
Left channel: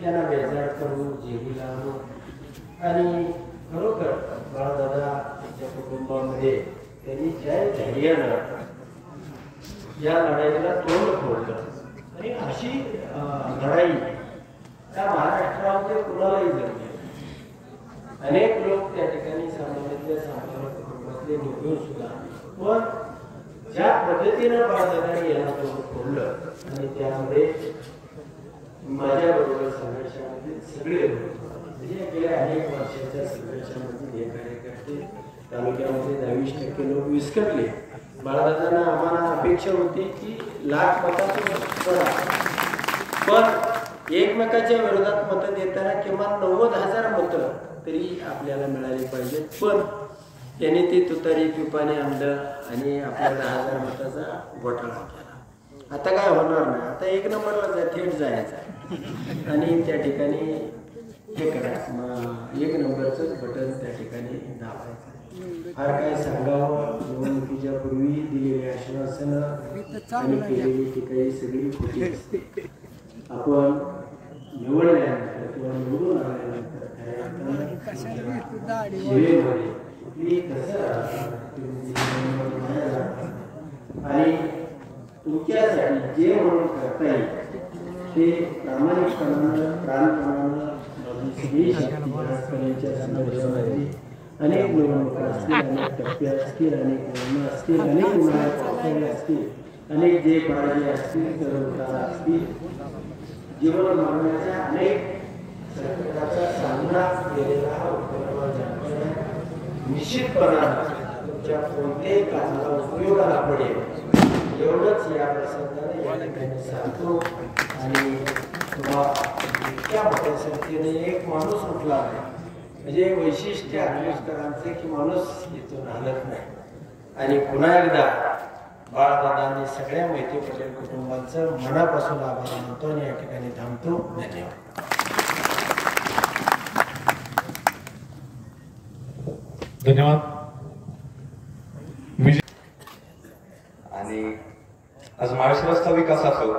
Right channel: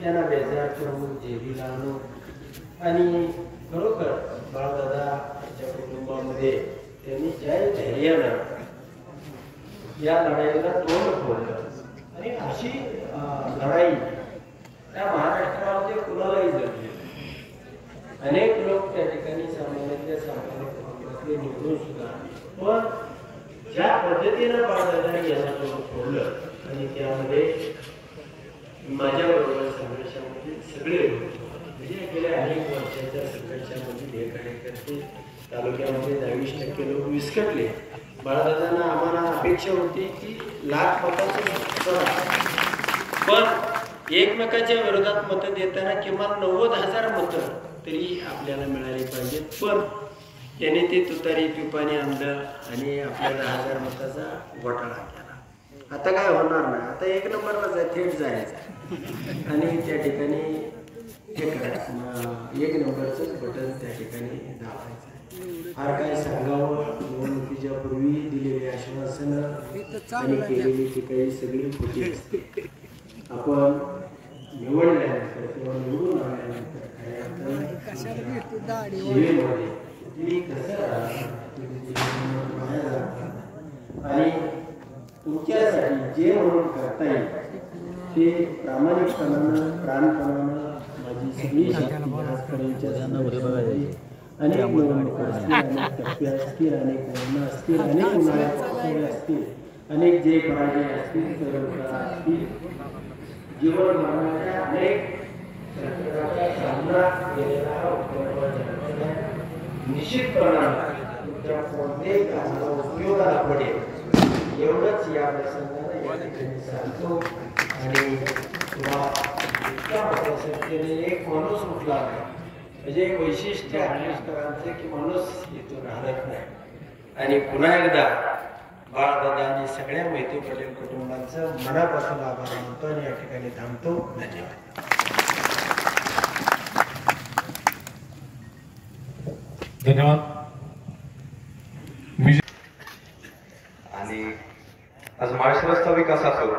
त्यांना बेजार करू, जेरीला आणू आणि खरोखर बाळदादा यांच्या कुटुंबामध्ये त्यांनी ज्या धैर्यानं या लढाईला तोंड फोडलं आणि अशी लढाई त्या महाराष्ट्रामध्ये कुणालाही जमले. अनेक लोक त्या ठिकाणी सामान्यातल्या सामान्य कुटुंबातले निवडून सुद्धा, पण ज्या पद्धतीनं बाळदादांनी यांना फोडलं आणि त्यामध्ये माझ्याबरोबर संघर्षामध्ये सगळे म्हणजे गेल्या अनेक वर्षाच्या संघर्षामध्ये हे कार्यकर्ते तालुक्यामध्ये 22% लोक विस्कटले. बाळदादांना आम्हाला अपेक्षा होती की 1,00,000 मतांचं, पण एकमेकाच्या विरोधात मतं देताना किमान 90,000 मतं तरी आपल्याला मिळाली पाहिजे. पण त्याने ते तुतारी पिपाने आणलं आणि आपल्याला 10,000 मताचा घोटाळा केला. आता काय होणार नाही, आता 1 नंबरला थेट जायचं आणि त्या ठिकाणी हे करायचं, 1 नंबरचंच बटन त्या ठिकाणी दाबायचं. फार काय सांगावं, निवडणुकीच्या पूर्वी दिलेली आश्वासनं आणि केलेली ती काही सगळी खोटी असते. आपण निवडल्यानंतर किंवा निवडून आल्यानंतर आणि तुमच्यासाठी जे म्हणून करता येईल ते प्रामाणिकपणानं प्राणपणानं अनेक निवडणुका असतील, अनेक टप्पे असतील, अनेक नियम असतील, अनेक उन्हाळ्यात असतील, अनेक जे काळजी असतील, सर्व असतील, जीवन मानवाच्या अनेक संकटाचा सामना केलेला हा निश्चितपणानं तुमच्या कोणत्याही कामाला उपयोगाला पडेल एवढंच या प्रसंगाने या ठिकाणी सांगतो. आणि तुम्हाला इतक्या मोठ्या संख्येने एक माणूस उठला नाही म्हणजे एक वैशिष्ट्य आंबेडकरांचे की माणूस इथून हलत नाही. आणि पुन्हा एकदा बाळदादा आणि सगळ्या मोहिते पटेल कुटुंबांचं मनापासून आभार मानतो आणि या ठिकाणी थांबतो. धन्यवाद. धन्यवाद. आणि आज महाराष्ट्राचा विकास असो,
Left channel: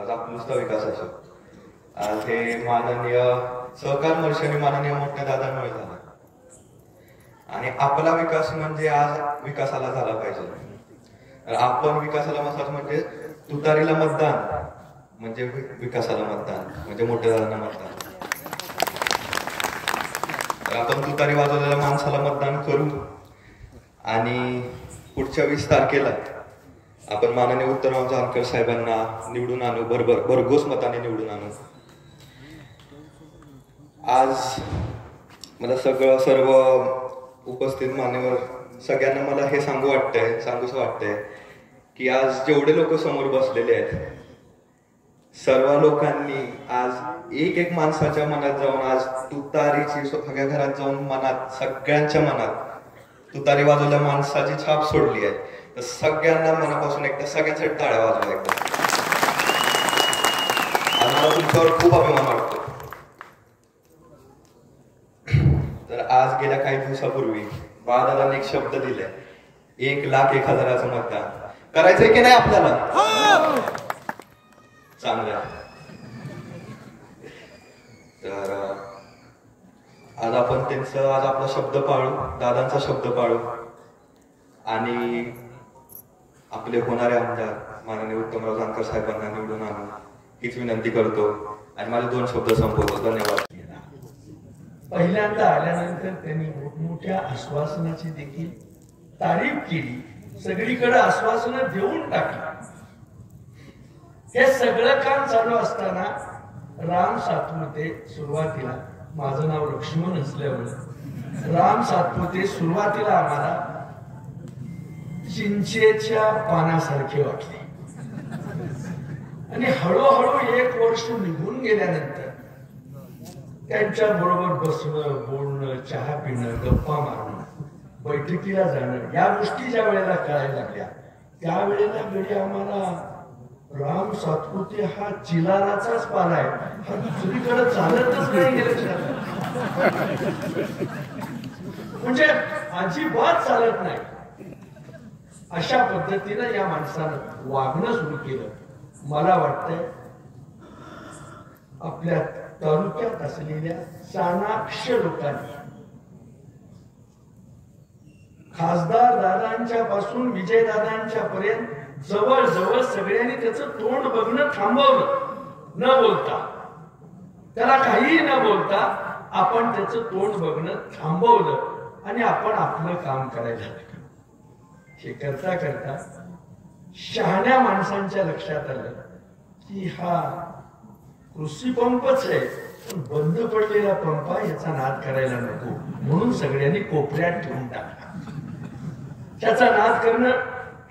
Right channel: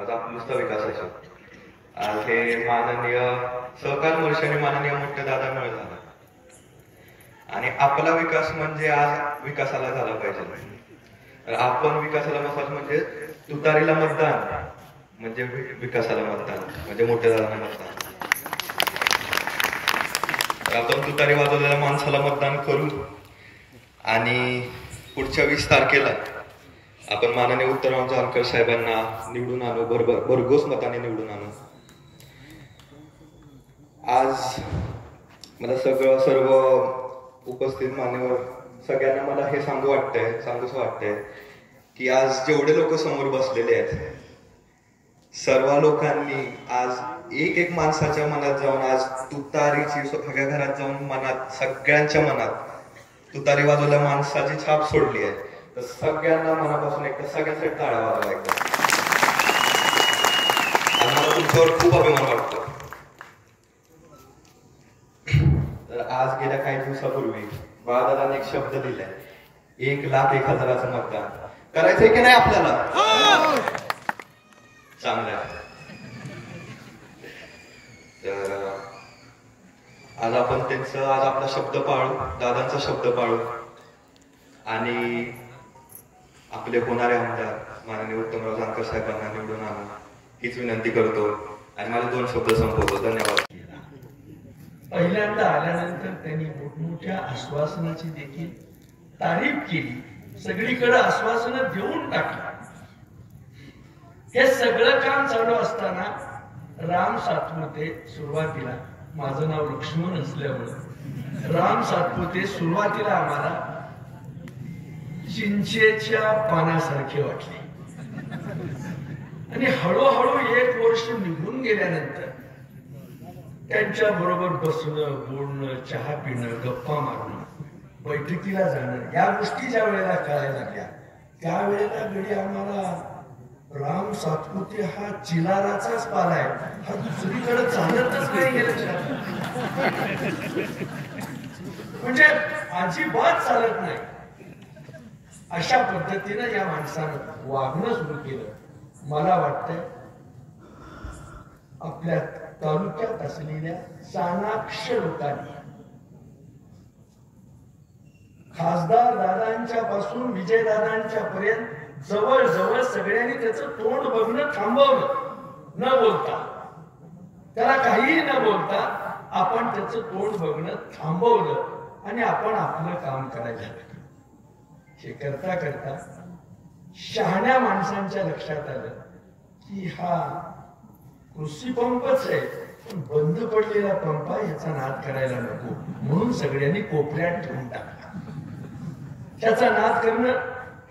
आज आपला विकास असो, आज हे माननीय सहकार वर्षाने माननीय मोठ्या दादामुळे झाला. आणि आपला विकास म्हणजे आज विकासाला झाला पाहिजे. आपण विकासाला मसाज म्हणजे तुतारीला मतदान म्हणजे विकासाला मतदान म्हणजे मोठ्या दादांना मतदान. आपण तुतारी वाजवलेल्या माणसाला मतदान करू आणि पुढच्या 20 तारखेला आपण माननीय उत्तमराव जानकर साहेबांना निवडून आणू, भरघोस मताने निवडून आणू. आज मला सर्व उपस्थित मान्यवर सगळ्यांना मला हे सांगूसं वाटतंय की आज जेवढे लोक समोर बसलेले आहेत सर्व लोकांनी आज एक माणसाच्या मनात जाऊन आज तुतारीची सगळ्या घरात जाऊन मनात सगळ्यांच्या मनात तुतारी वाजवल्या माणसाची छाप सोडली आहे. तर सगळ्यांना मनापासून एकदा सगळ्यांसाठी टाळ्या वाजवा वाटतो. मला तुमच्यावर खूप अभिमान वाटतो. तर आज गेल्या काही दिवसापूर्वी बाळदादांनी एक शब्द दिले, 1,01,000 मतदान करायचंय की नाही आपल्याला? चांगलं. तर आज आपण आज आपला शब्द पाळू, दादांचा शब्द पाळू आणि आपले होणारे आमदार माननीय उत्तमराव जानकर साहेबांना निवडून आणू हीच विनंती करतो आणि माझे 2 शब्द संपवतो. धन्यवाद. पहिल्यांदा आल्यानंतर त्यांनी मोठमोठ्या आश्वासनाची देखील तारीफ केली, सगळीकडे आश्वासनं देऊन टाकली. हे सगळं काम चालू असताना राम सातपुते सुरुवातीला, माझं नाव लक्ष्मण असल्यामुळे राम सातपुते सुरुवातीला आम्हाला चिंचेच्या पानासारखे वाटले आणि हळूहळू 1 वर्ष निघून गेल्यानंतर त्यांच्या बरोबर बसणं, बोलणं, चहा पिणं, गप्पा मारणं, बैठकीला जाणं या गोष्टी ज्या वेळेला कळायला लागल्या त्यावेळेला घडी आम्हाला राम सातपुते हा चिलाराचाच पाला आहे, हा दुसरीकडे चालतच नाही गेलं म्हणजे अजिबात चालत नाही. अशा पद्धतीनं या माणसानं वागणं सुरू केलं. मला वाटतंय आपल्या तालुक्यात असलेल्या चाणाक्ष लोकांनी खासदार दादांच्या पासून विजय दादांच्या पर्यंत जवळ जवळ सगळ्यांनी त्याचं तोंड बघणं थांबवलं न बोलता. त्याला काहीही न बोलता आपण त्याचं तोंड बघणं थांबवलं आणि आपण आपलं काम करायला लागलो. हे करता करता शहाण्या माणसांच्या लक्षात आलं की हा कृषी पंपच आहे, पण बंद पडलेला पंप आहे, याचा नाद करायला नको, म्हणून सगळ्यांनी कोपऱ्यात ठेवून टाकला. त्याचा नाद करणं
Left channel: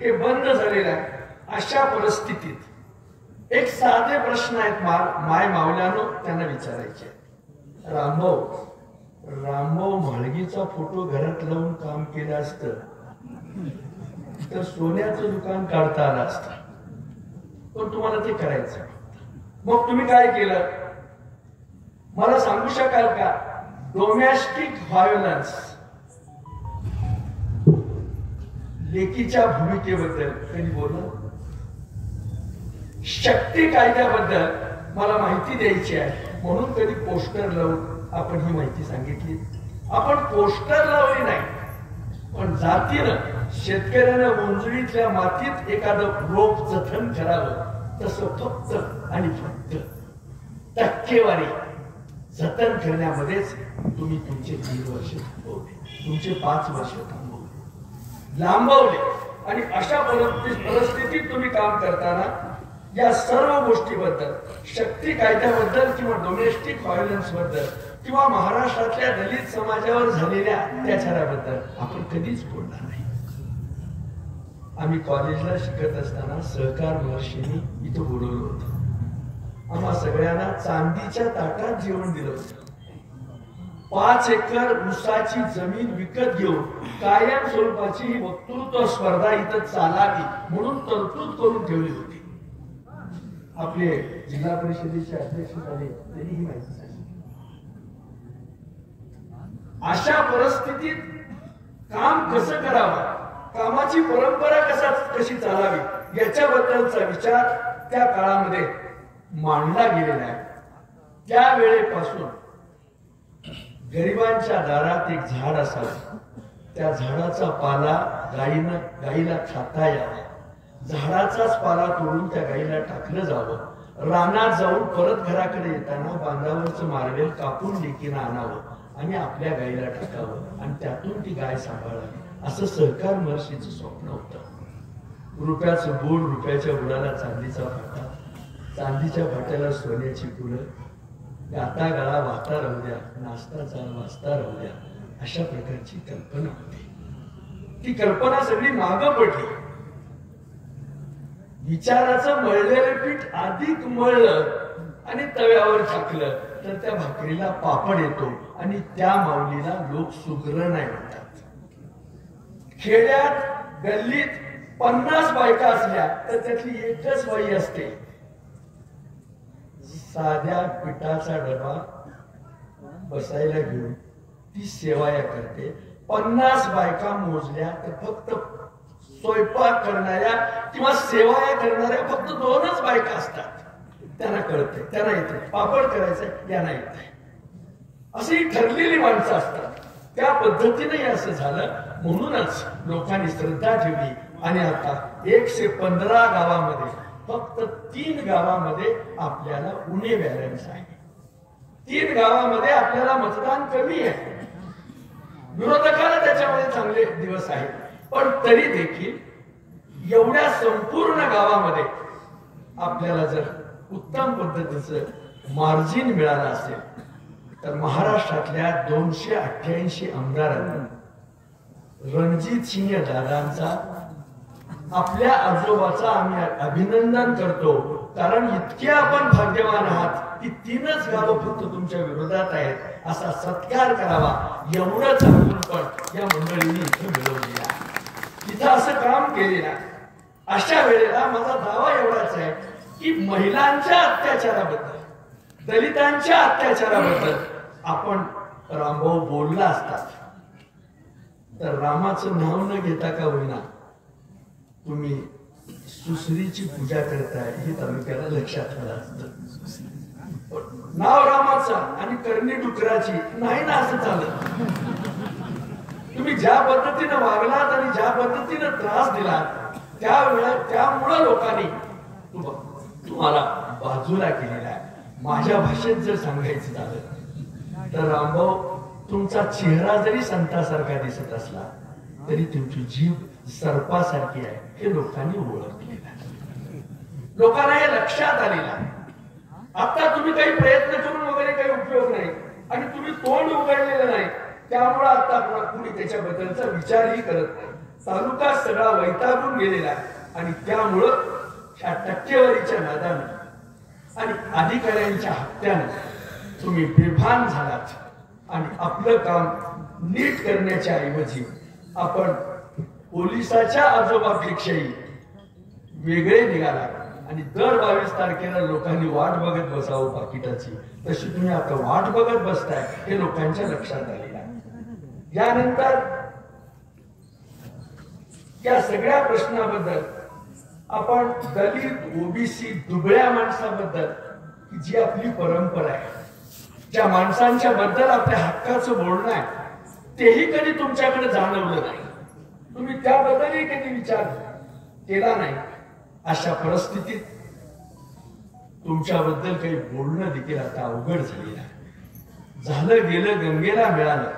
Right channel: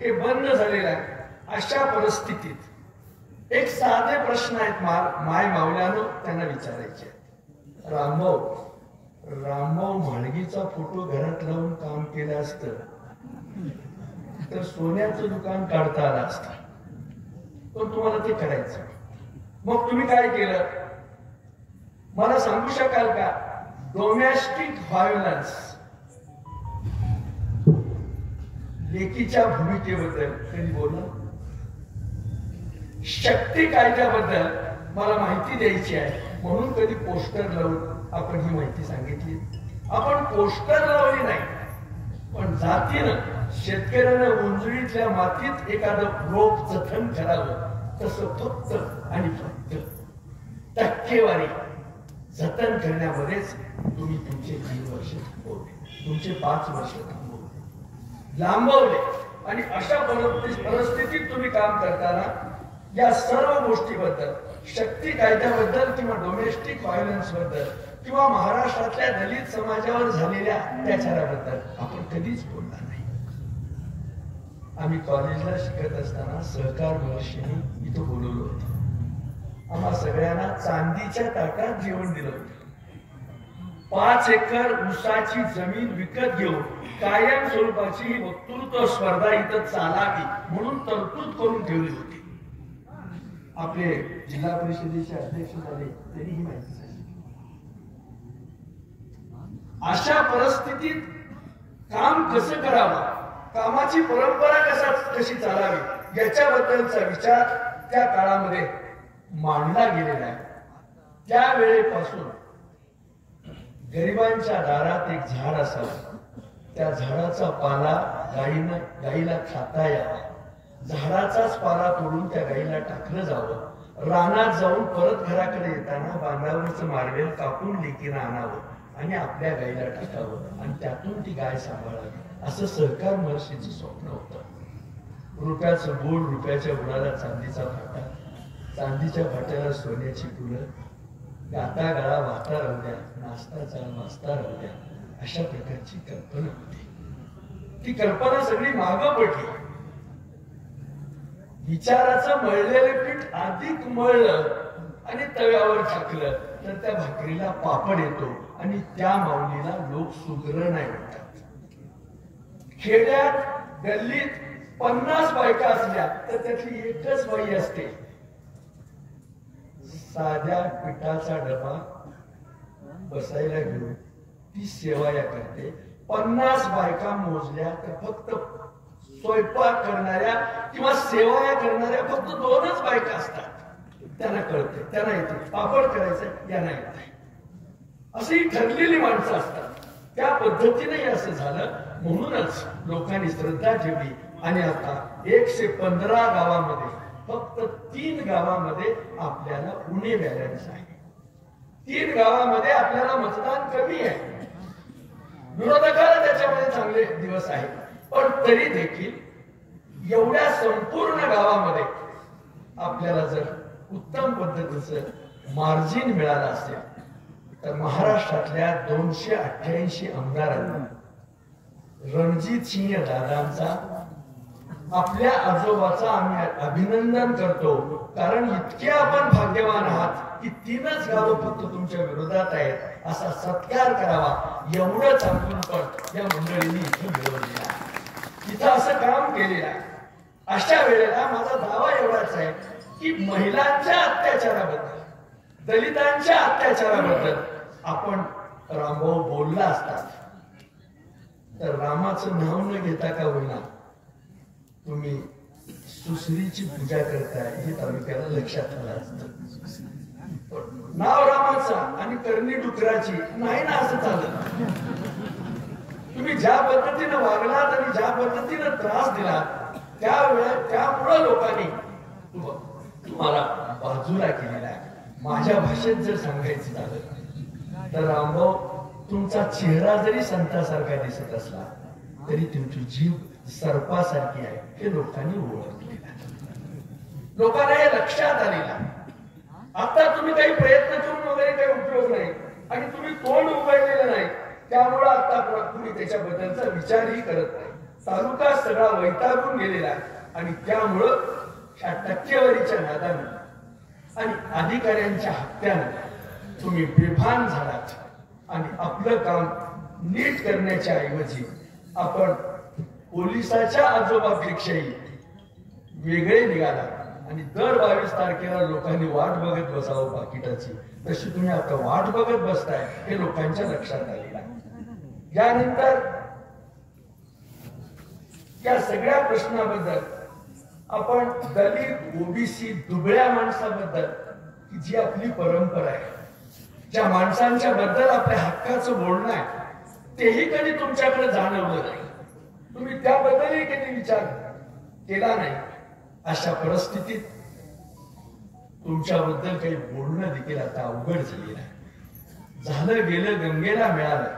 हे बंद झालेलं आहे. अशा परिस्थितीत एक साधे प्रश्न आहेत माय मावल्यानो त्यांना विचारायचे आहेत. रामभाऊ म्हाळगीचा फोटो घरात लावून काम केलं असतं तर सोन्याचं दुकान काढता आलं असतं, पण तुम्हाला ते करायचं. मग तुम्ही काय केलं मला सांगू शकाल का? डोमेस्टिक व्हायोलन्स, लेकीच्या भूमिकेबद्दल कधी बोललं? शक्ती कायद्याबद्दल मला माहिती द्यायची आहे म्हणून कधी पोस्टर लावून आपण ही माहिती सांगितली? आपण पोस्टर लावली नाही, पण जातीनं शेतकऱ्यानं उंजळीतल्या मातीत एखादं रोप जतन करावं तसं फक्त आणि फक्त टक्केवारी जतन करण्यामध्येच तुम्ही तुमचे 3 वर्ष थांबवले, तुमचे 5 वर्ष थांबवले, लांबवले. आणि अशा परिस्थितीत तुम्ही काम करताना या सर्व गोष्टीबद्दल, शक्ती कायद्याबद्दल किंवा डोमेस्टिक व्हायोलन्स बद्दल किंवा महाराष्ट्रातल्या दलित समाजावर झालेल्या अत्याचाराबद्दल आपण कधीच बोलणार नाही. आम्ही कॉलेजला शिकत असताना सहकार महर्षींनी इथं बोलवलं होतं. आम्हा सगळ्यांना चांदीच्या ताटात जेवण दिलं होतं. 5 एकर ऊसाची जमीन विकत घेऊन कायम स्वरूपाची ही वक्तृत्व स्पर्धा इथं चालावी म्हणून तरतूद करून ठेवली होती. आपले जिल्हा परिषदेचे अध्यक्ष झाले तरी ही माहिती सांगितली. अशा परिस्थितीत काम कसं करावं, कामाची परंपरा कशी चालावी याच्याबद्दलचा विचार त्या काळामध्ये मांडला गेलेला आहे. त्या वेळेपासून गरिबांच्या दारात एक झाड असावं, त्या झाडाचा पाला गाईला खाता यावा, झाडाचाच पाला तोडून त्या गाईला टाकलं जावं, रानात जाऊन परत घराकडे येताना बांधावरचं मार्वेल कापून लेकीनं आणावं आणि आपल्या गाईला टाकावं आणि त्यातून ती गाय सांभाळावी, असं सहकार महर्षीचं स्वप्न होतं. रुपयाचं बोल, रुपयाच्या बुडाला चांदीचा फाटा, चांदीच्या फाट्याला सोन्याची फुलं, गाता गाळा वाहता राहू द्या, नाचता चला वाचता राहू द्या, अशा प्रकारची कल्पना होती. ती कल्पना सगळी मागं पडली. विचाराचं मळलेलं पीठ अधिक मळलं आणि तव्यावर टाकलं तर त्या भाकरीला पापड येतो आणि त्या माऊलीला लोक सुगरण म्हणतात. खेड्यात गल्लीत 50 बायका असल्या तर त्यातली एकच बाई असते साध्या पिठाचा डबा बसायला घेऊन ती सेवाया करते. 50 बायका मोजल्या तर फक्त स्वयंपाक करणाऱ्या किंवा सेवाया करणाऱ्या फक्त 2च बायका असतात. त्यांना कळते, त्यांना येते, पापड करायचं यांना येते. अशी ठरलेली माणसं असतात. त्या पद्धतीने असं झालं म्हणूनच लोकांनी श्रद्धा ठेवली आणि आता 115 गावामध्ये फक्त 3 गावामध्ये आपल्याला उणे बॅलन्स आहे. 3 गावामध्ये आपल्याला मतदान कमी आहे. विरोधकाला त्याच्यामध्ये चांगले दिवस आहेत, पण तरी देखील एवढ्या संपूर्ण गावामध्ये आपल्याला जर उत्तम पद्धतीचं मार्जिन मिळालं असेल तर महाराष्ट्रातल्या 288 आमदारांना रणजित सिंह दादांचा, आपल्या आजोबाचा आम्ही अभिनंदन करतो. कारण इतके आपण भाग्यवान आहात की 3च गावं फक्त तुमच्या विरोधात आहेत, असा सत्कार करावा एवढंच आपण या मंडळींनी इथे मिळवलेलं आहे, इथं असं काम केलेलं आहे. अशा वेळेला माझा दावा एवढाच आहे की महिलांच्या अत्याचाराबद्दल, दलितांच्या अत्याचाराबद्दल आपण रामभाऊ बोलला असतात तर रामाचं नाव न घेता का होईना तुम्ही सुसरीची पूजा करताय हे तालुक्याला लक्षात आलं असतं. नाव रामाचा आणि करणी डुकराची नाही ना असं चालत. तुम्ही ज्या पद्धतीनं वागलात आणि ज्या पद्धतीनं त्रास दिलात त्यामुळं लोकांनी तुम्हाला बाजूला केलेला आहे. माझ्या भाषेत जर सांगायचं झालं तर रामभाऊ, तुमचा चेहरा जरी संतासारखा दिसत असला तरी तुमची जीभ सर्पासारखी आहे हे लोकांनी ओळखलेलं आहे. लोकांना हे लक्षात आलेलं आहे. आता तुम्ही काही प्रयत्न करून वगैरे काही उपयोग नाही आणि तुम्ही तोंड उघडलेलं नाही, त्यामुळे आता तुम्ही त्याच्याबद्दलचा विचारही करत नाही. तालुका सगळा वैतागून गेलेला आहे आणि त्यामुळं ह्या टक्केवारीच्या नादानं आणि अधिकाऱ्यांच्या हत्यानं तुम्ही बेभान झालात आणि आपलं काम नीट करण्याच्या ऐवजी आपण पोलिसाच्या आजोबापेक्षाही वेगळे निघाला आणि दर 22 तारखेला लोकांनी वाट बघत बसावं पाकिटाची, तशी तुम्ही आता वाट बघत बसताय हे लोकांच्या लक्षात आलेलं आहे. यानंतर या सगळ्या प्रश्नाबद्दल आपण दलित, ओबीसी, दुबळ्या माणसाबद्दल की जी आपली परंपरा आहे, ज्या माणसांच्या बद्दल आपल्या हक्काचं बोलणं आहे, तेही कधी तुमच्याकडे जाणवलं नाही. तुम्ही त्याबद्दलही कधी विचार केला नाही. अशा परिस्थितीत तुमच्याबद्दल काही बोलणं देखील आता अवघड झालेलं आहे. झालं गेलं गंगेला मिळालं.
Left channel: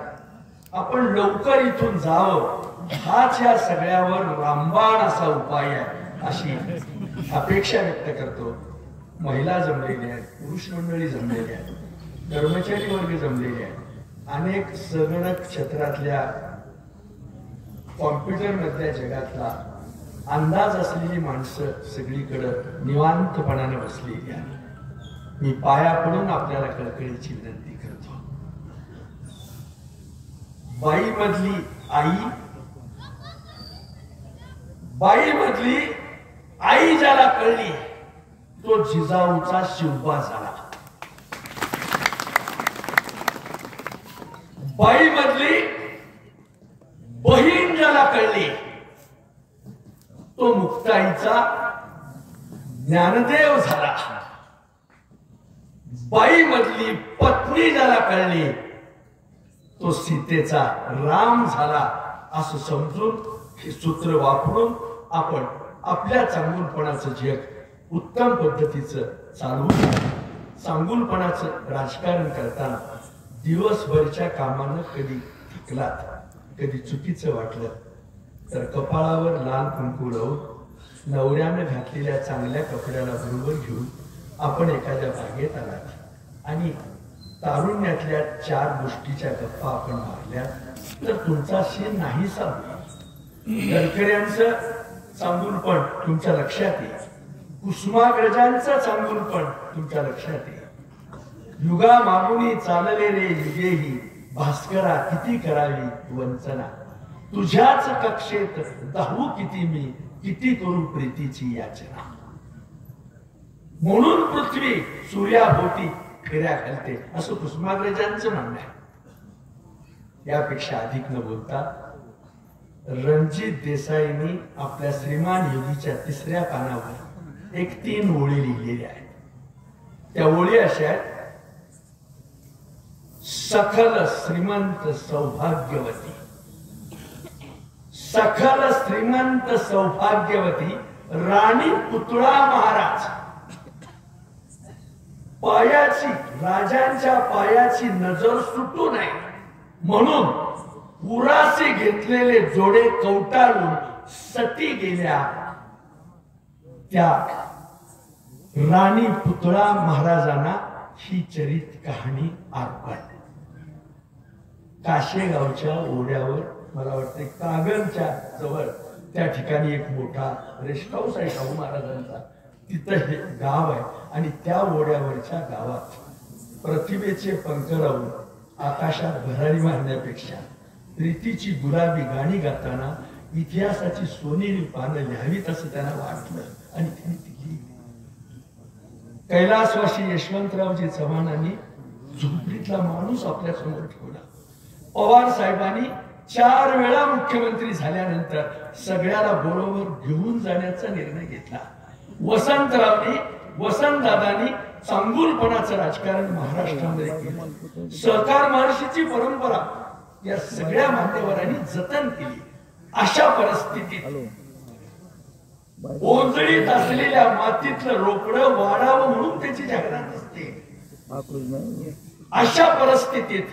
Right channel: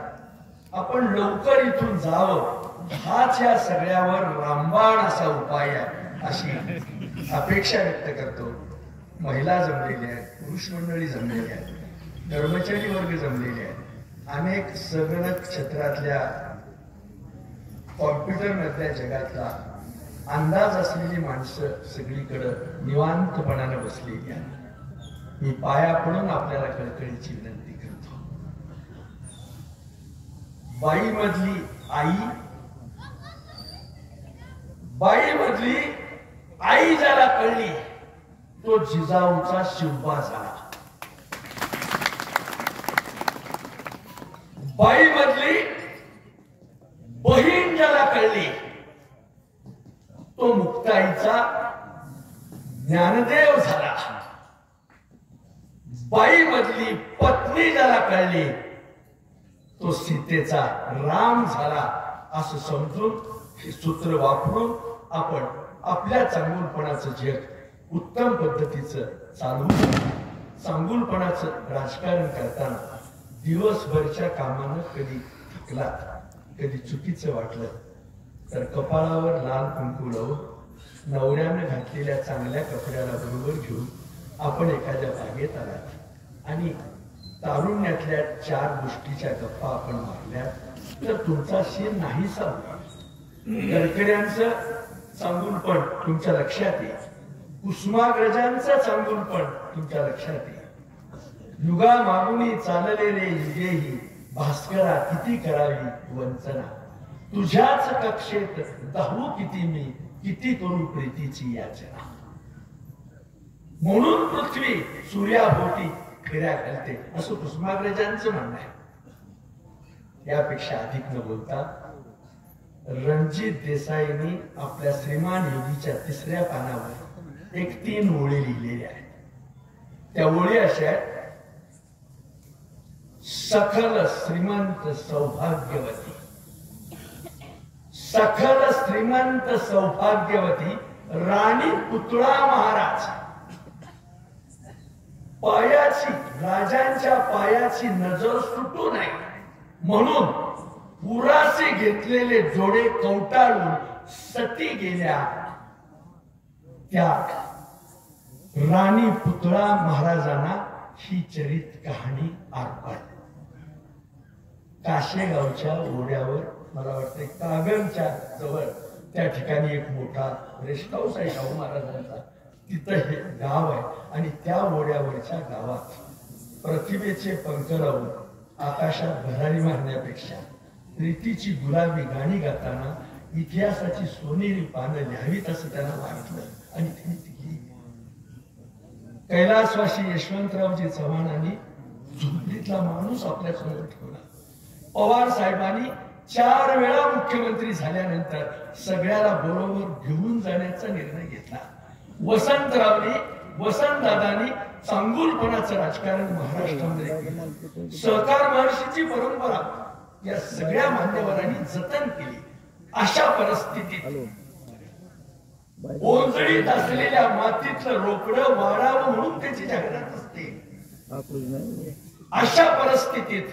आपण लवकर इथून जावं हाच या सगळ्यावर रामबाण असा उपाय आहे अशी अपेक्षा व्यक्त करतो. महिला जमलेल्या आहेत, पुरुष मंडळी जमलेली आहेत, कर्मचारी वर्ग जमलेले आहेत, अनेक संगणक क्षेत्रातल्या कॉम्प्युटर मधल्या जगातला अंदाज असलेली माणसं सगळीकडं निवांतपणाने बसलेली आहेत. मी पाया पडून आपल्याला कळकळीची विनंती करतो. बाई मधली आई ज्याला कळली तो जिजाऊचा शिवबा झाला. बाई मधली बहीण ज्याला कळली तो मुक्ताईचा ज्ञानदेव झाला. बाई मधली पत्नी ज्याला कळली तो सीतेचा राम झाला. असं समजून हे सूत्र वापरून आपण आपल्या चांगुलपणाचं जग उत्तम पद्धतीचं चालवून चांगुलपणाचं राजकारण करताना दिवसभरच्या कामानं कधी थकलात, कधी चुकीचं वाटलं तर कपाळावर लाल कुंकू लावून नवऱ्यानं घातलेल्या चांगल्या कपड्याला बरोबर घेऊन आपण एखाद्या बागेत आलात आणि तारुण्यातल्या 4 गोष्टीच्या गप्पा आपण मारल्या तर तुमचा शीन नाही संपला. गडकऱ्यांचं चांगुलपण तुमच्या लक्षात येईल, कुसुमाग्रजांचं चांगुलपण तुमच्या लक्षात येईल. युगा मागुनी चालले रे युगेही, भास्करा किती करावी वंचना, तुझ्याच कक्षेत दाहू किती मी, किती करू प्रीतीची याचना. म्हणून पृथ्वी सूर्याभोवती फेऱ्या घालते असं कुसुमाग्रजांचं म्हणणं आहे. यापेक्षा अधिक न बोलता रणजित देसाईंनी आपल्या श्रीमान योगीच्या 3ऱ्या पानावर एक 3 ओळी लिहिलेल्या आहेत. त्या ओळी अशा आहेत, सखल श्रीमंत सौभाग्यवती, सखल श्रीमंत सौभाग्यवती राणी पुतळा महाराज, पायाची राजांच्या पायाची नजर सुटू नये म्हणून पुरासे घेतलेले जोडे कवटाळून सती गेल्या त्या राणी पुतळा महाराजांना ही चरित कहाणी अर्पण. काशेगावच्या ओढ्यावर मला वाटतं कागलच्या जवळ त्या ठिकाणी एक मोठा रेस्ट हाऊस आहे शाहू महाराजांचा. तिथं हे गाव आहे आणि त्या ओढ्यावरच्या गावात प्रतिभेचे पंख लावून आकाशात भरारी मारण्यापेक्षा प्रीतीची गुलाबी गाणी गाताना इतिहासाची सोनेरी पानं लिहावीत असं त्यांना वाटलं आणि त्यांनी ती लिहिली. कैलासवासी यशवंतरावजी चव्हाणांनी झोपडीतला माणूस आपल्या समोर ठेवला. पवार साहेबांनी 4 वेळा मुख्यमंत्री झाल्यानंतर सगळ्याला बरोबर घेऊन जाण्याचा निर्णय घेतला. वसंतदादांनी चांगुलपणाचं राजकारण महाराष्ट्रामध्ये केलं. सहकार महर्षीची परंपरा या सगळ्या मान्यवरांनी जतन केली. अशा परिस्थितीत ओंजळीत असलेल्या मातीतलं रोकडं वाढावं म्हणून त्याची जाहिरात असते. अशा परिस्थितीत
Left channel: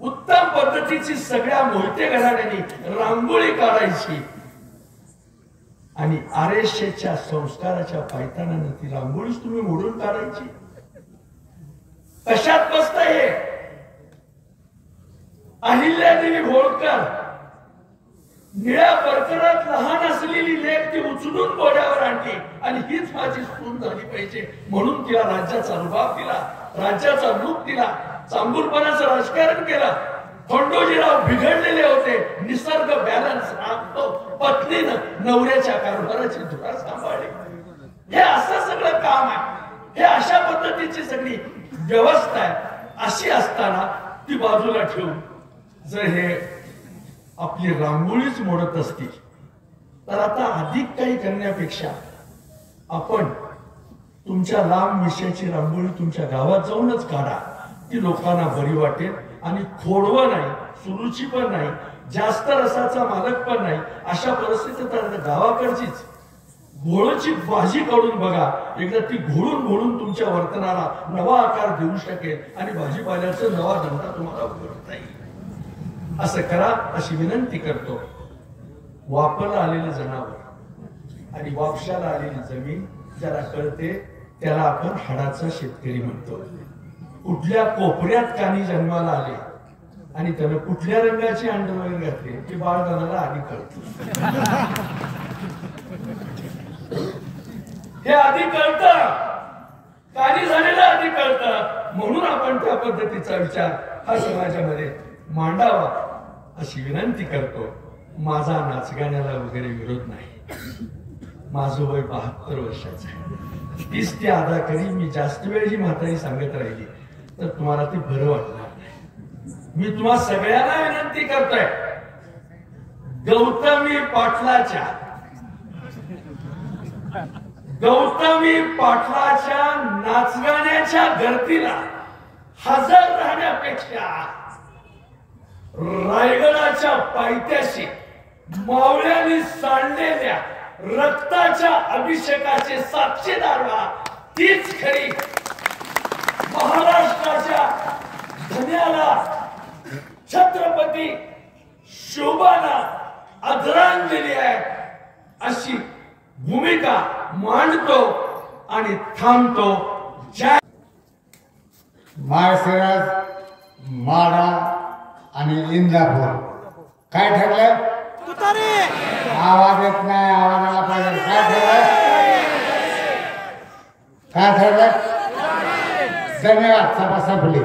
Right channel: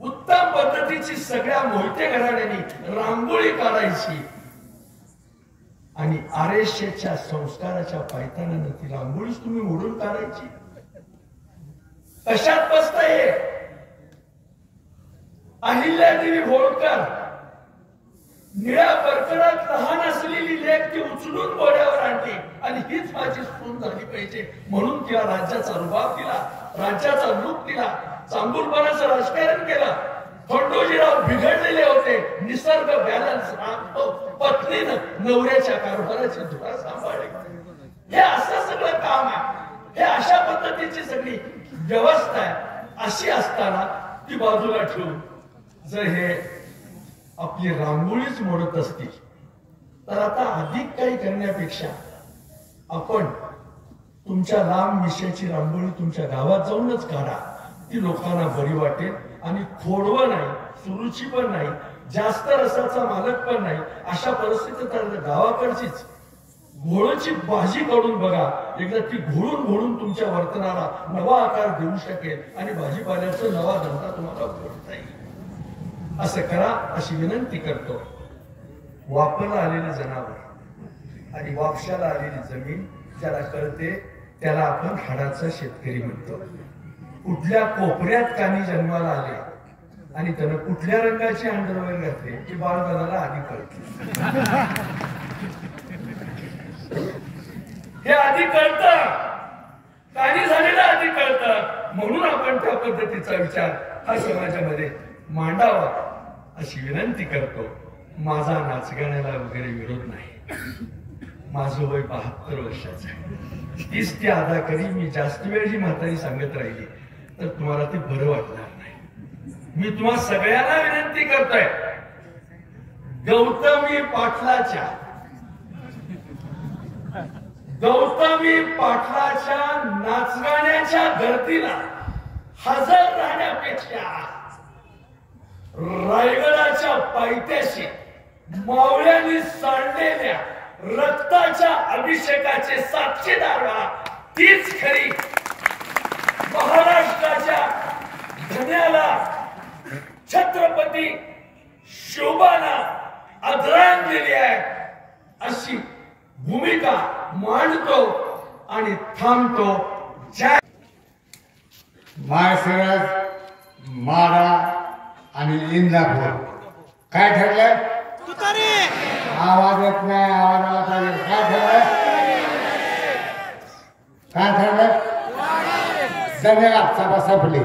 उत्तम पद्धतीची सगळ्या मोहिते घराण्यांनी रांगोळी काढायची आणि आरेशेच्या संस्काराच्या पायतानानं ती रांगोळीच तुम्ही मोडून काढायची. कशात बसत हे? अहिल्यादेवी होळकर निळ्या परकरात लहान असलेली लेख ती उचलून बोड्यावर आणली आणि हीच माझी सून झाली पाहिजे म्हणून तिला राज्याचा रुबाब दिला, राज्याचा लूक दिला, चांगुलपणाचं राजकारण केलं. खंडोजीराव बिघडलेले होते, निसर्ग बॅलन्स राखतो, पत्नीनं नवऱ्याच्या कारभाराची धुरा सांभाळली. हे असं सगळं काम आहे, हे अशा पद्धतीची सगळी व्यवस्था आहे. अशी असताना ती बाजूला ठेवून जर हे आपली रांगोळीच मोडत असतील तर आता अधिक काही करण्यापेक्षा आपण तुमच्या लांब विषयाची रांगोळी तुमच्या गावात जाऊनच काढा. ती लोकांना बरी वाटेल आणि खोडवं नाही, सुरुची पण नाही, जास्त रसाचा मालक पण नाही. अशा परिस्थितीत गावाकडचीच घोळची भाजी काढून बघा, एकदा ती घोळून घोळून तुमच्या वर्तनाला नवा आकार देऊ शकेल आणि भाजीपाल्याचा नवा धंदा तुम्हाला उघडता येईल. असं करा अशी विनंती करतो. वापरला आलेले जनावर आणि वापशाला आलेली जमीन ज्याला कळते त्याला आपण हाडाचा शेतकरी म्हणतो. कुठल्या कोपऱ्यात कानी जन्माला आले आणि त्यानं कुठल्या रंगाची अंडरवेअर घातली की बाळगणाला आधी कळते. हे आधी कळतं, कानी झालेलं आधी कळतं. म्हणून आपण त्या पद्धतीचा विचार हा समाजामध्ये मांडावा अशी विनंती करतो. माझा नाचगाण्याला वगैरे विरोध नाही. माझं वय 72 वर्षाचं आहे. तीच ती अदा करी. मी जास्त वेळ जी म्हातारी सांगत राहिली तर तुम्हाला ते बरं वाटणार नाही. मी तुम्हा सगळ्यांना विनंती करतोय, गौतमी पाटलाच्या नाचगाण्याच्या गर्दीला हजर राहण्यापेक्षा रायगडाच्या पायथ्याशी मावळ्यांनी सांडलेल्या रक्ताच्या अभिषेकाचे साक्षीदार व्हा. तीच खरी महाराष्ट्राच्या धन्याला छत्रपती शोभाना आदरांजली आहे अशी भूमिका मांडतो आणि थांबतो. जय माळशिरस, माडा आणि इंदापूर काय ठरलंय? आवाज येत नाही, आवाज आला पाहिजे. काय ठरलंय? काय ठरलंय? धन्यवाद. सभा संपली.